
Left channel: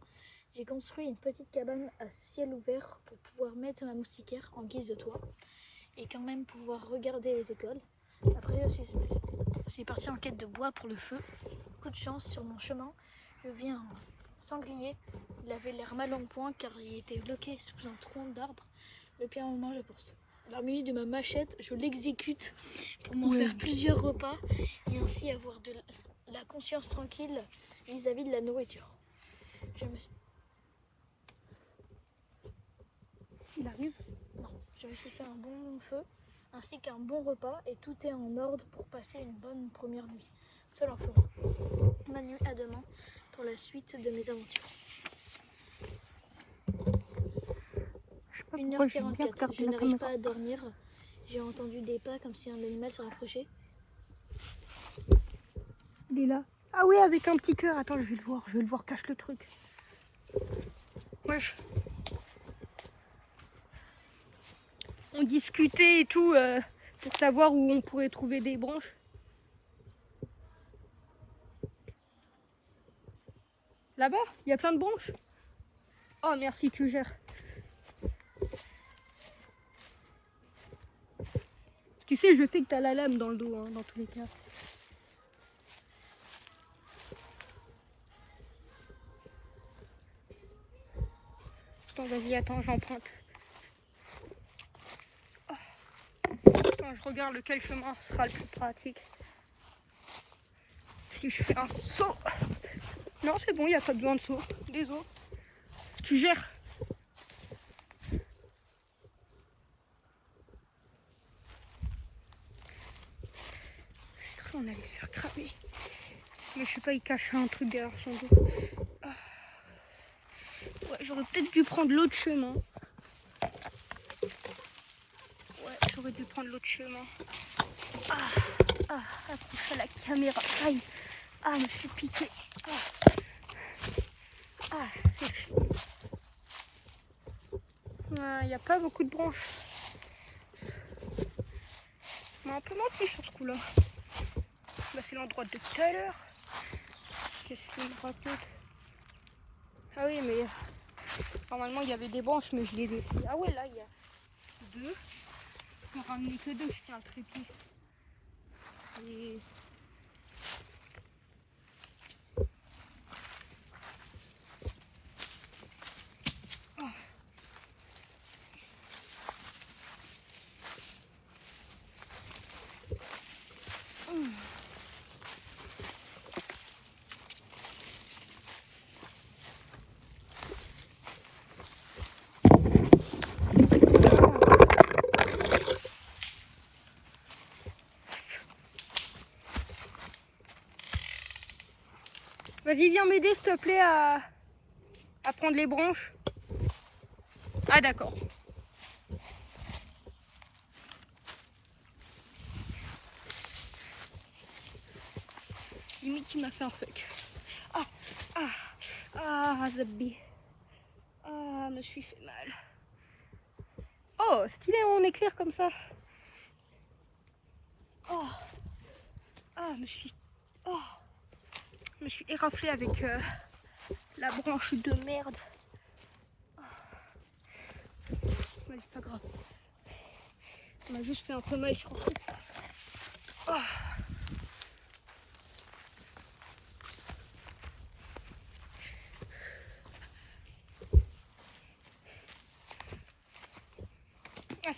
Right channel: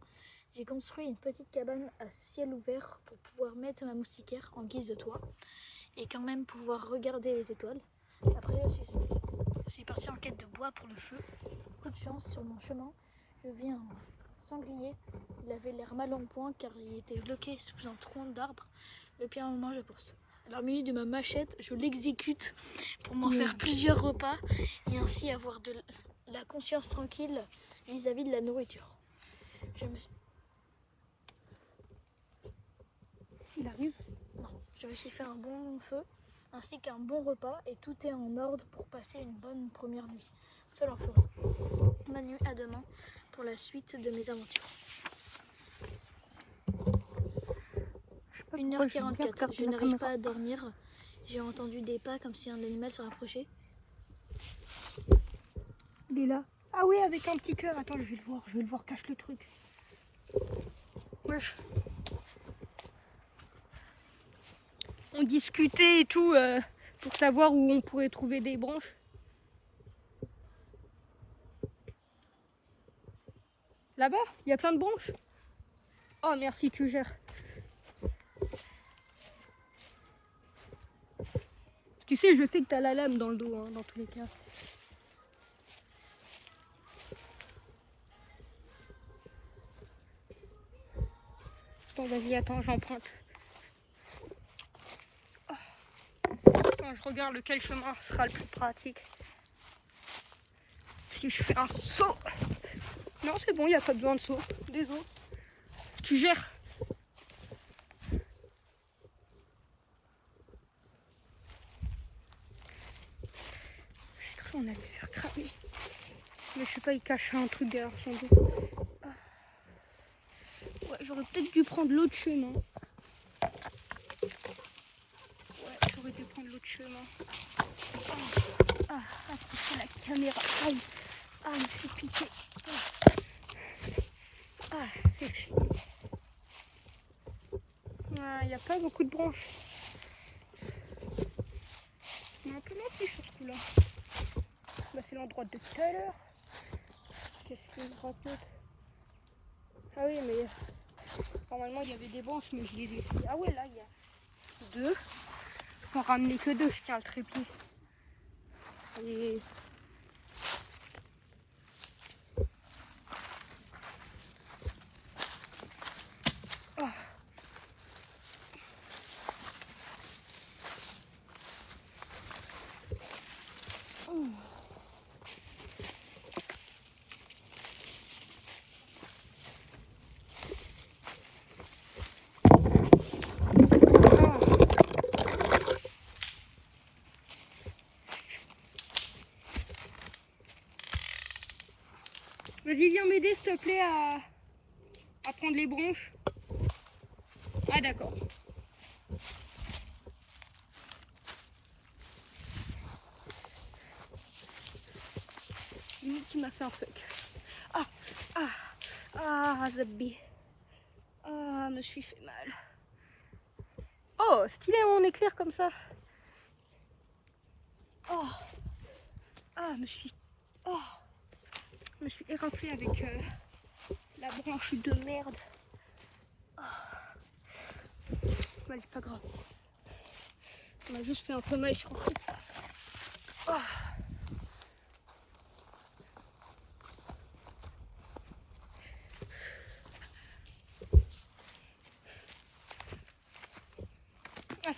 J'ai construit une petite cabane à ciel ouvert pour pouvoir mettre ma moustiquaire en guise de toit et quand même pouvoir regarder les étoiles. Après, je suis parti en quête de bois pour le feu. Coup de chance, sur mon chemin, je vis un sanglier. Il avait l'air mal en point car il était bloqué sous un tronc d'arbre. Le pire moment, je pense. Alors, muni de ma machette, je l'exécute pour m'en faire plusieurs repas et ainsi avoir de la conscience tranquille vis-à-vis de la nourriture. Il arrive. Non, je me suis fait un bon feu ainsi qu'un bon repas et tout est en ordre pour passer une bonne première nuit. Seul en forêt. Manu, à demain pour la suite de mes aventures. Je sais pas pourquoi je 1h44, je n'arrive pas à dormir. J'ai entendu des pas comme si un animal se rapprochait. Il est là. Ah oui, avec un petit cœur. Attends, je vais le voir, cache le truc. Wesh. On discutait et tout pour savoir où on pourrait trouver des branches. Là-bas, il y a plein de branches. Oh merci, tu gères. Tu sais, je sais que t'as la lame dans le dos, hein, dans tous les cas. Attends, vas-y, attends, j'emprunte. Attends, je regarde lequel chemin sera le plus pratique. Si je fais un saut. Non, c'est bon, il n'y a pas besoin de saut. Des autres. Tu gères. On allait se faire cramer. Mais je sais pas, il cache un truc derrière son dos. Ah. Ouais, j'aurais peut-être dû prendre l'autre chemin. J'aurais dû prendre l'autre chemin. Accrocher la caméra. Aïe. Je me suis piqué. C'est chiant. Il n'y a pas beaucoup de branches. On a un peu menti sur ce coup-là. Là, c'est l'endroit de tout à l'heure. Qu'est-ce qu'il me raconte? Ah oui, mais normalement il y avait des branches, mais je les ai. Ah ouais, là il y a 2. Je peux en ramener que 2, je tiens le trépied. Et... Vas-y, viens m'aider s'il te plaît à prendre les branches. Ah d'accord. Limite tu m'as fait un fuck. Zabi. Me suis fait mal. Oh, stylé, on éclaire comme ça. Je me suis éraflée avec la branche de merde. Ouais, c'est pas grave. On m'a juste fait un peu mal, je crois.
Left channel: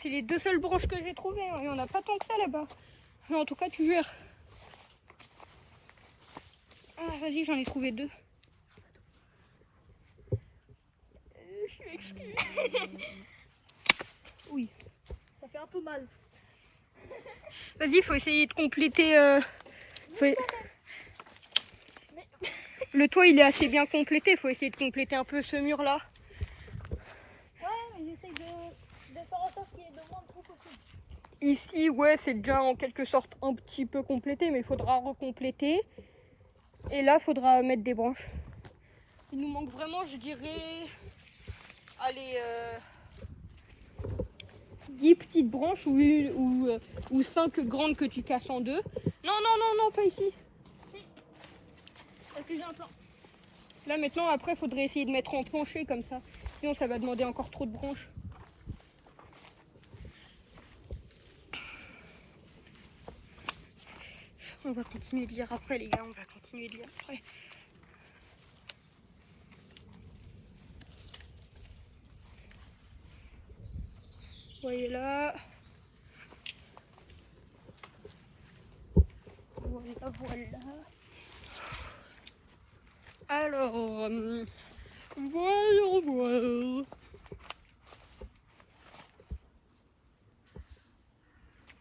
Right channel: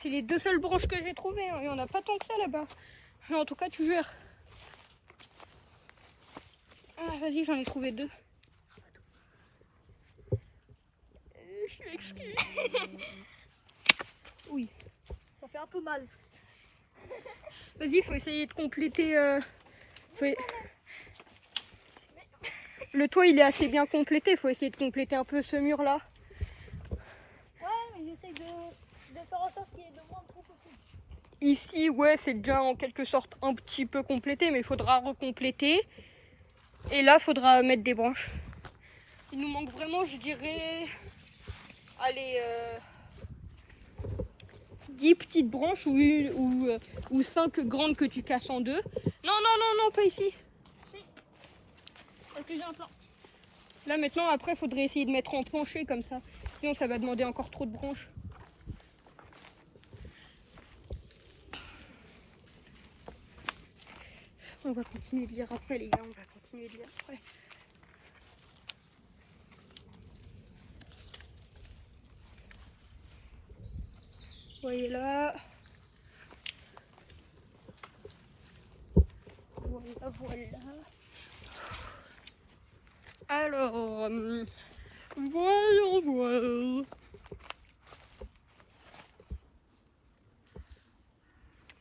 C'est les 2 seules branches que j'ai trouvées. Il n'y en a pas tant que ça là-bas. Mais en tout cas, tu gères. Vas-y, j'en ai trouvé 2. Je suis exclue. Oui. Ça fait un peu mal. Vas-y, faut essayer de compléter. Le toit, il est assez bien complété. Faut essayer de compléter un peu ce mur-là. Ouais, mais j'essaie de faire en sorte qu'il y ait de moins de trous possible. Ici, ouais, c'est déjà en quelque sorte un petit peu complété, mais il faudra recompléter. Et là, il faudra mettre des branches. Il nous manque vraiment, je dirais, allez, 10 petites branches ou 5 grandes que tu casses en 2. Non, pas ici. Parce que j'ai un plan. Là, maintenant, après, il faudrait essayer de mettre en plancher comme ça. Sinon, ça va demander encore trop de branches. On va continuer de lire après, les gars. On va continuer de lire après. Vous voyez là. Voilà. Alors, voyons voir.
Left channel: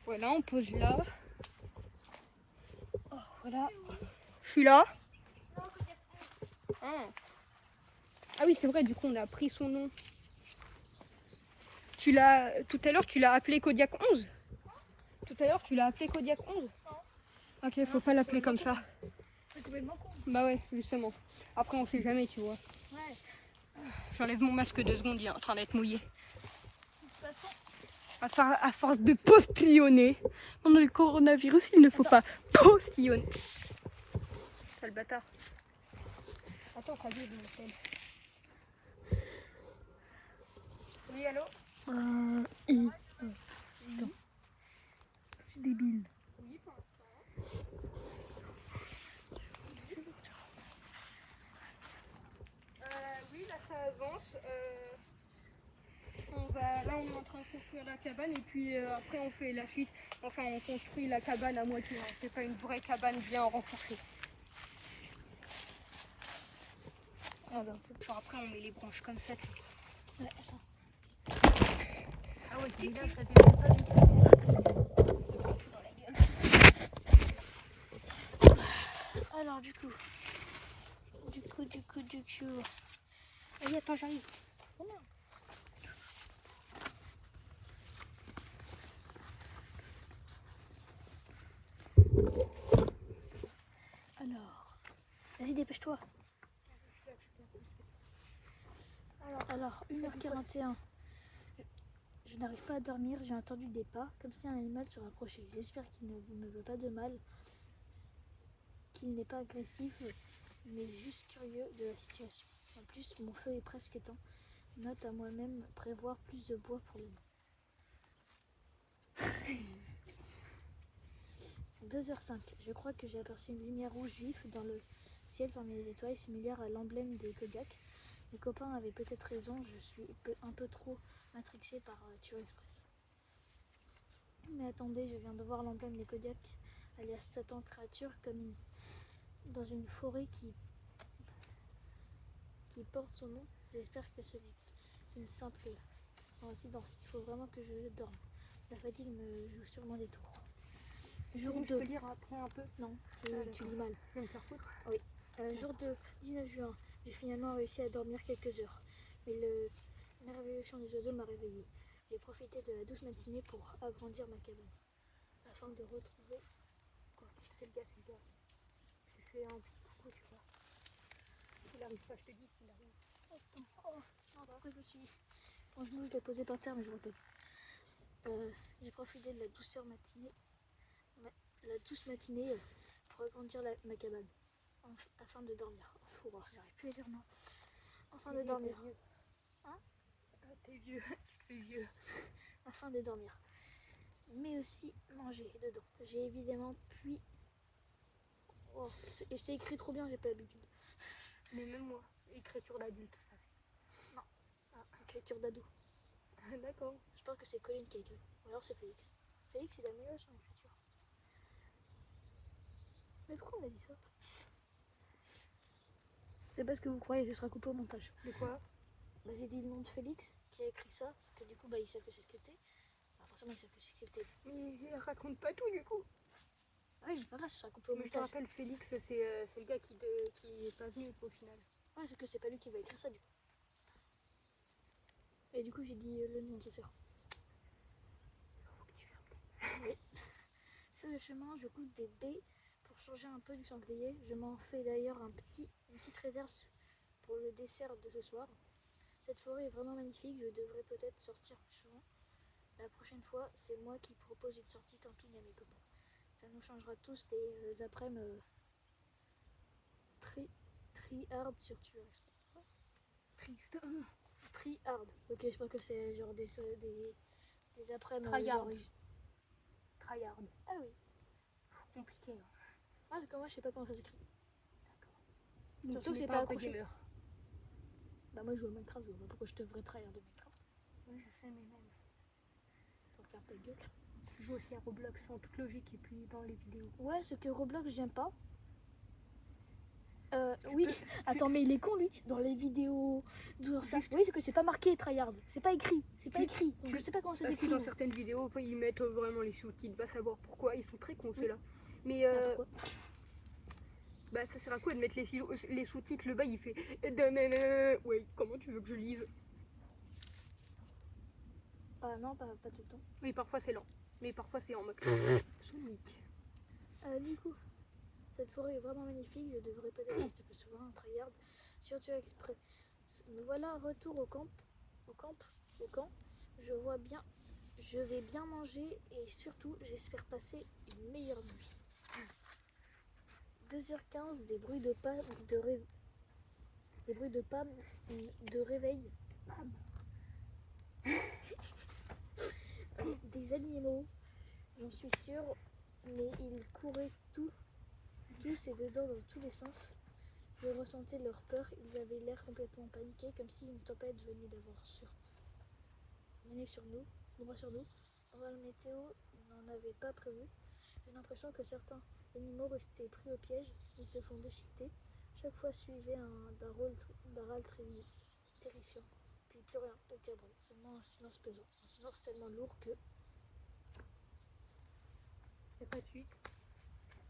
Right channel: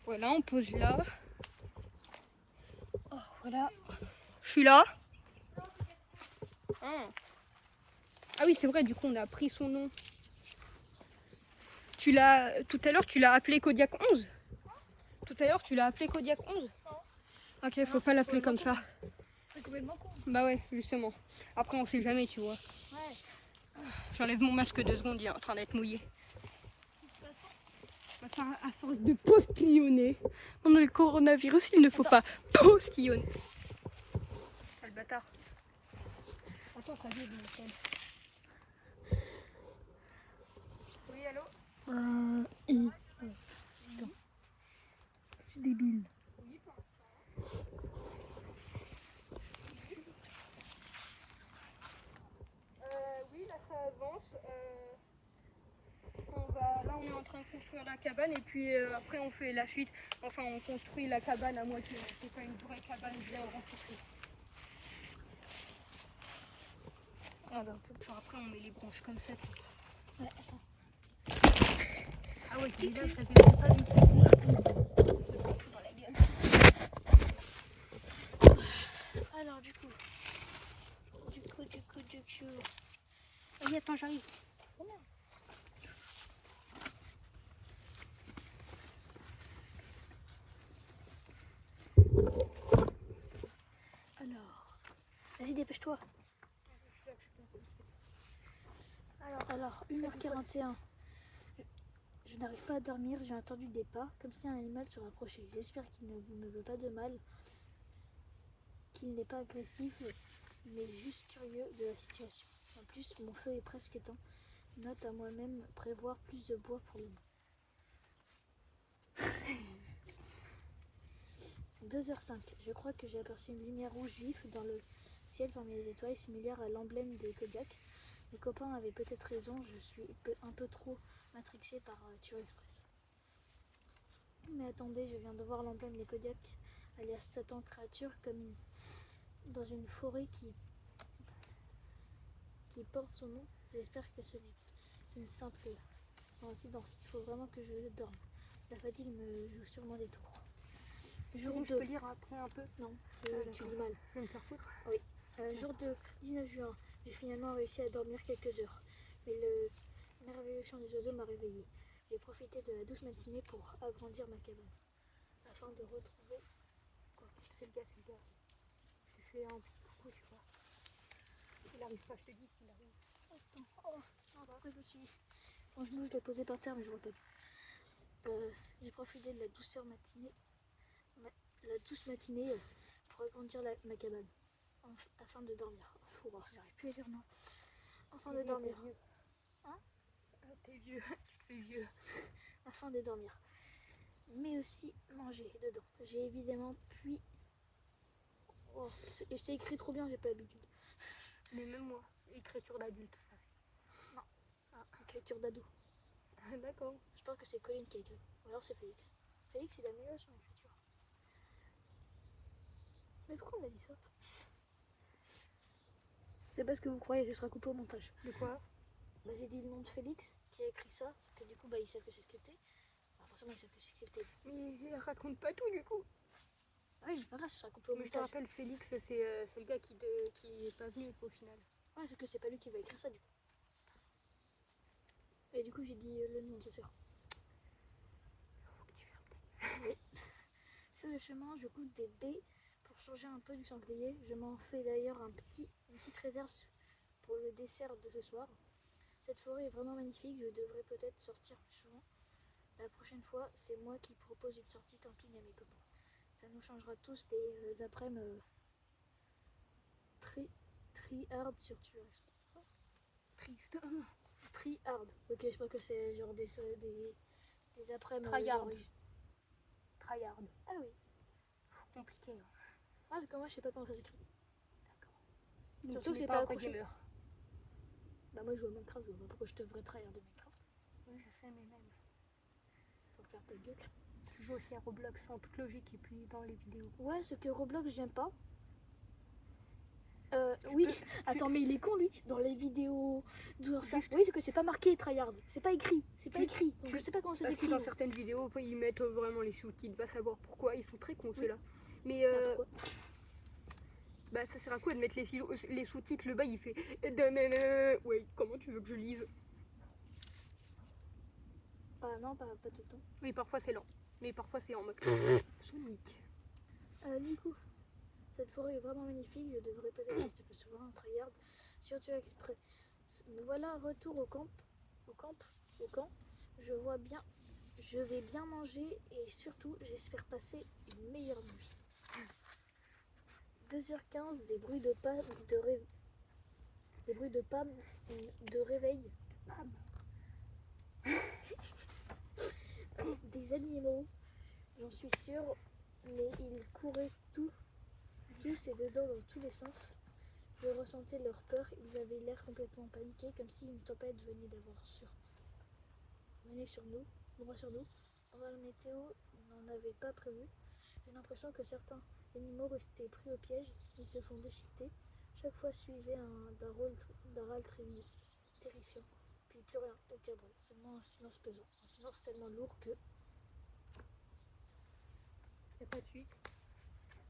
Voilà, on pose là. Voilà. Je suis là. Ah oui, c'est vrai, du coup, on a pris son nom. Tout à l'heure, tu l'as appelé Kodiak 11. Tout à l'heure, tu l'as appelé Kodiak 11. Ok, faut pas l'appeler comme ça. C'est complètement con. Bah ouais, justement. Après, on sait jamais, tu vois. Ouais. J'enlève mon masque 2 secondes, il est en train d'être mouillé. De toute façon. À force de postillonner, pendant le coronavirus, il ne faut pas postillonner. Quel bâtard. Attends, ça vient de mon tel. Oui, allô? Attends. Je suis débile. Oui, là ça avance. Là on est en train de construire la cabane et puis après on fait la suite. Enfin on construit la cabane à moitié. Hein. C'est pas une vraie cabane bien renforcée. Alors après on met les branches comme ça. Ouais, attends. Ah ouais, c'est là, ça fait même pas du tout. Dans la gueule. Alors du coup. Oui, attends, j'arrive. Alors, vas-y, dépêche-toi. Alors, 1h41. Je n'arrive pas à dormir, j'ai entendu des pas, comme si un animal se rapprochait. J'espère qu'il ne me veut pas de mal, qu'il n'est pas agressif, mais juste curieux de la situation. En plus, mon feu est presque éteint. Note à moi-même prévoir plus de bois pour le nuit. 2h05. Je crois que j'ai aperçu une lumière rouge vif dans le ciel parmi les étoiles, similaire à l'emblème des Kodiaks. Mes copains avaient peut-être raison, je suis un peu trop matrixée par Tour Express. Mais attendez, je viens de voir l'emblème des Kodiaks, alias Satan créature, dans une forêt qui porte son nom. J'espère que ce n'est qu'une simple coïncidence. Il faut vraiment que je dorme. La fatigue me joue sûrement des tours. Jour 2. Je peux lire après un peu? Non, tu lis mal. Je vais me faire foutre. Oui. Jour 2, 19 juin. J'ai finalement réussi à dormir quelques heures. Mais le merveilleux chant des oiseaux m'a réveillée. J'ai profité de la douce matinée pour agrandir ma cabane. Afin de retrouver... Quoi? C'est le gars. Je te fais un petit coucou, tu vois. Il arrive pas, je te dis qu'il arrive. Attends, pourquoi je me suis... Mon genou, je l'ai posé par terre, mais je vois pas. J'ai profité de la douce matinée pour agrandir ma cabane. Afin de dormir. J'arrive plus à dire non. Afin de dormir. Hein? Ah, t'es vieux, tu te fais vieux. Afin de dormir. Mais aussi manger dedans. J'ai évidemment puis... Oh, et c'est écrit trop bien, j'ai pas l'habitude. Mais même moi, écriture d'adulte, ça fait. Non. Écriture d'ado. D'accord. Je pense que c'est Colin qui a écrit. Ou alors c'est Félix. Félix, il a meilleur son écriture. Mais pourquoi on a dit ça? C'est parce que vous croyez que ce sera coupé au montage. De quoi? Bah, j'ai dit le nom de Félix qui a écrit ça, parce que du coup, bah, ils savent que c'est scripté. Bah, forcément, ils savent que c'est scripté. Mais raconte pas tout, du coup. Ah oui, c'est pas grave, ce sera coupé au Mais je te montage. rappelle, Félix, c'est le gars qui est pas venu au final. Ouais, c'est que c'est pas lui qui va écrire ça, du coup. Et du coup, j'ai dit le nom de sa sœur. Faut que tu fermes tes... Oui. Sur le chemin, je goûte des baies pour changer un peu du sanglier. Je m'en fais d'ailleurs une petite réserve pour le dessert de ce soir. Cette forêt est vraiment magnifique, je devrais peut-être sortir plus souvent. La prochaine fois, c'est moi qui propose une sortie camping à mes copains. Ça nous changera tous des après-midi tri-hard sur Tueur Express. Triste. Tri-hard. Ok, je crois que c'est genre des après-midi. Tryhard. Tryhard. Ah oui. Compliqué. Hein. Ah, c'est comme moi, je sais pas comment ça s'écrit. D'accord. Surtout que c'est pas accroché. Bah moi je joue à Minecraft, je vois pas pourquoi je devrais trahir de Minecraft. Oui, je sais, mais même. Pour faire ta gueule. Je joue aussi à Roblox en toute logique et puis dans les vidéos. Ouais, c'est que Roblox j'aime pas. Oui, attends, mais il est con lui, dans les vidéos, dans ça. Oui, c'est que c'est pas marqué tryhard, c'est pas écrit, donc je sais pas comment ça s'écrit. Dans certaines vidéos, ils mettent vraiment les sous-titres, va savoir pourquoi, ils sont très cons ceux-là. Mais Pourquoi? bah ça sert à quoi de mettre les sous-titres, le bas il fait... Ouais, comment tu veux que je lise? Ah non, pas tout le temps. Oui, parfois c'est lent, mais parfois c'est en mode... Sonic. Du coup, cette forêt est vraiment magnifique, je devrais peut-être sortir plus souvent, tryhard, sur Tueur Express. Me voilà, retour au camp. Je vais bien manger et surtout, j'espère passer une meilleure nuit. 2h15, des bruits de pas de réveil. Des animaux, j'en suis sûre, mais ils couraient tous et dedans dans tous les sens. Je ressentais leur peur, ils avaient l'air complètement paniqués, comme si une tempête venait sur nous. Avant la météo n'en avait pas prévu. J'ai l'impression que certains animaux restaient pris au piège, ils se font déchiqueter. Chaque fois suivait d'un râle terrifiant. Puis plus rien, aucun bruit, seulement un silence pesant, un silence tellement lourd que... C'est pas de suite.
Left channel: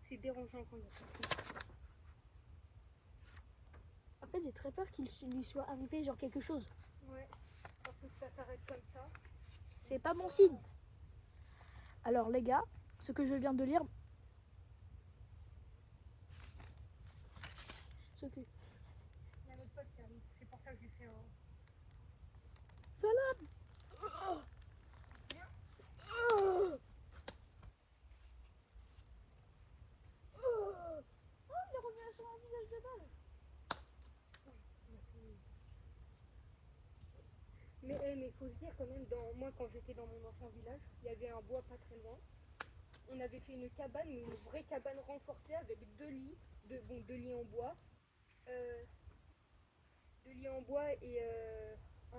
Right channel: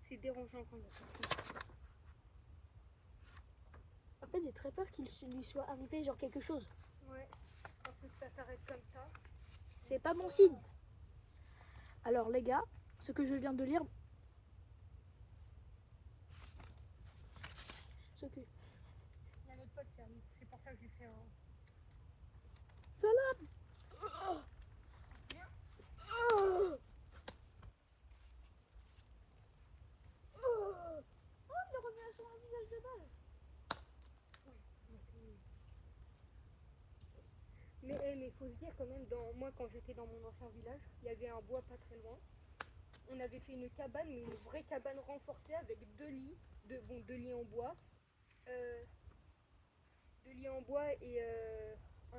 C'est dérangeant quand il y a ça. En fait, j'ai très peur qu'il lui soit arrivé genre quelque chose. Ouais, en plus ça s'arrête comme ça. C'est pas bon signe. Alors les gars, ce que je viens de lire, cul. Il y a notre pote qui arrive, c'est pour ça que je lui fais un... Salam. Viens. Il est revenu sur un visage de balle. Mais faut se dire quand même, moi quand j'étais dans mon ancien village, il y avait un bois pas très loin. On avait fait une cabane, mais une vraie cabane renforcée avec deux lits, deux lits en bois. Deux lits en bois et un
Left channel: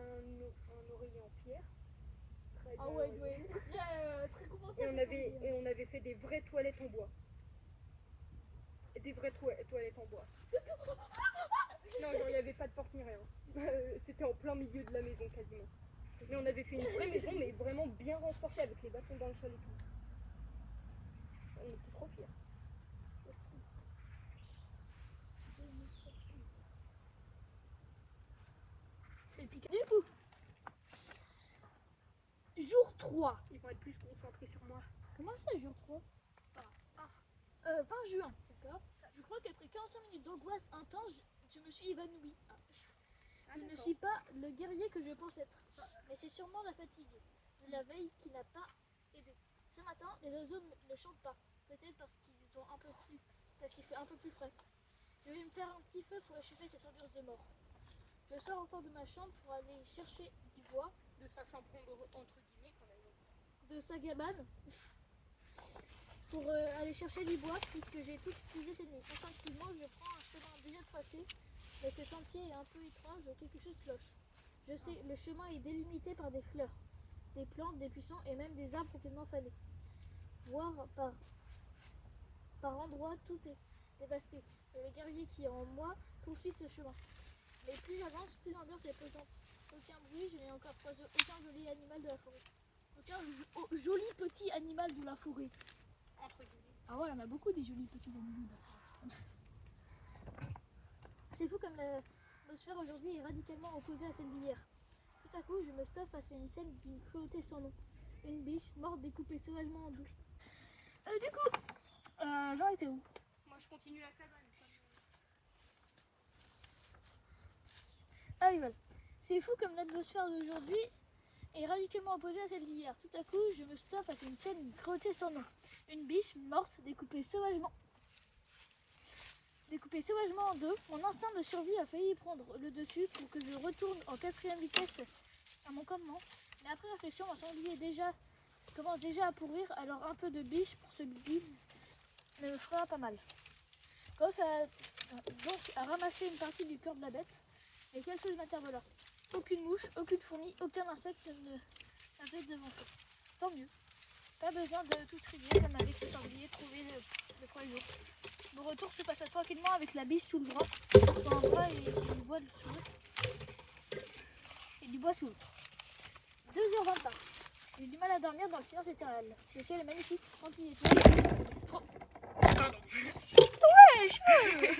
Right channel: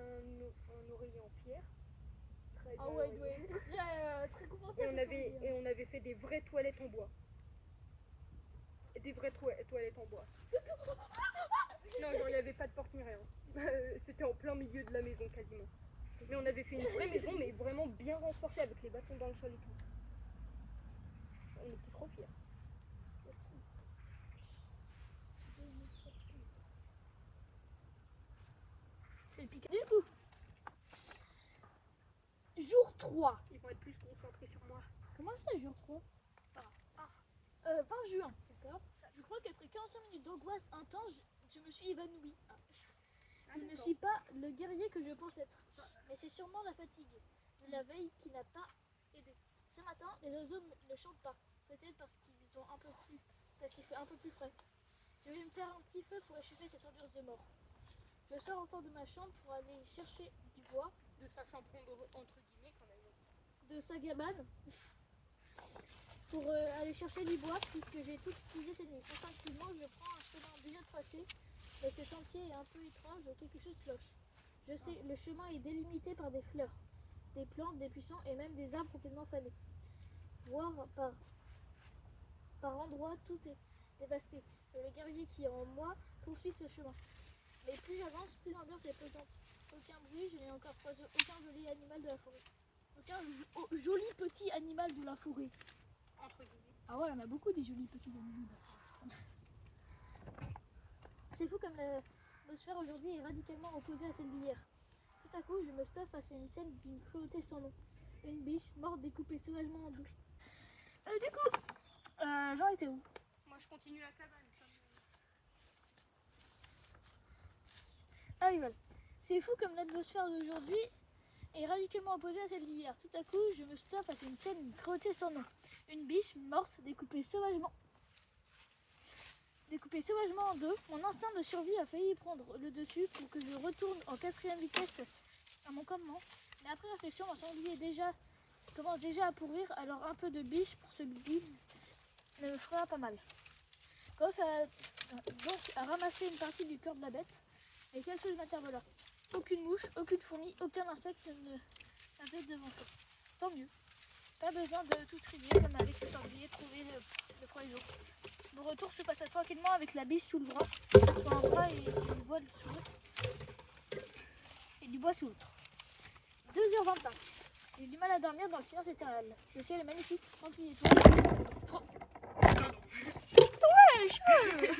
oreiller en pierre. Très Ah bien ouais, il doit oreiller. être très confortable. Et on avait fait des vraies toilettes en bois. Des vraies toilettes en bois. Non, genre, il n'y avait pas de porte ni rien. C'était en plein milieu de la maison quasiment. Mais on avait fait une vraie maison, mais vraiment bien renforcée avec les bâtons dans le sol et tout. On était trop fiers. C'est le piquant. Du coup, jour 3. Ils vont être plus concentrés sur moi. Comment ça, jour 3? 20 juin, d'accord. Je crois qu'après 45 minutes d'angoisse intense, je me suis évanouie. Je ne suis pas le guerrier que je pense être, mais c'est sûrement la fatigue de la veille qui n'a pas aidé. Ce matin, les oiseaux ne chantent pas, peut-être parce qu'il fait un peu plus frais. Je vais me faire un petit feu pour réchauffer cette ambiance de mort. Je sors enfin de ma chambre pour aller chercher du bois, De sa chambre entre guillemets qu'on avait. de sa cabane, pour aller chercher du bois, puisque j'ai tout utilisé cette nuit. Instinctivement, je prends un chemin déjà tracé, mais ce sentier est un peu étrange, quelque chose cloche. Je sais, le chemin est délimité par des fleurs, des plantes, des buissons et même des arbres complètement fanés. Voire par endroits, tout est dévasté. Et le guerrier qui est en moi poursuit ce chemin. Mais plus j'avance, plus l'ambiance est pesante. Aucun bruit, je n'ai encore croisé aucun joli animal de la forêt. Aucun joli petit animal de la forêt. Entre guillemets. Ah ouais, on a beaucoup des jolis petits animaux de la forêt. C'est fou comme l'atmosphère aujourd'hui est radicalement opposée à celle d'hier. Tout à coup, je me stoffe face à une scène d'une cruauté sans nom. Une biche morte découpée sauvagement en deux. Du coup, j'en étais où? Moi je continue la cabane. Ah oui, voilà. C'est fou comme l'atmosphère d'aujourd'hui est radicalement opposée à celle d'hier. Tout à coup, je me stoffe face à une scène d'une cruauté sans nom. Une biche morte découpée sauvagement en deux. Mon instinct de survie a failli prendre le dessus pour que je retourne en 4e vitesse à mon campement. Mais après réflexion, mon sanglier commence déjà à pourrir, alors un peu de biche pour ce bibi ne me fera pas mal. Commence donc à ramasser une partie du corps de la bête, et quelque chose m'interpella. Aucune mouche, aucune fourmi, aucun insecte ne m'avait devancé. Tant mieux. Pas besoin de tout trier comme avec le sanglier trouvé le premier jour. Mon retour se passa tranquillement avec la biche sous le bras, sur un bras et du bois sous l'autre. Et du bois sous l'autre. 2h25. J'ai du mal à dormir dans le silence éternel. Le ciel est magnifique, tranquille et tout. Ouais,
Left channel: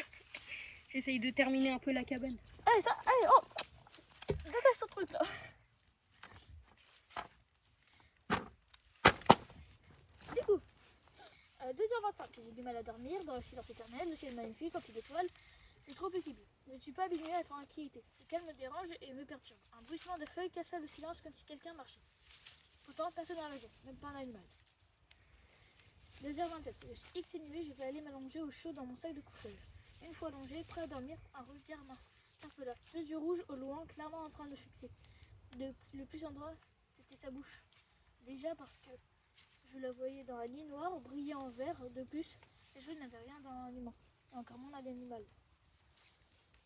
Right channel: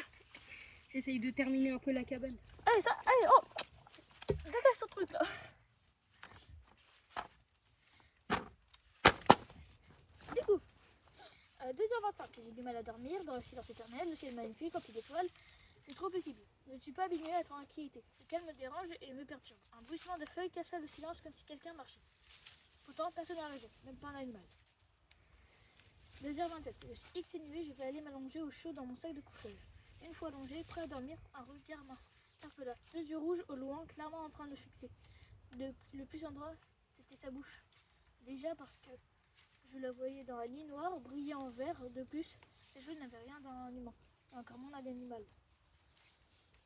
J'essaye de terminer un peu la cabane. Allez, oh, dégage ton truc là. Du coup, 2h25, j'ai du mal à dormir dans le silence éternel, le ciel est magnifique, rempli d'étoiles, c'est trop paisible. Je ne suis pas habituée à la tranquillité. Le calme me dérange et me perturbe. Un bruissement de feuilles cassa le silence comme si quelqu'un marchait. Pourtant, personne n'a raison, même pas un animal. 2h27, je suis exténuée, je vais aller m'allonger au chaud dans mon sac de couchage. Une fois allongée, prêt à dormir, un regard m'interpella. Deux yeux rouges au loin, clairement en train de fixer. Le plus endroit, c'était sa bouche. Déjà parce que je la voyais dans la nuit noire, brillant en vert. De plus, les yeux n'avaient rien d'un humain, et encore moins d'un animal.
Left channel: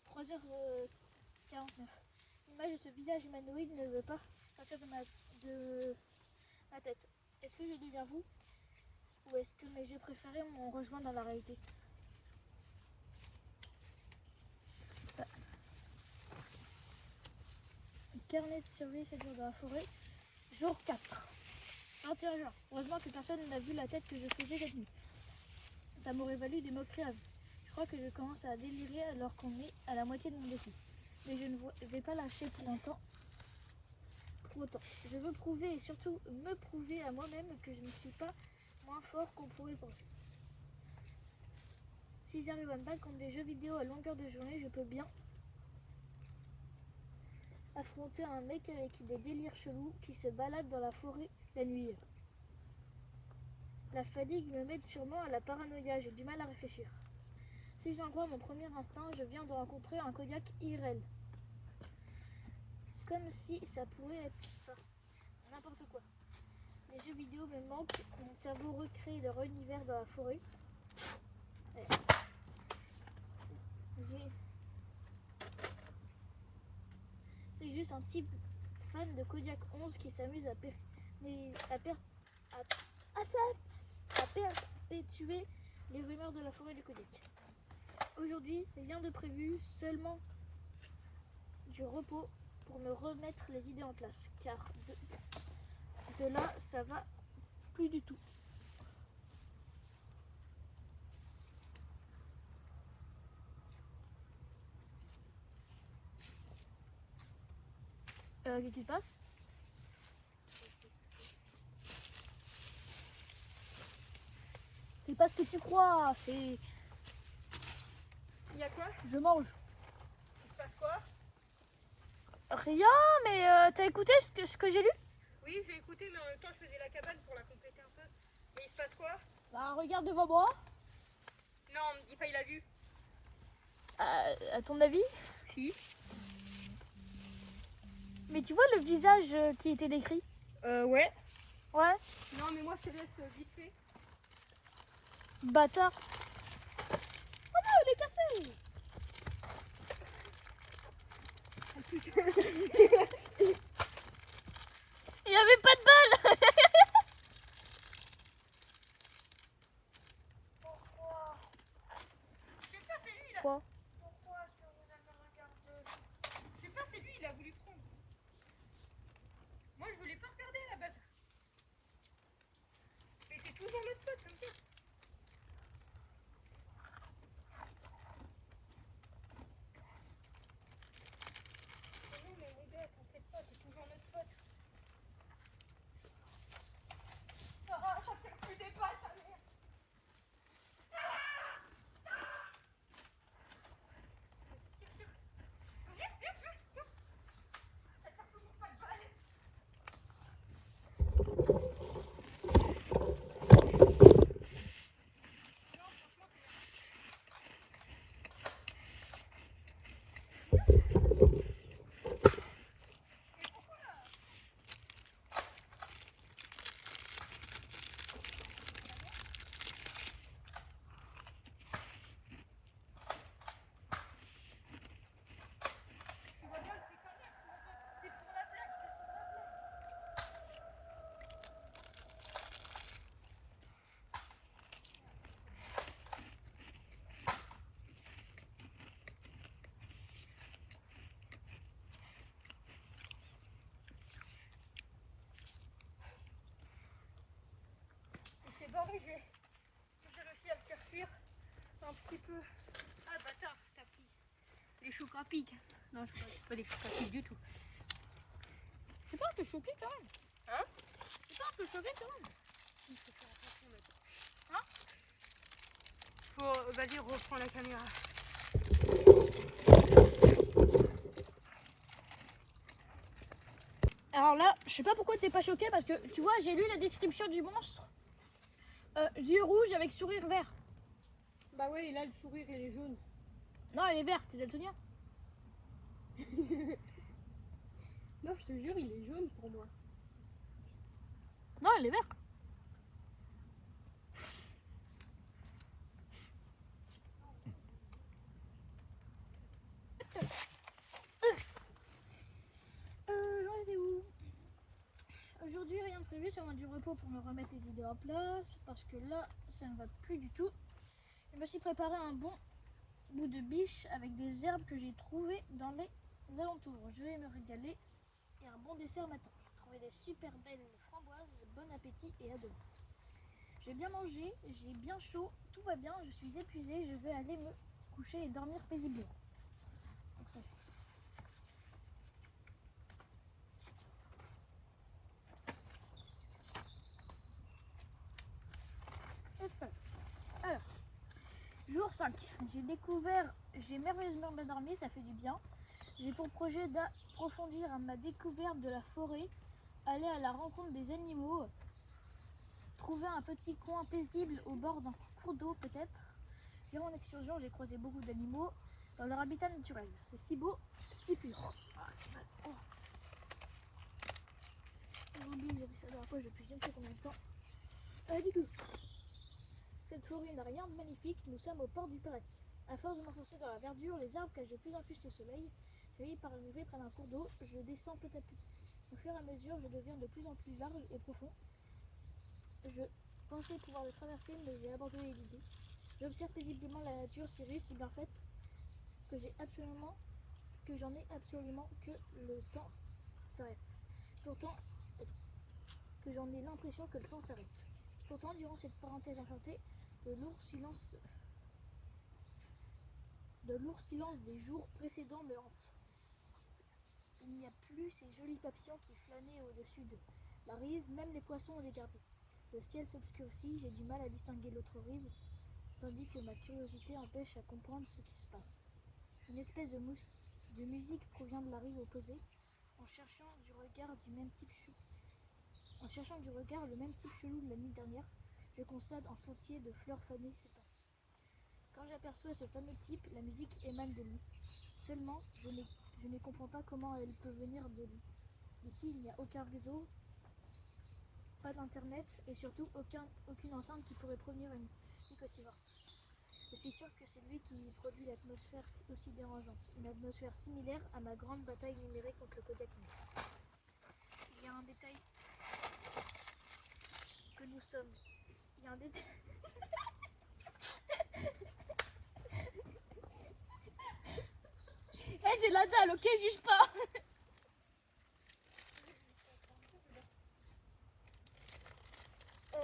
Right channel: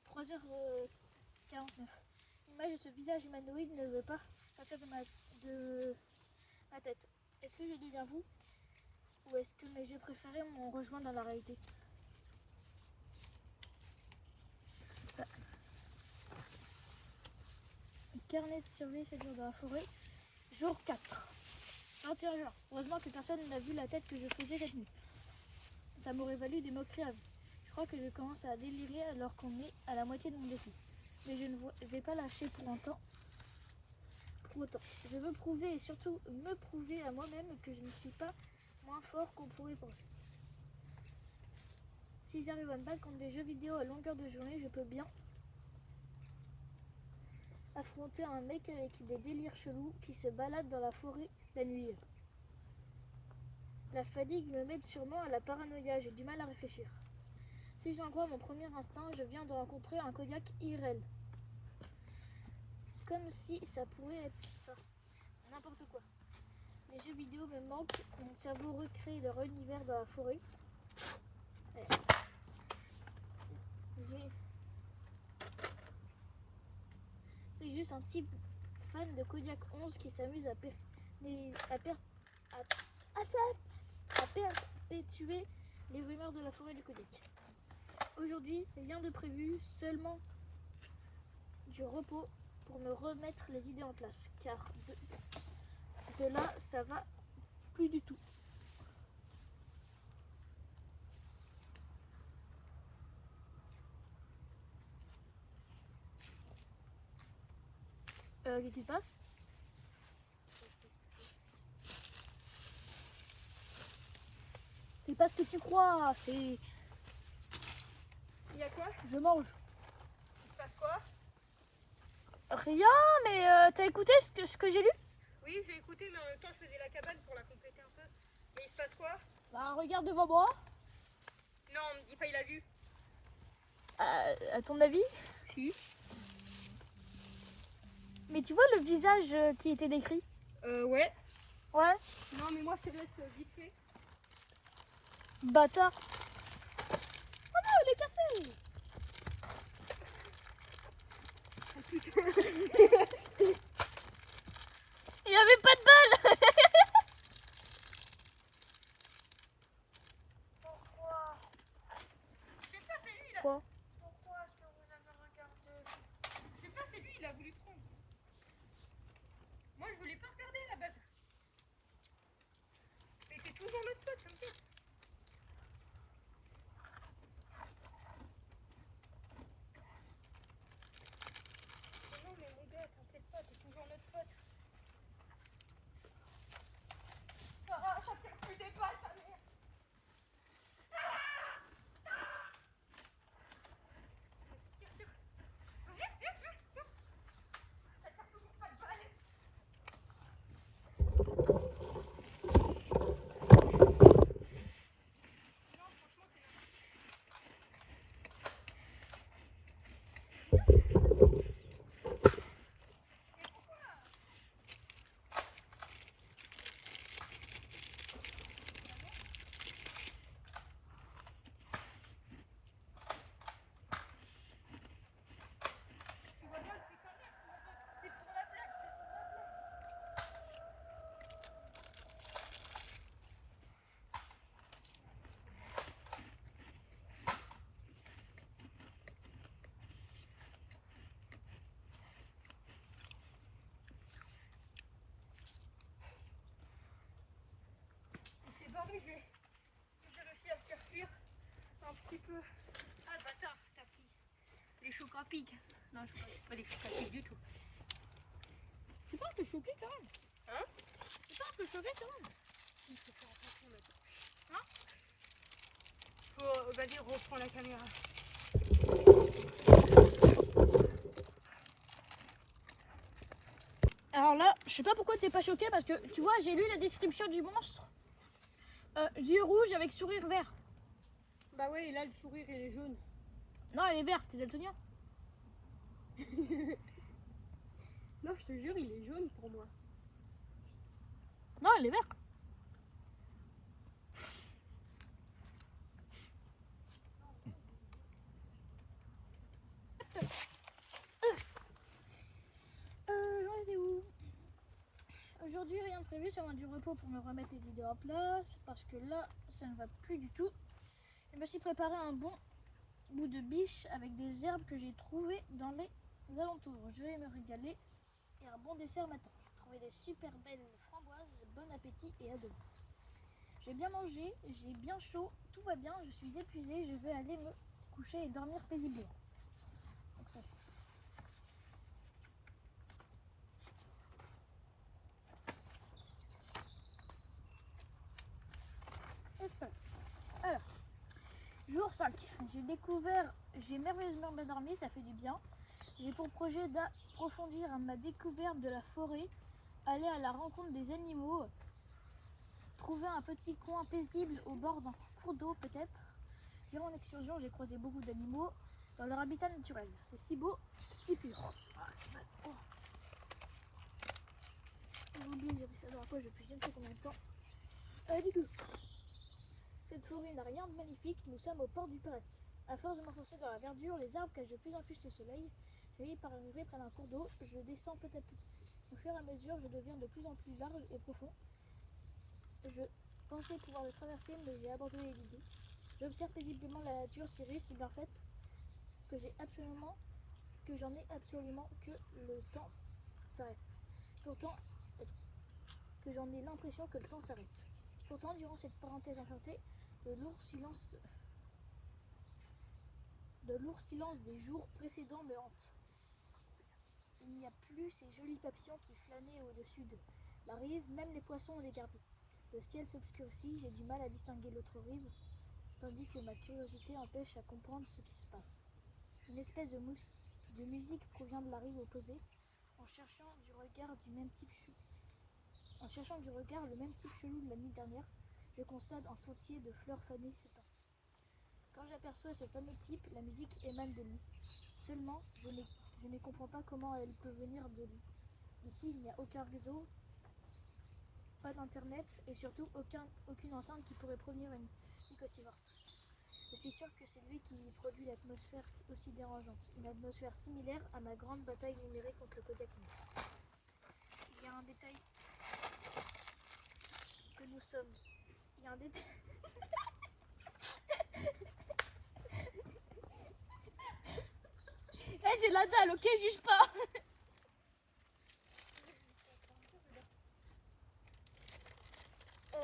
3h49. L'image de ce visage humanoïde ne veut pas partir de ma tête. Est-ce que je deviens vous? Ou est-ce que mes jeux préférés m'ont rejoint dans la réalité? Carnet de survie, 7 jours dans la forêt. Jour 4. 21 juin. Heureusement que personne n'a vu la tête que je faisais cette nuit. Ça m'aurait valu des moqueries à vie. Je crois que je commence à délirer alors qu'on est à la moitié de mon défi. Mais je ne vais pas lâcher pour autant. Je veux prouver et surtout me prouver à moi-même que je ne suis pas moins fort qu'on pourrait penser. Si j'arrive à me battre contre des jeux vidéo à longueur de journée, je peux bien affronter un mec avec des délires chelous qui se balade dans la forêt la nuit. La fatigue me met sûrement à la paranoïa, j'ai du mal à réfléchir. Si j'en crois mon premier instinct, je viens de rencontrer un Kodiak IRL. Comme si ça pourrait être ça. N'importe quoi. Les jeux vidéo me manquent, mon cerveau recrée leur univers dans la forêt. Ouais. C'est juste un type fan de Kodiak 11 qui s'amuse à perpétuer les rumeurs de la forêt du Kodiak. Aujourd'hui, rien de prévu, seulement du repos pour me remettre les idées en place, car de là, ça va plus du tout. Qu'est-ce qui se passe? C'est pas ce que tu crois, c'est... Il y a quoi? Je mange. Il se passe quoi? Rien, mais t'as écouté ce que j'ai lu? Oui, j'ai écouté, mais en même temps, je faisais la cabane pour la compléter un peu. Et il se passe quoi? Bah regarde devant moi. Non, on me dit pas, il a vu. À ton avis? Si. Mais tu vois le visage qui était décrit? Ouais. Ouais. Non, mais moi, je te laisse vite fait. Bâtard. Oh non, il est cassé. Il avait pas de balle. Je sais pas, c'est lui, là. Quoi? Pourquoi est-ce que vous avez regardé? Je sais pas, c'est lui, il a voulu prendre. Moi, je voulais pas regarder la base. Mais c'est toujours notre pote, t'inquiète. Non, mais mon gars, t'inquiète pas, t'es toujours notre pote. Ah, ça fait plus des balles, ta mère. Ça tire toujours pas de balles. Tu vois bien que c'est comme ça, c'est pour la blague, c'est pour la blague. Il s'est barré, j'ai réussi à le faire fuir un petit peu. Ah bâtard, t'as pris les chocs à pic. Non, c'est pas des chocs à pic du tout. C'est pas un peu choqué quand même. Hein? C'est pas un peu choqué quand même. Hein? Faut, vas-y, reprends la caméra. Alors là, je sais pas pourquoi t'es pas choqué parce que tu vois, j'ai lu la description du monstre. Yeux rouges avec sourire vert. Bah ouais, et là le sourire il est jaune. Non, elle est verte, t'es daltonien. Non, je te jure, il est jaune pour moi. Non, elle est verte. J'en étais où? Aujourd'hui, rien de prévu, ça va du repos pour me remettre les idées en place parce que là, ça ne va plus du tout. Je me suis préparé un bon bout de biche avec des herbes que j'ai trouvées dans les alentours. Je vais me régaler et un bon dessert m'attend. J'ai trouvé des super belles framboises, bon appétit et à demain. J'ai bien mangé, j'ai bien chaud, tout va bien, je suis épuisée, je veux aller me coucher et dormir paisiblement. Donc ça c'est... Alors, jour Jour 5. J'ai merveilleusement bien dormi, ça fait du bien. J'ai pour projet d'approfondir ma découverte de la forêt, aller à la rencontre des animaux, trouver un petit coin paisible au bord d'un cours d'eau peut-être. Durant mon excursion, j'ai croisé beaucoup d'animaux dans leur habitat naturel. C'est si beau, si pur. Oh. Aujourd'hui, j'avais ça dans la poche depuis je ne sais combien de temps. Du coup, cette forêt n'a rien de magnifique, nous sommes au port du paradis. À force de m'enfoncer dans la verdure, les arbres cachent de plus en plus le soleil. Je finis par arriver près d'un cours d'eau, je descends petit à petit. Au fur et à mesure, je deviens de plus en plus large et profond. Je pensais pouvoir le traverser, mais j'ai abandonné l'idée. J'observe paisiblement la nature si riche, si bien faite, que j'en ai absolument que le temps s'arrête. Pourtant, que j'en ai l'impression que le temps s'arrête. Pourtant, durant cette parenthèse enchantée, le lourd silence des jours précédents me hante. Il n'y a plus ces jolis papillons qui flânaient au-dessus de la rive, même les poissons ont dégardé. Le ciel s'obscurcit, j'ai du mal à distinguer l'autre rive, tandis que ma curiosité empêche à comprendre ce qui se passe. Une espèce de musique provient de la rive opposée, en cherchant du regard le même type chelou de la nuit dernière, je constate un sentier de fleurs fanées s'étend. Quand j'aperçois ce fameux type, la musique émane de lui. Seulement, je ne comprends pas comment elle peut venir de lui. Ici, il n'y a aucun réseau, pas d'internet et surtout aucune enceinte qui pourrait provenir une musique aussi forte. Je suis sûre que c'est lui qui produit l'atmosphère aussi dérangeante, une atmosphère similaire à ma grande bataille numérique contre le Kodiak News. Il y a un détail que nous sommes. Il y a un détail. J'ai la dalle, ok, juge pas.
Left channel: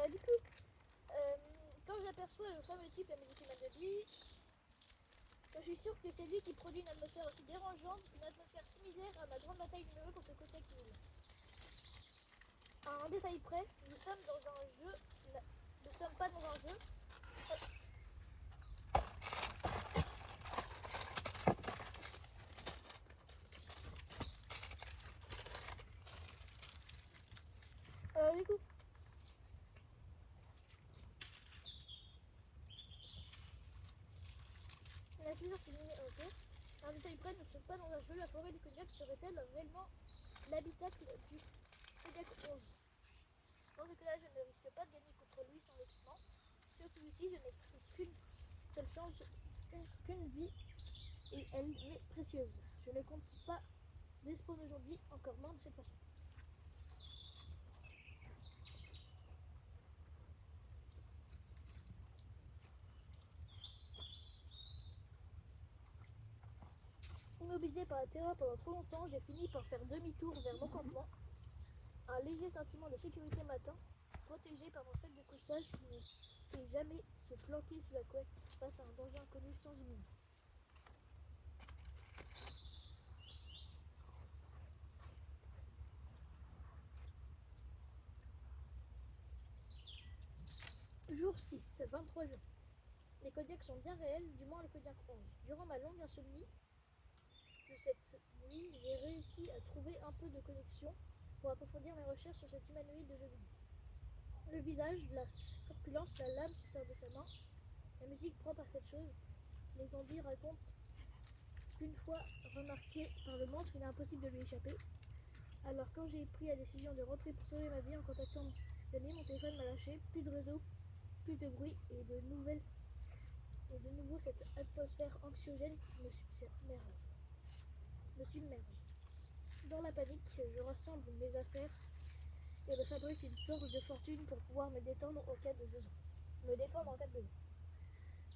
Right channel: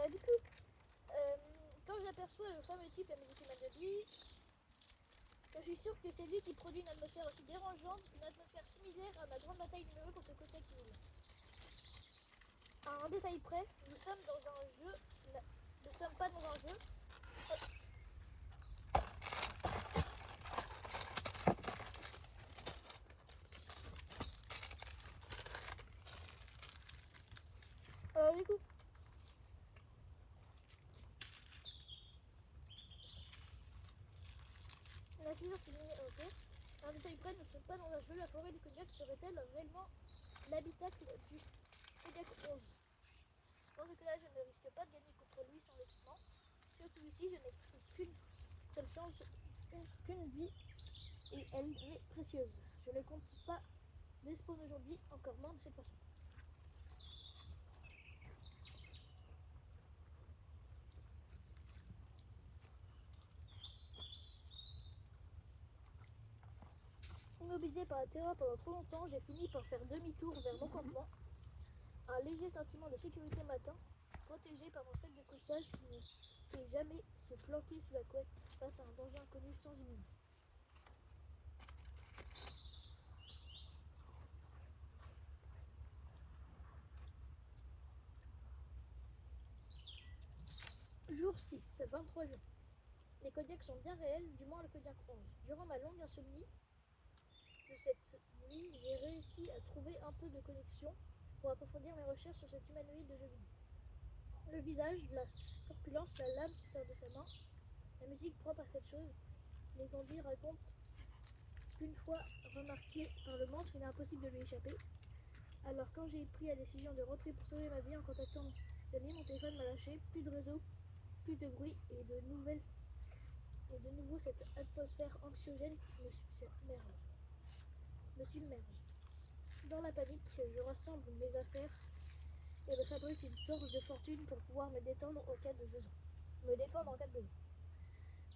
Du coup, quand j'aperçois le fameux type, la musique émane de lui, je suis sûre que c'est lui qui produit une atmosphère aussi dérangeante, une atmosphère similaire à ma grande bataille numérique contre le Kodiak News. À un détail près, nous sommes dans un jeu. Nous ne sommes pas dans un jeu. Du coup, la suivante c'est ok. À un détail près, nous ne sommes pas dans un jeu. La forêt du Kodiak serait-elle réellement l'habitacle du Kodiak 11? Dans ce cas-là, je ne risque pas de gagner contre lui sans l'équipement. Surtout ici, je n'ai qu'une seule chance, qu'une vie, et elle m'est précieuse. Je ne compte pas d'espoir aujourd'hui, encore moins de cette façon. Immobilisé par la terreur pendant trop longtemps, j'ai fini par faire demi-tour vers mon campement. Un léger sentiment de sécurité m'atteint, protégé par mon sac de couchage qui ne fait jamais se planquer sous la couette face à un danger inconnu sans immunité. Jour 6, 23 juin. Les Kodiaks sont bien réels, du moins le Kodiak 11. Durant ma longue insomnie de cette nuit, j'ai réussi à trouver un peu de connexion pour approfondir mes recherches sur cet humanoïde de jeu vidéo. Le visage, la corpulence, la lame qui sort de sa main, la musique propre à cette chose. Les zombies racontent qu'une fois remarqué par le monstre, il est impossible de lui échapper. Alors quand j'ai pris la décision de rentrer pour sauver ma vie en contactant mes amis, mon téléphone m'a lâché, plus de réseau, plus de bruit et de nouveau cette atmosphère anxiogène me submerge. Dans la panique, je rassemble mes affaires et me fabrique une torche de fortune pour pouvoir me défendre en cas de besoin.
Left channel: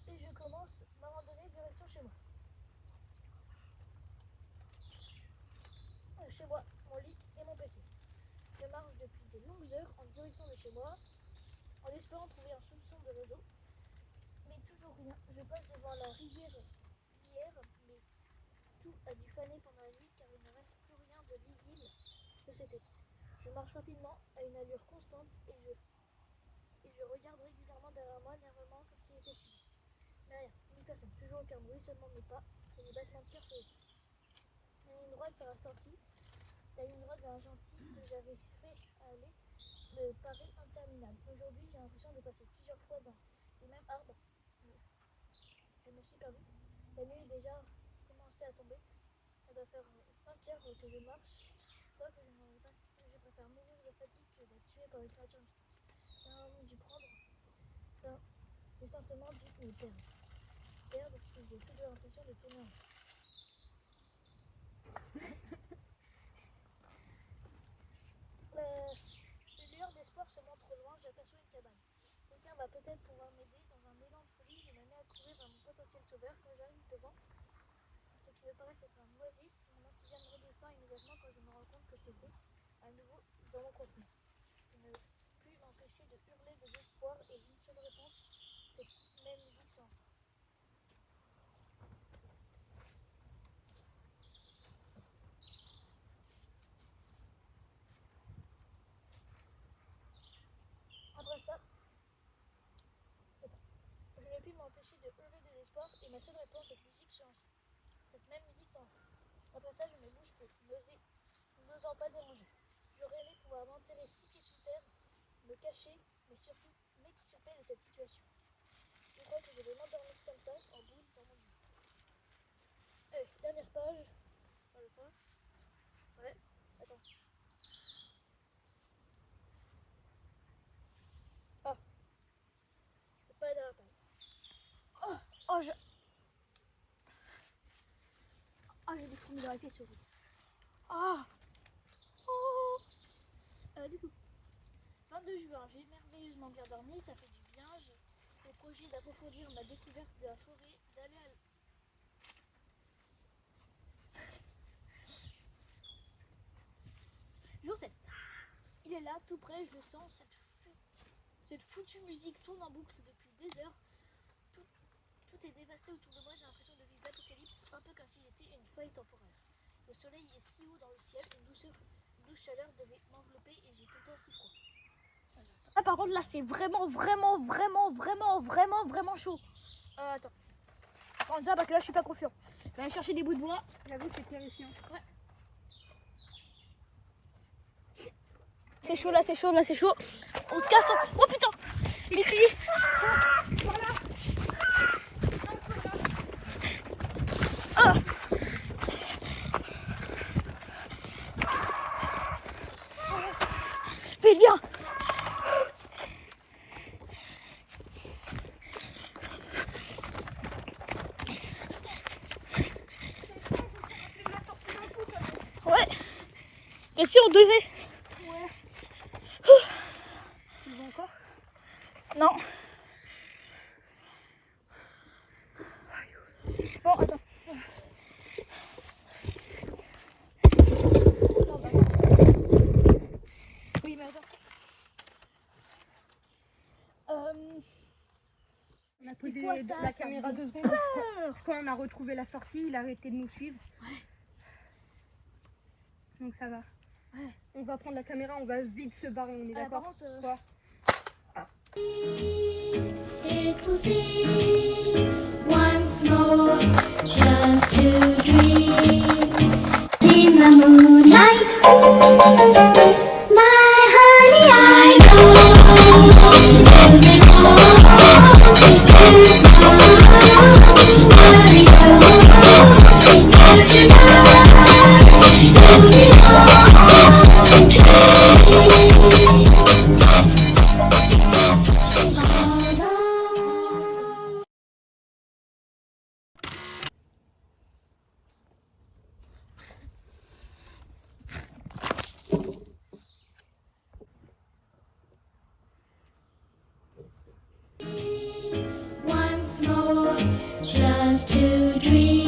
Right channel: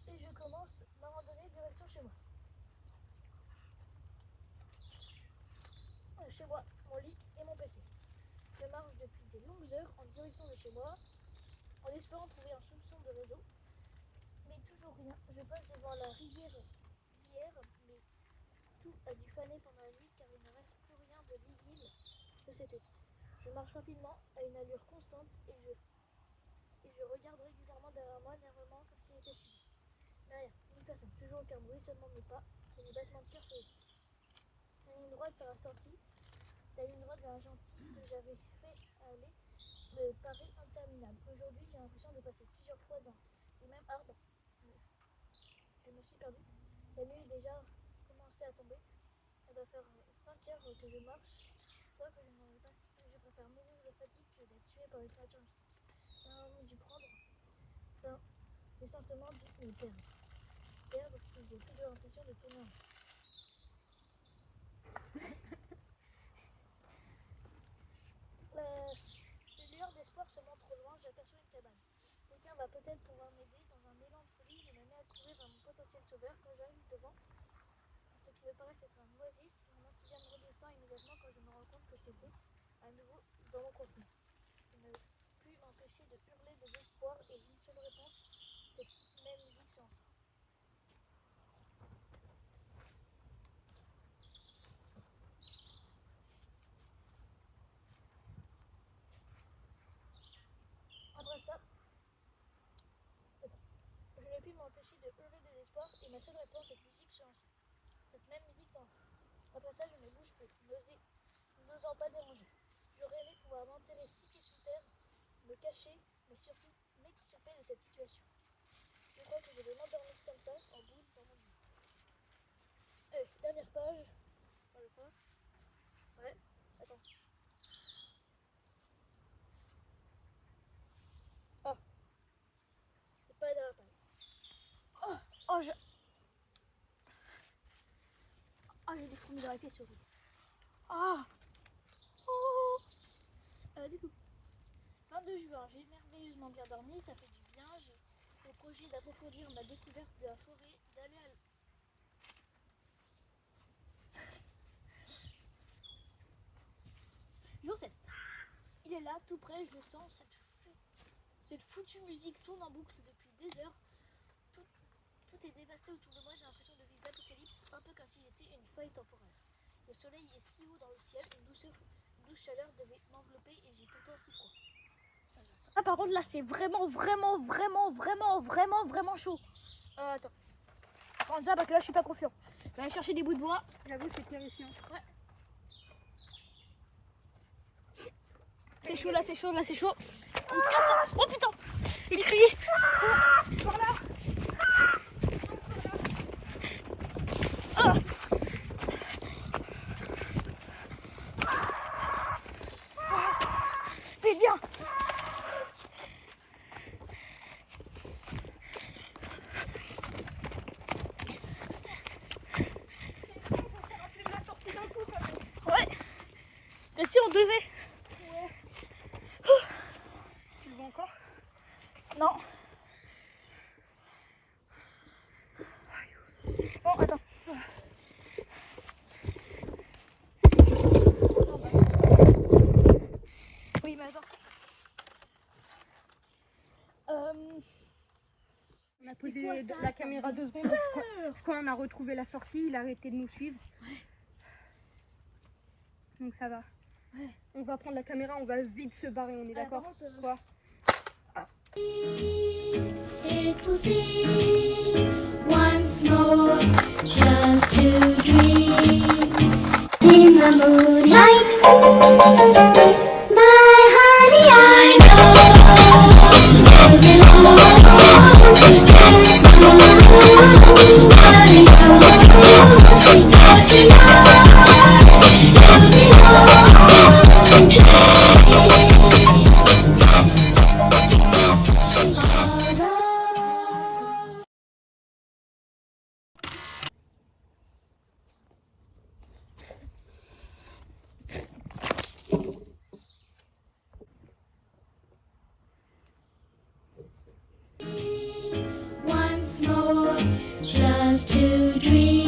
Et je commence ma randonnée direction chez moi. Chez moi, mon lit et mon PC. Je marche depuis de longues heures en direction de chez moi, en espérant trouver un soupçon de réseau, mais toujours rien. Je passe devant la rivière d'hier, mais tout a dû faner pendant la nuit car il ne reste plus rien de lisible de cet été. Je marche rapidement à une allure constante et je regarde régulièrement derrière moi, nerveusement comme s'il était suivi. Mais rien, ni personne. Toujours aucun bruit, seulement mes pas et les battements de cœur faisaient. La ligne droite vers la sortie, la ligne droite vers la gentille que j'avais fait aller me paraît interminable. Aujourd'hui, j'ai l'impression de passer plusieurs fois dans les mêmes arbres. Je me suis perdue. La nuit est déjà commencé à tomber. Ça doit faire 5 heures que je marche. Je crois que je n'en ai pas. Je préfère mourir de fatigue que d'être tué par les créatures mystiques. J'ai envie d'y prendre. Enfin, j'ai simplement dû me perdre. Perdre si j'ai toujours l'impression de tourner en rond. Le lueur d'espoir se montre au loin, j'aperçois une cabane. Quelqu'un va peut-être pouvoir m'aider. Dans un élan de folie, je me mets à courir vers mon potentiel sauveur quand j'arrive devant. Ce qui me paraît être un oasis, mon enthousiasme redescend immédiatement quand je me rends compte que c'était à nouveau dans mon contenu. Je ne peux plus m'empêcher de hurler de désespoir et une seule réponse, cette même musique sans ça. Après ça, je n'ai pu m'empêcher de hurler de désespoir et ma seule réponse, cette musique sans ça. Cette même musique sans ça. Après ça, je ne bouge plus, n'osant pas déranger. J'aurais aimé pouvoir m'enterrer 6 pieds sous terre, me cacher, mais surtout m'extirper de cette situation. Je crois que je vais m'endormir comme ça, en boule dans mon lit. Allez, dernière page. Ouais, attends. Ah, c'est pas la dernière page. J'ai des fourmis dans la pièce surtout. Du coup, 22 juin, j'ai merveilleusement bien dormi, ça fait du bien. J'ai le projet d'approfondir ma découverte de la forêt, d'aller à Jour 7. Il est là, tout près, je le sens. Cette foutue musique tourne en boucle depuis des heures. Tout est dévasté autour de moi, j'ai l'impression de vivre l'apocalypse, un peu comme si j'étais une faille temporaire. Le soleil est si haut dans le ciel, une douce chaleur devait m'envelopper et j'ai tout le temps si froid. Ah, par contre, là, c'est vraiment chaud. Attends. Prends ça parce que là, je suis pas confiant. Je vais aller chercher des bouts de bois. J'avoue, c'est terrifiant. Ouais. C'est chaud, là, c'est chaud, là, c'est chaud. On se casse. Oh putain! Mais tu dis. Fais bien. Ouais. Et si on devait. Ouais. Tu vas encore? Non. Bon, attends. Oui, mais attends. On a posé quoi, ça? la Ça caméra faisait 2 secondes. Quand on a retrouvé la sortie, il a arrêté de nous suivre. Ouais. Donc ça va. Ouais. On va prendre la caméra, on va vite se barrer, on est d'accord? Par contre, Quoi? It will seem once more just to dream in the moonlight. My honey, I know you belong. There's someone that you know that you belong to me. Once more, just to dream.